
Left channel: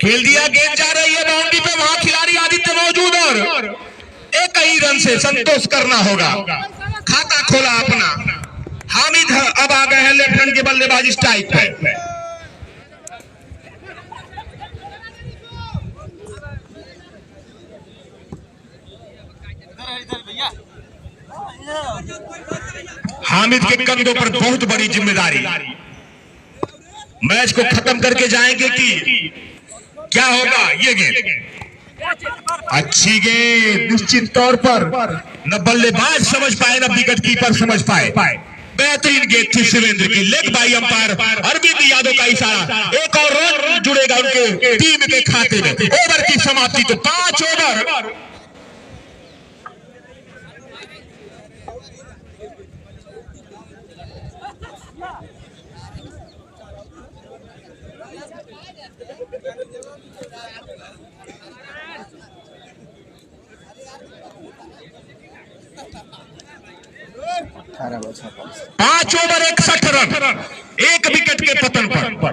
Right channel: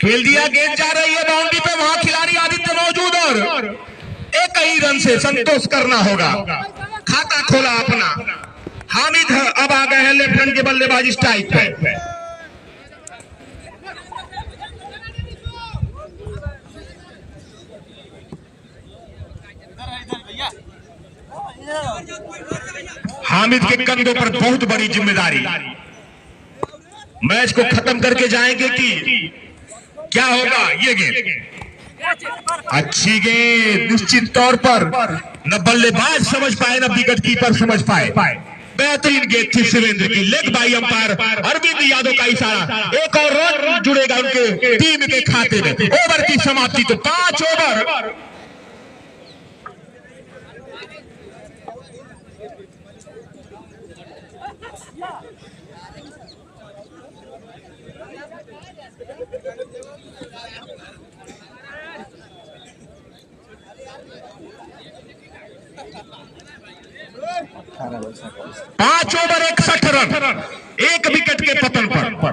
खेल दिया, गेंद जा रही है बाउंड्री पे, वहां खिलाड़ी आदित्य मौजूद और एक ही रन से संतोष करना होगा। खाता खोला अपना हामिद अब आ गए हैं लेफ्ट हैंड के बल्लेबाज स्ट्राइक पे। हामिद के कंधों पर बहुत बड़ी जिम्मेदारी। मैच को खत्म करके जाएंगे कि क्या होगा। ये गेंद अच्छी गेंद, निश्चित तौर पर न बल्लेबाज समझ पाए न विकेट कीपर समझ पाए। बेहतरीन गेंद थी शिवेंद्र की, leg bye umpire Arvind Yadav का इशारा। एक और रन जुड़ेगा उनके टीम के खाते में। ओवर की समाप्ति तो 5 ओवर। पांच ओवर 61 रन, 1 विकेट के पतन पर।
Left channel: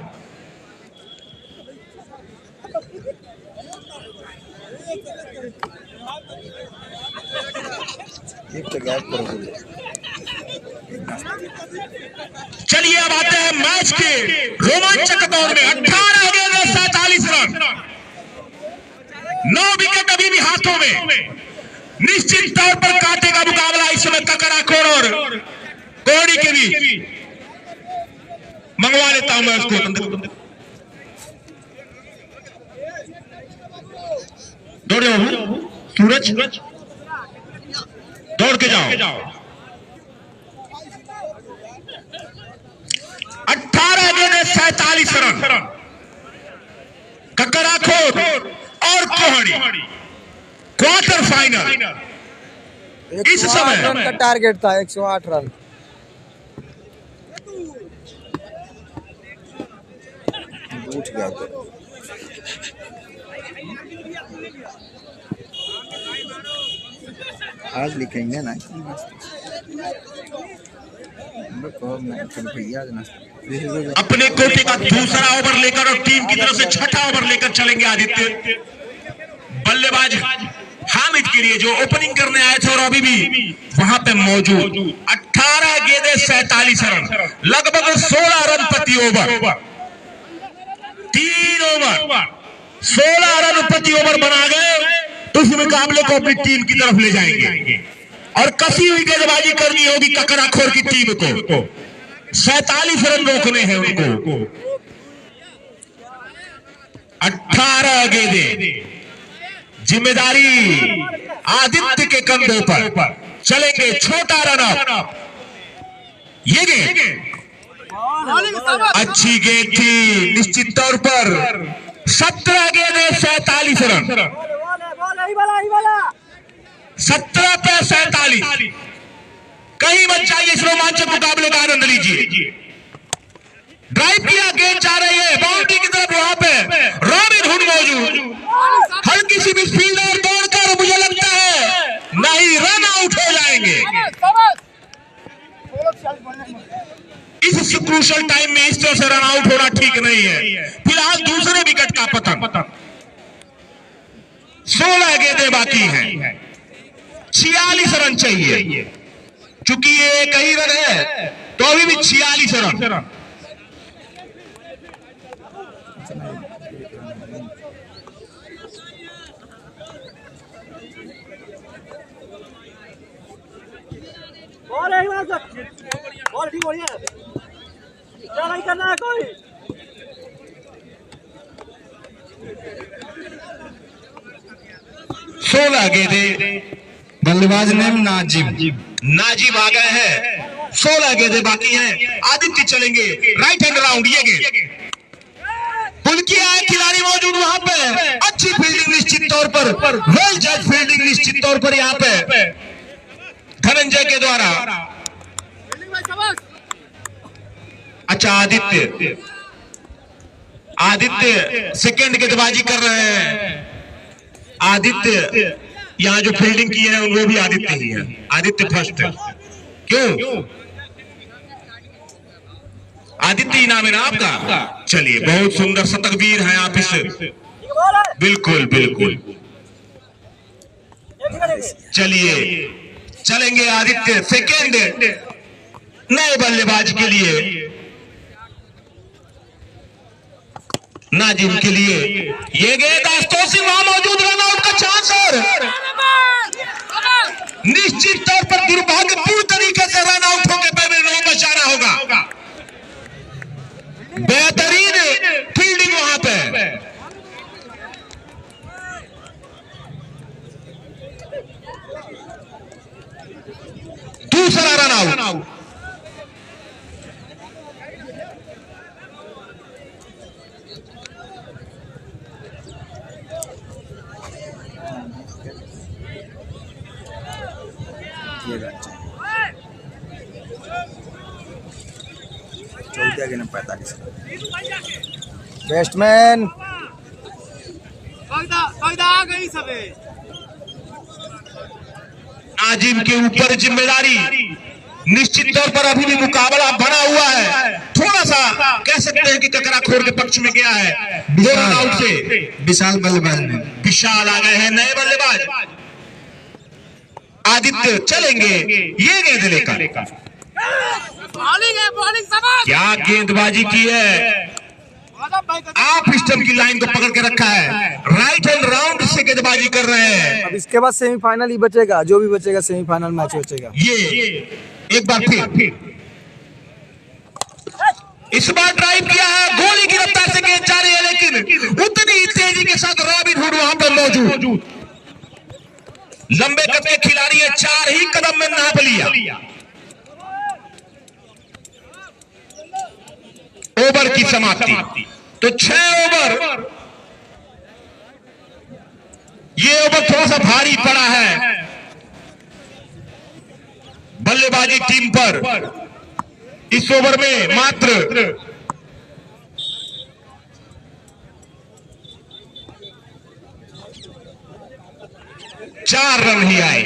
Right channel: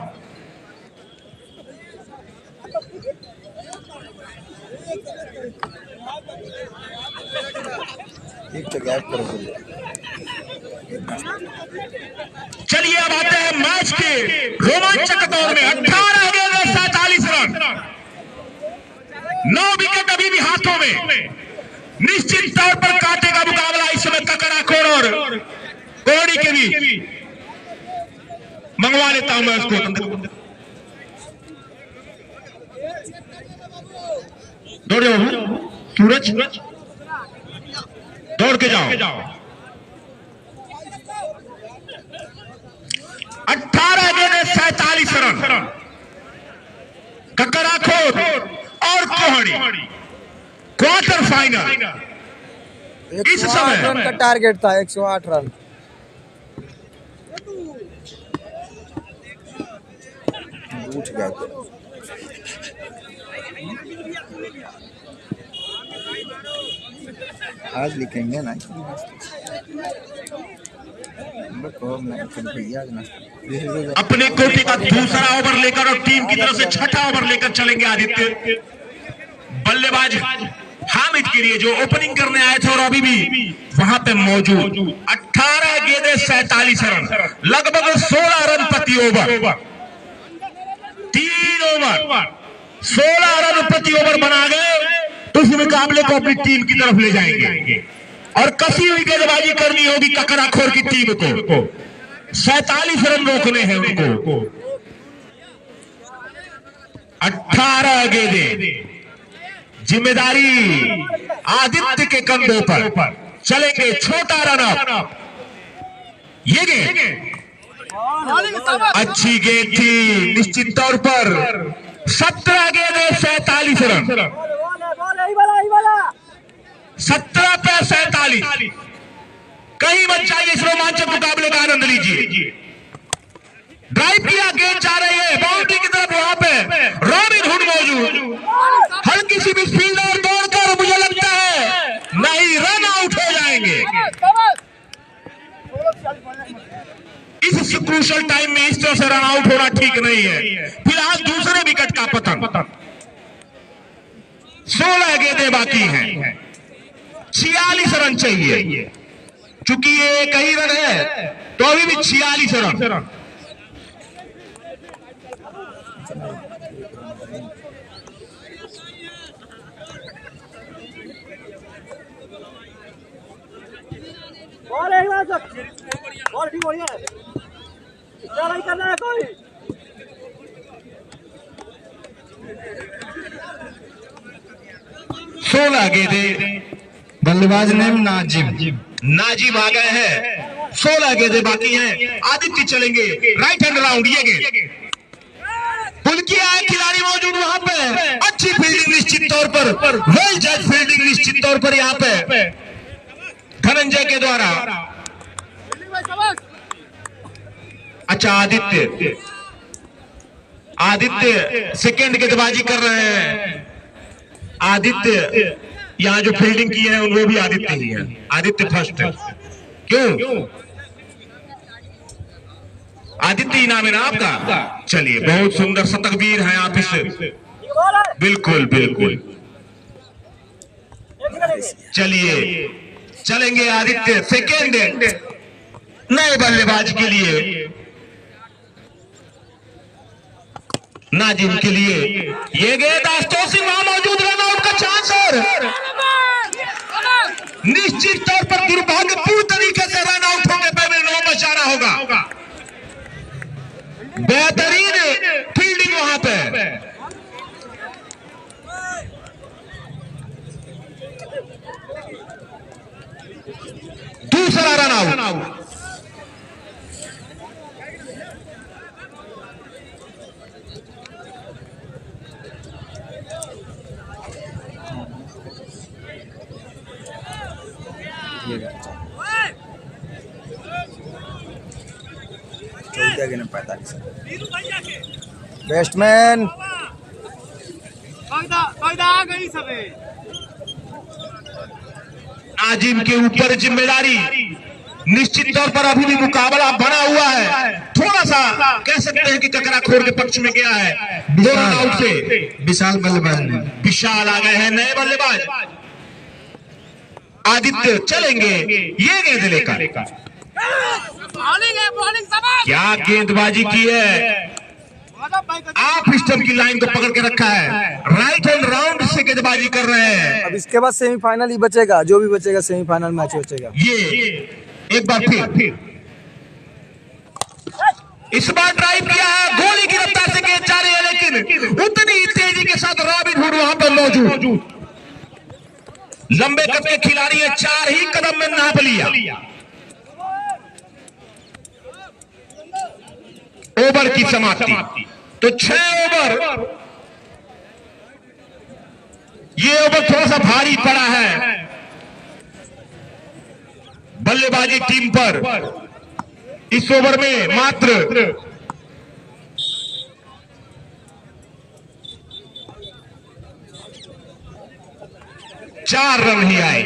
चलिए अब आते हैं मैच के रोमांचक दौर में। 18 गेंद 47 रन, 9 विकेट अभी भी हाथों में। निश्चित तौर पर कांटे का मुकाबला इस समय ककराखोर और कोहड़ी के बीच। मंगवा लेता हूं मैं उसको। दौड़ जाओ सूरज, दौड़ के जाओ। 18 गेंद 47 रन, ककराखोर और कोहड़ी क्वार्टर फाइनल। 108 रन का टारगेट था, 108 रन। उठ गया तो आज लिखेंगे ना अपने कोटे का दूसरा ओवर लेकर और टीम की तरफ से छठा ओवर लेकर चलेंगे आदित्य। बल्लेबाज हामिद के लिए जो ओपनिंग करने आए थे और अभी भी वहां पे मौजूद। 18 गेंदें 47 रन, लगभग 16 रन प्रति ओवर। 3 ओवर 16 रन प्रति ओवर बना गए तो इस मुकाबले को अपनी टीम की तरफ ले जाएंगे और कसी हुई गेंदबाजी करनी होगी ककराखोर की टीम को। 47 रन रोकने हैं उनको। 18 गेंदें, जिम्मेदारी आदित्य के कंधों पर। चलेंगे छोटा रन अप। ये गेंद अच्छी गेंद थी, निश्चित तौर पर 17 गेंदें 47 रन। 17 पे 47। कहीं मत जाइए, इस रोमांचक मुकाबले का आनंद लीजिए। ड्राइव किया, गेंद जा रही है बाउंड्री की तरफ। वहां पे रॉबिन हुड मौजूद। हल्की सी मिसफील्ड और दौड़कर मुझे लगता है नहीं, रन आउट हो जाएंगे। इस क्रूशियल टाइम में इस तरह से रन आउट होना ठीक नहीं है। फिलहाल दूसरे विकेट का पतन। 16 गेंदें बाकी हैं, 46 रन चाहिए। चूंकि ये एक ही रन है तो अभी भी 46 रन। बॉल ठीक बढ़िया है। क्या रन करना है कोई? सोलह गेंदे, बल्लेबाज नेम नाजिम आ गए हैं। 16 गेंदे बाकी हैं। आदित्य चलेंगे राइट हैंड राउंड। ये गेंद उनकी है, खिलाड़ी मौजूद वहां पे। अच्छी फील्डिंग निश्चित तौर पर, वेल जज फील्डिंग निश्चित तौर पर यहाँ पे धनंजय के द्वारा। अच्छा, आदित्य सेकंड गेंदबाजी कर रहे हैं। आदित्य यहाँ जो फील्डिंग की है वो भी आदित्य ही है। आदित्य फर्स्ट है। क्यों? आदित्य इनाम है ना आपका। चलिए, बहुत सुंदर शतकवीर है आप इस। बिल्कुल बिल्कुल। चलिए, चलेंगे आदित्य सेकेंड नए बल्लेबाज के लिए, नाजिम के लिए। ये गेंद आस्तोसी वहां मौजूद, रन आउट का चांस और निश्चित तौर पर दुर्भाग्यपूर्ण तरीके से रन आउट होकर पहले नहीं बचाना होगा। बेहतरीन फील्डिंग वहां पे। दूसरा रन आउट। चौदह के 45 बैट्समैन नाजिम के ऊपर जिम्मेदारी निश्चित तौर पर। अभी भी मुकाबला बना हुआ है। थोड़ा सा कह सकते हैं कि ककरा खोर के पक्ष में गया है। दो रन आउट से विशाल बल्लेबाज ने विशाल आ गए हैं नए बल्लेबाज। आदित्य चलेंगे ये गेंद लेकर। क्या गेंदबाजी की है। आप स्टंप की लाइन को पकड़ के रखा है। राइट हैंड राउंड से गेंदबाजी कर रहे हैं। अब इसके बाद सेमीफाइनल ही बचेगा, जो भी बचेगा सेमीफाइनल मैच बचेगा। ये एक बार फिर इस बार ड्राइव किया है। गोली की रफ्तार से गेंद जा रही है, लेकिन उतनी ही तेजी के साथ रॉबिन हुड वहां पर मौजूद। लंबे कद के खिलाड़ी है, 4 ही कदम में नाप लिया। ओवर की समाप्ति। तो 6 ओवर। ये ओवर थोड़ा सा भारी पड़ा है बल्लेबाजी टीम पर। इस ओवर में मात्र 4 रन ही आए।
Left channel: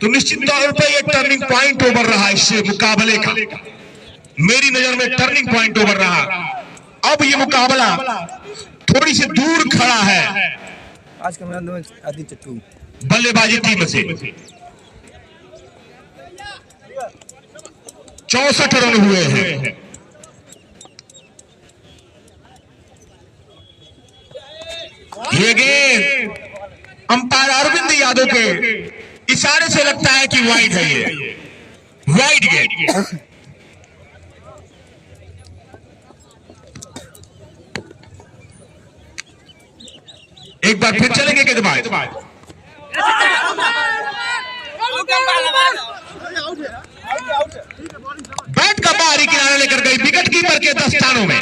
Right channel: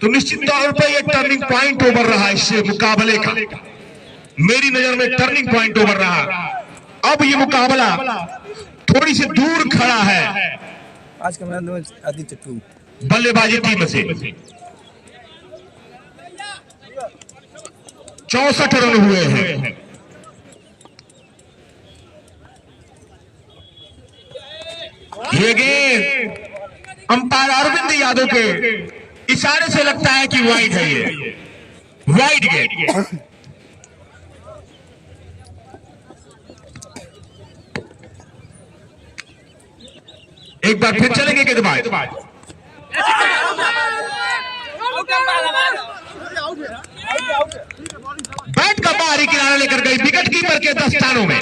तो निश्चित तौर पर यह टर्निंग पॉइंट ओवर रहा इस मुकाबले का। मेरी नजर में टर्निंग पॉइंट ओवर रहा। अब ये मुकाबला थोड़ी सी दूर खड़ा है आज का मैच में आदित्य टू बल्लेबाजी टीम से। 64 रन हुए हैं। ये गेंद अंपायर अरविंद यादव के इशारे से लगता है कि वाइड है। ये वाइड गेंद। एक बार फिर चलेंगे गेंदबाज। बैट का बाहरी किनारा लेकर गई विकेट कीपर के दस्तानों में।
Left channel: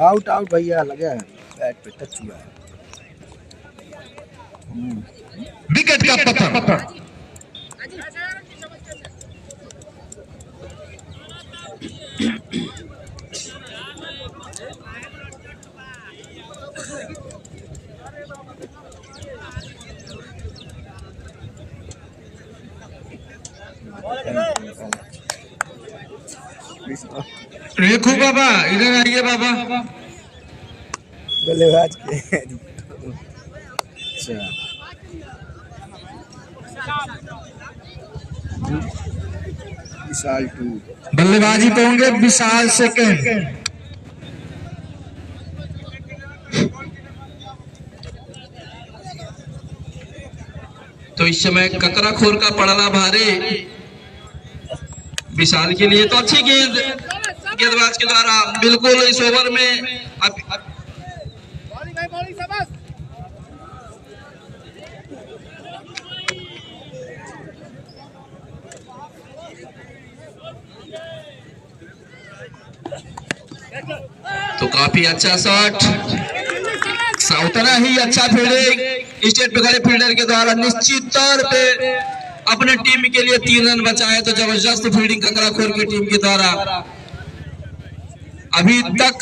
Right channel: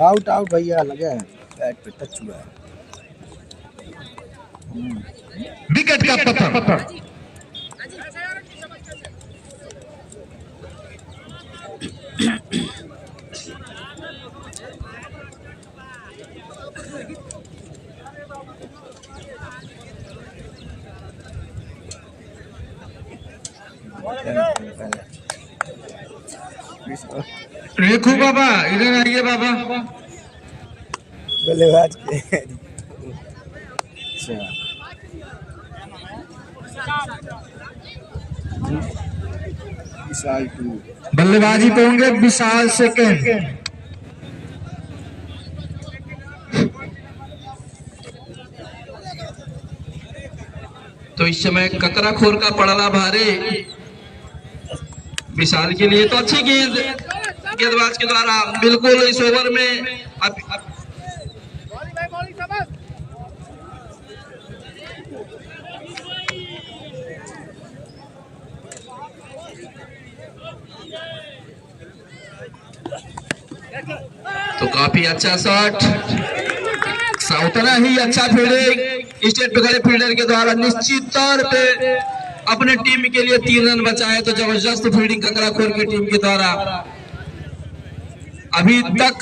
आउट आउट भैया, लगा है बैट पे टच हुआ है। विकेट का पत्थर। रेखू बाबा इधर आइए बाबा। बल्लेबाज के अच्छा विशाल टू बल्लेबाजी पे होंगे विशाल सेकंड। तो इस समय ककराखोर का पड़ला भारे विशाल के लिए। तो अच्छी गेंद गेंदबाज के द्वारा बिल्कुल इस ओवर में तो काफी अच्छा शॉट, उतना ही अच्छा फील्डिंग स्टेट पे खड़े फील्डर के द्वारा निश्चित तौर पे अपने टीम के लिए 3 रन बचाए। तो जबरदस्त फील्डिंग ककराखोर की टीम के द्वारा। अभी तक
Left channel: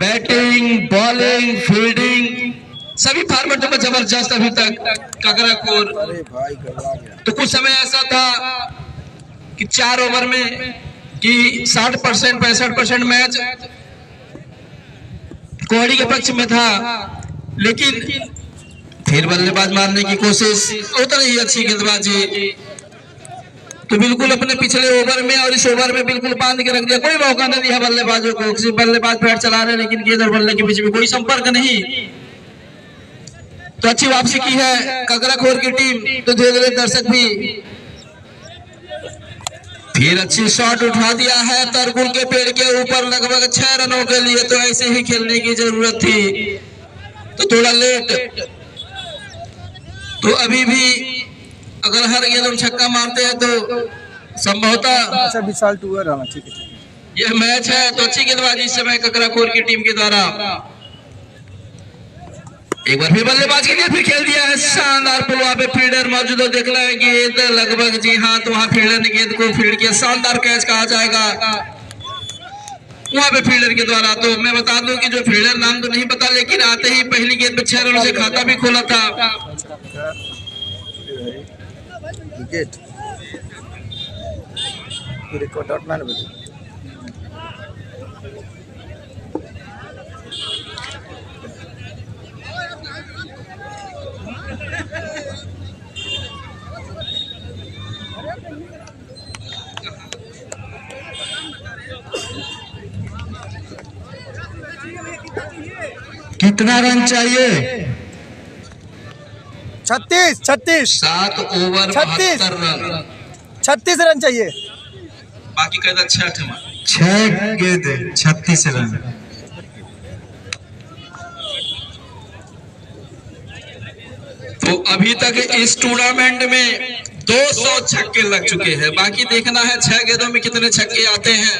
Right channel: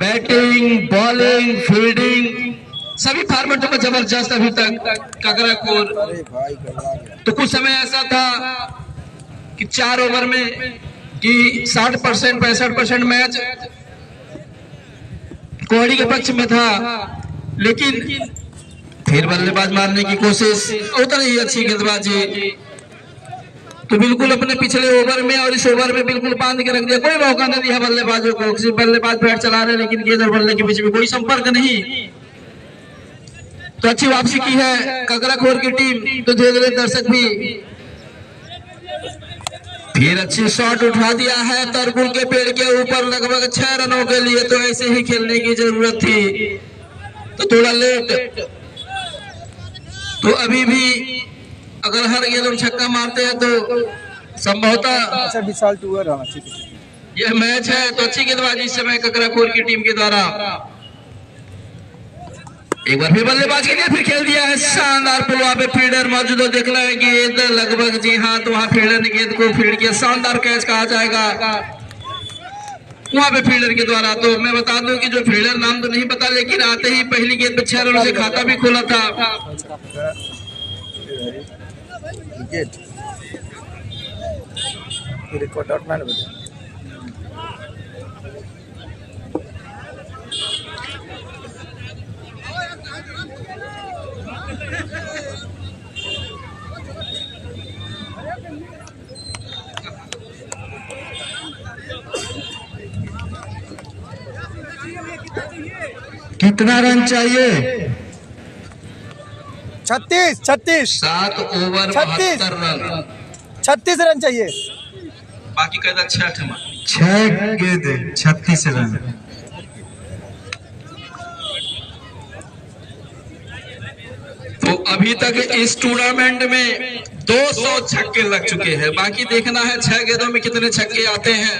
बैटिंग, बॉलिंग, फील्डिंग सभी फॉर्मेटों में जबरदस्त अभी तक ककराखोर। तो कुछ समय ऐसा था कि 4 ओवर में कि 60% 65% मैच कोहली के पक्ष में था, लेकिन फिर बल्लेबाज मारने की कोशिश, उतना ही अच्छी गेंदबाजी। तो बिल्कुल अपने पिछले ओवर में और इस ओवर में बिल्कुल बांध के रख दिया, कोई मौका नहीं दिया बल्लेबाजों को। सिर्फ बल्लेबाज बैट चला रहे लेकिन गेंद और बल्ले के बीच में कोई संपर्क नहीं। तो अच्छी वापसी की है ककराखोर की टीम। तो धीरे धीरे दर्शक भी फिर अच्छी शॉट उठा दिया है तरकुल के पेड़ के ऊपर लगभग 6 रनों के लिए। तो ऐसे ही खेलने की जरूरत थी, तो थोड़ा लेट। तो अभी भी अगर हर गेंद हम छक्का मारते हैं तो संभवतः अच्छा विशाल टूर है, ठीक है यह मैच है। तो अच्छी गेंदबाजी इस समय ककराखोर की टीम के द्वारा। एक बार फिर बल्लेबाज के लिए फिर खेल दिया है शानदार पुल। वहां पे फील्डर मौजूद हो, देख रहा है गेंद लगभग, जी हाँ, तो वहां फील्डर ने गेंद को फील्ड किया। शानदार कैच कहा जाएगा वहां पे फील्डर के द्वारा। तो मैं बता दूं कि जो फील्डर नाम तो नहीं पता, लेकिन आते ही पहली गेंद पे 6 रनों से खाता भी खोला था। विकेट रिकॉर्ड आउट मैन कितना रन चाहिए? 36 7 ओवर 72 रन, 36 रन चाहिए। बाकी कहता 6 गेंद 36 रन। तो अभी तक इस टूर्नामेंट में 200 छक्के लग चुके हैं। बाकी देखना है 6 गेंदों में कितने छक्के आते हैं।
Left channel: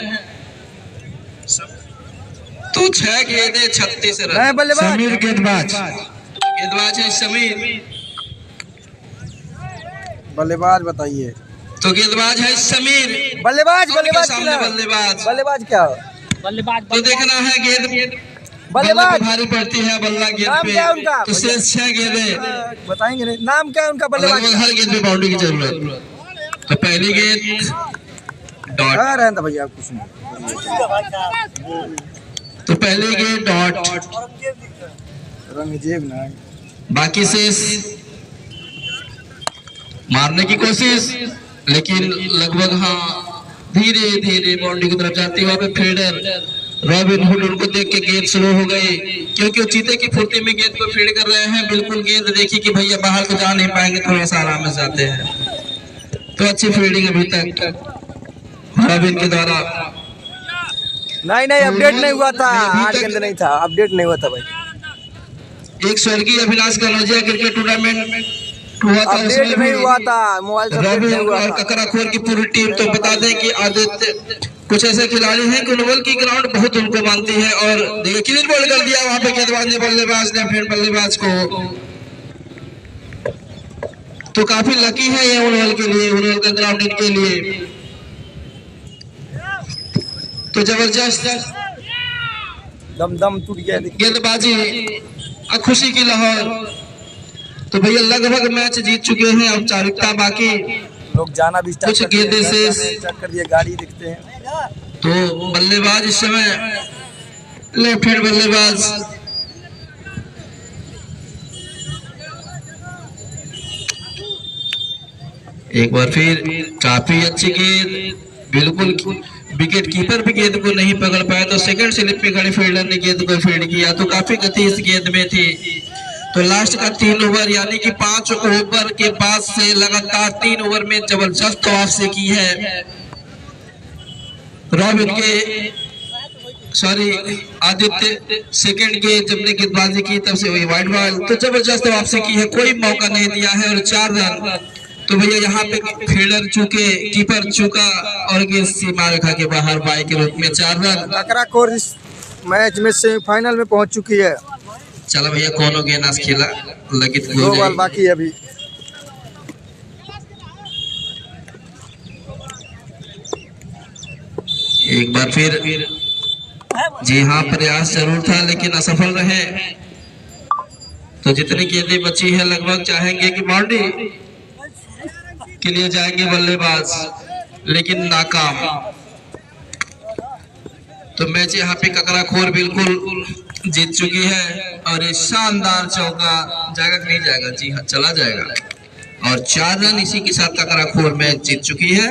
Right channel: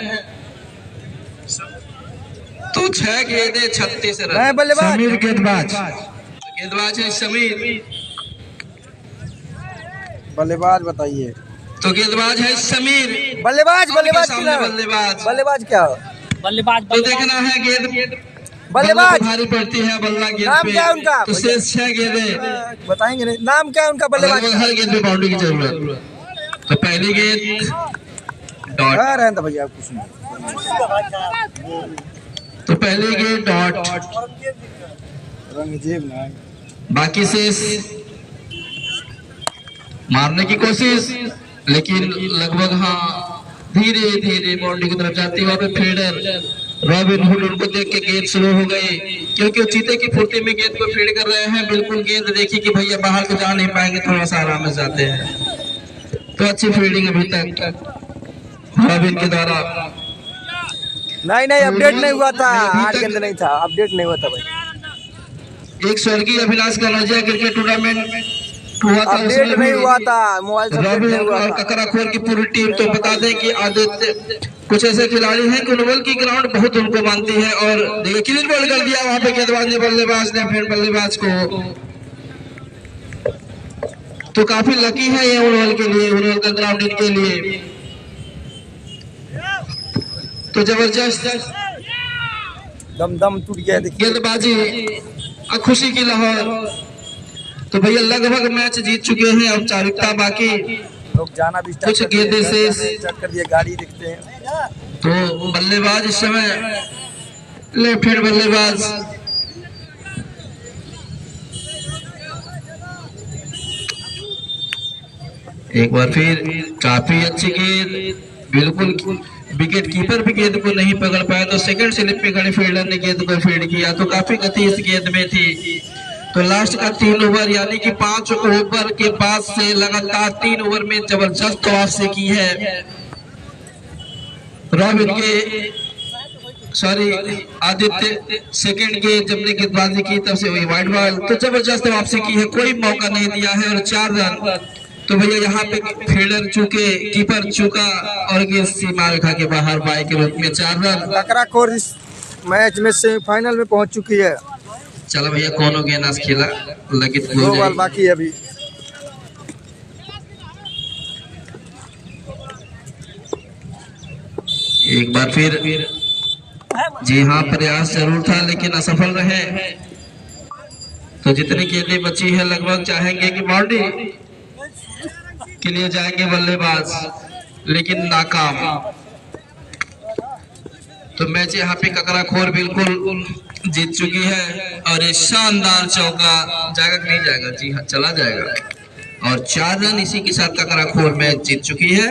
तो 6 गेंदें 36 रन। बल्लेबाज समीर गेंदबाज है समीर। बल्लेबाज बताइए। तो गेंदबाज है समीर। बल्लेबाज की ना? बल्लेबाज बल्लेबाज क्या? तो देखना है गेंद बल्लेबाज भारी पड़ती है बल्ला गेंद नाम पे। क्या है उनका? तो शेष 6 गेंदें बताएंगे नहीं, नाम क्या है उनका बल्लेबाज का? हर गेंद पे बाउंड्री की जरूरत। तो पहली गेंद डॉट, रहता भैया कुछ नहीं। तो पहली गेंद डॉट, रंगजेब ना बाकी से मारने की कोशिश, लेकिन लगभग हाँ धीरे धीरे बाउंड्री की तरफ जाती है। फील्डर रॉबिन हुड उनको देख के गेंद स्लो हो गई, क्योंकि वो चीते की फुर्ती में गेंद को फील्ड कर रहे हैं। बिल्कुल गेंद देखी कि भैया बाहर तो जा नहीं पाएंगे, थोड़ा सा आराम में जाते हैं। तो अच्छी फील्डिंग अभी तक रॉबिन के द्वारा। नहीं अपडेट नहीं हुआ था, 8 गेंद नहीं था, अपडेट नहीं हुआ था भाई। एक स्वर्गीय Abhilash Kanaujia cricket tournament update नहीं हुआ था, मोबाइल से अपडेट नहीं हुआ था। ककराखोर की पूरी टीम, तो बता दें कि आदित्य कुछ ऐसे खिलाड़ी हैं कि ओवल की ग्राउंड बहुत उनको मानती है। और देखिए क्लीन बॉल कर दिया वहां पे गेंदबाज ने, बल्लेबाज ने, फिर बल्लेबाज को। तो काफी लकी है ये ओवल के लिए, ओवल का ग्राउंड इनके लिए। तो जबरदस्त दम टूट गया गेंदबाजी, खुशी की लहर। तो भैया लगभग मैच जीत चुके हैं, औपचारिकता बाकी। लोग जाना भी कुछ गेंदे से स्टार्ट कर दिया, गाड़ी दिखते हैं। तो बल्लेबाज इस समय लेफ्ट हैंड बल्लेबाज। एक बार फिर काफी अच्छी गेंद, बिल्कुल विकेट कीपर भी गेंद को नहीं पकड़ पाया। तो सेकंड स्लिप पे खड़े फील्डर ने गेंद को फील्ड किया। तो काफी गति इस गेंद में थी। तो लास्ट का 3 ओवर यानी कि 5 ओवर के बाद से लगातार 3 ओवर में जबरदस्त वापसी की है रॉबिन के आदित्य सेकंड के जब ने गेंदबाजी की तब से वही वाइड बॉल। तो जबरदस्त वापसी की है, कोई मौका नहीं दिया है और 4 रन। तो भैया यहाँ पे फील्डर चूके, कीपर चूका और गेंद सीमा रेखा के बाहर बाई के रूप में 4 रन। ककराखोर इस मैच में सेमीफाइनल में पहुंच चुकी है। चलो भैया कोनो गेंद खेला लगित 2 बॉल बाकी है अभी। एक बार फिर जी हाँ, प्रयास जरूर था लेकिन असफल रहे। तो जितनी गेंदें बची है लगभग चाहेंगे कि बाउंड्री के लिए जाएंगे बल्लेबाज, लेकिन नाकाम। तो मैच यहाँ पे ककराखोर बिल्कुल जीत चुकी है और ये शानदार चौका जाएगा कि नहीं जाएगा? जी हाँ, चला जाएगा और 4 रन इसी के साथ ककराखोर मैच जीत चुकी है।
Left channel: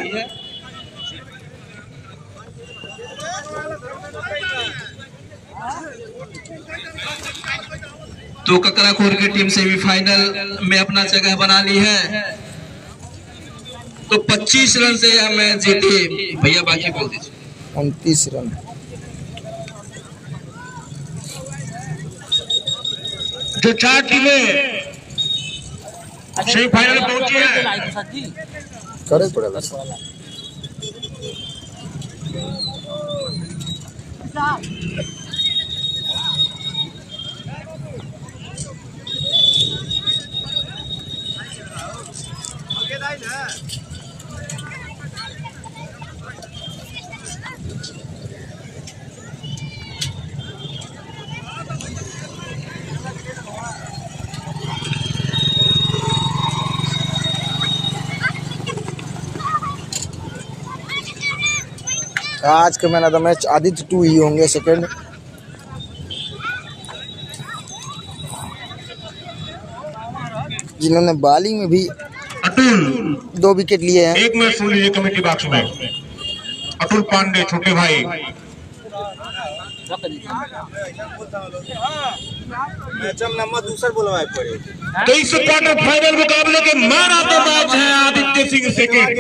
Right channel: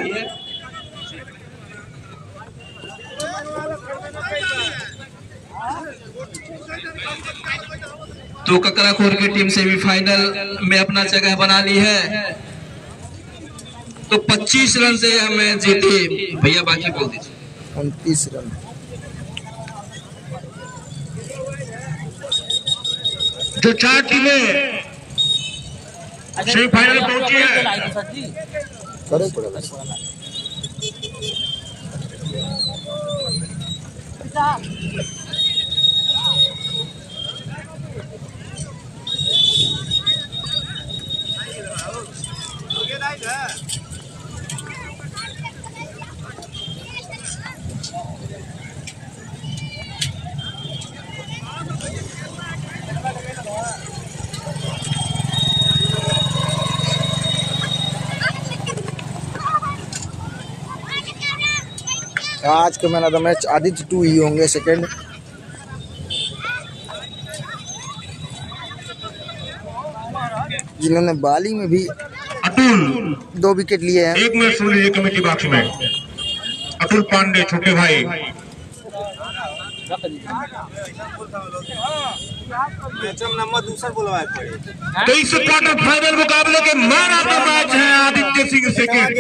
तो ककराखोर की टीम सेमीफाइनल में अपना जगह बना ली है। तो 25 रन से यह मैच जीती। भैया बाकी बोल दीजिए। 29 रन। जो 4 टीमें सेमीफाइनल पहुंची है, करे पड़ेगा। आज के man of the match Aditya 2 ही होंगे सेकंड। जिन्होंने बॉलिंग में भी अतुल 2 विकेट लिए हैं। एक मैच सुन लीजिए कमेटी बॉक्स में। अतुल पांडे छोटे भाई नंबर दूसरा बोलवाए पड़े। तो इस क्वार्टर फाइनल मुकाबले के मैन ऑफ द मैच है आदित्य सिंह सेकंड।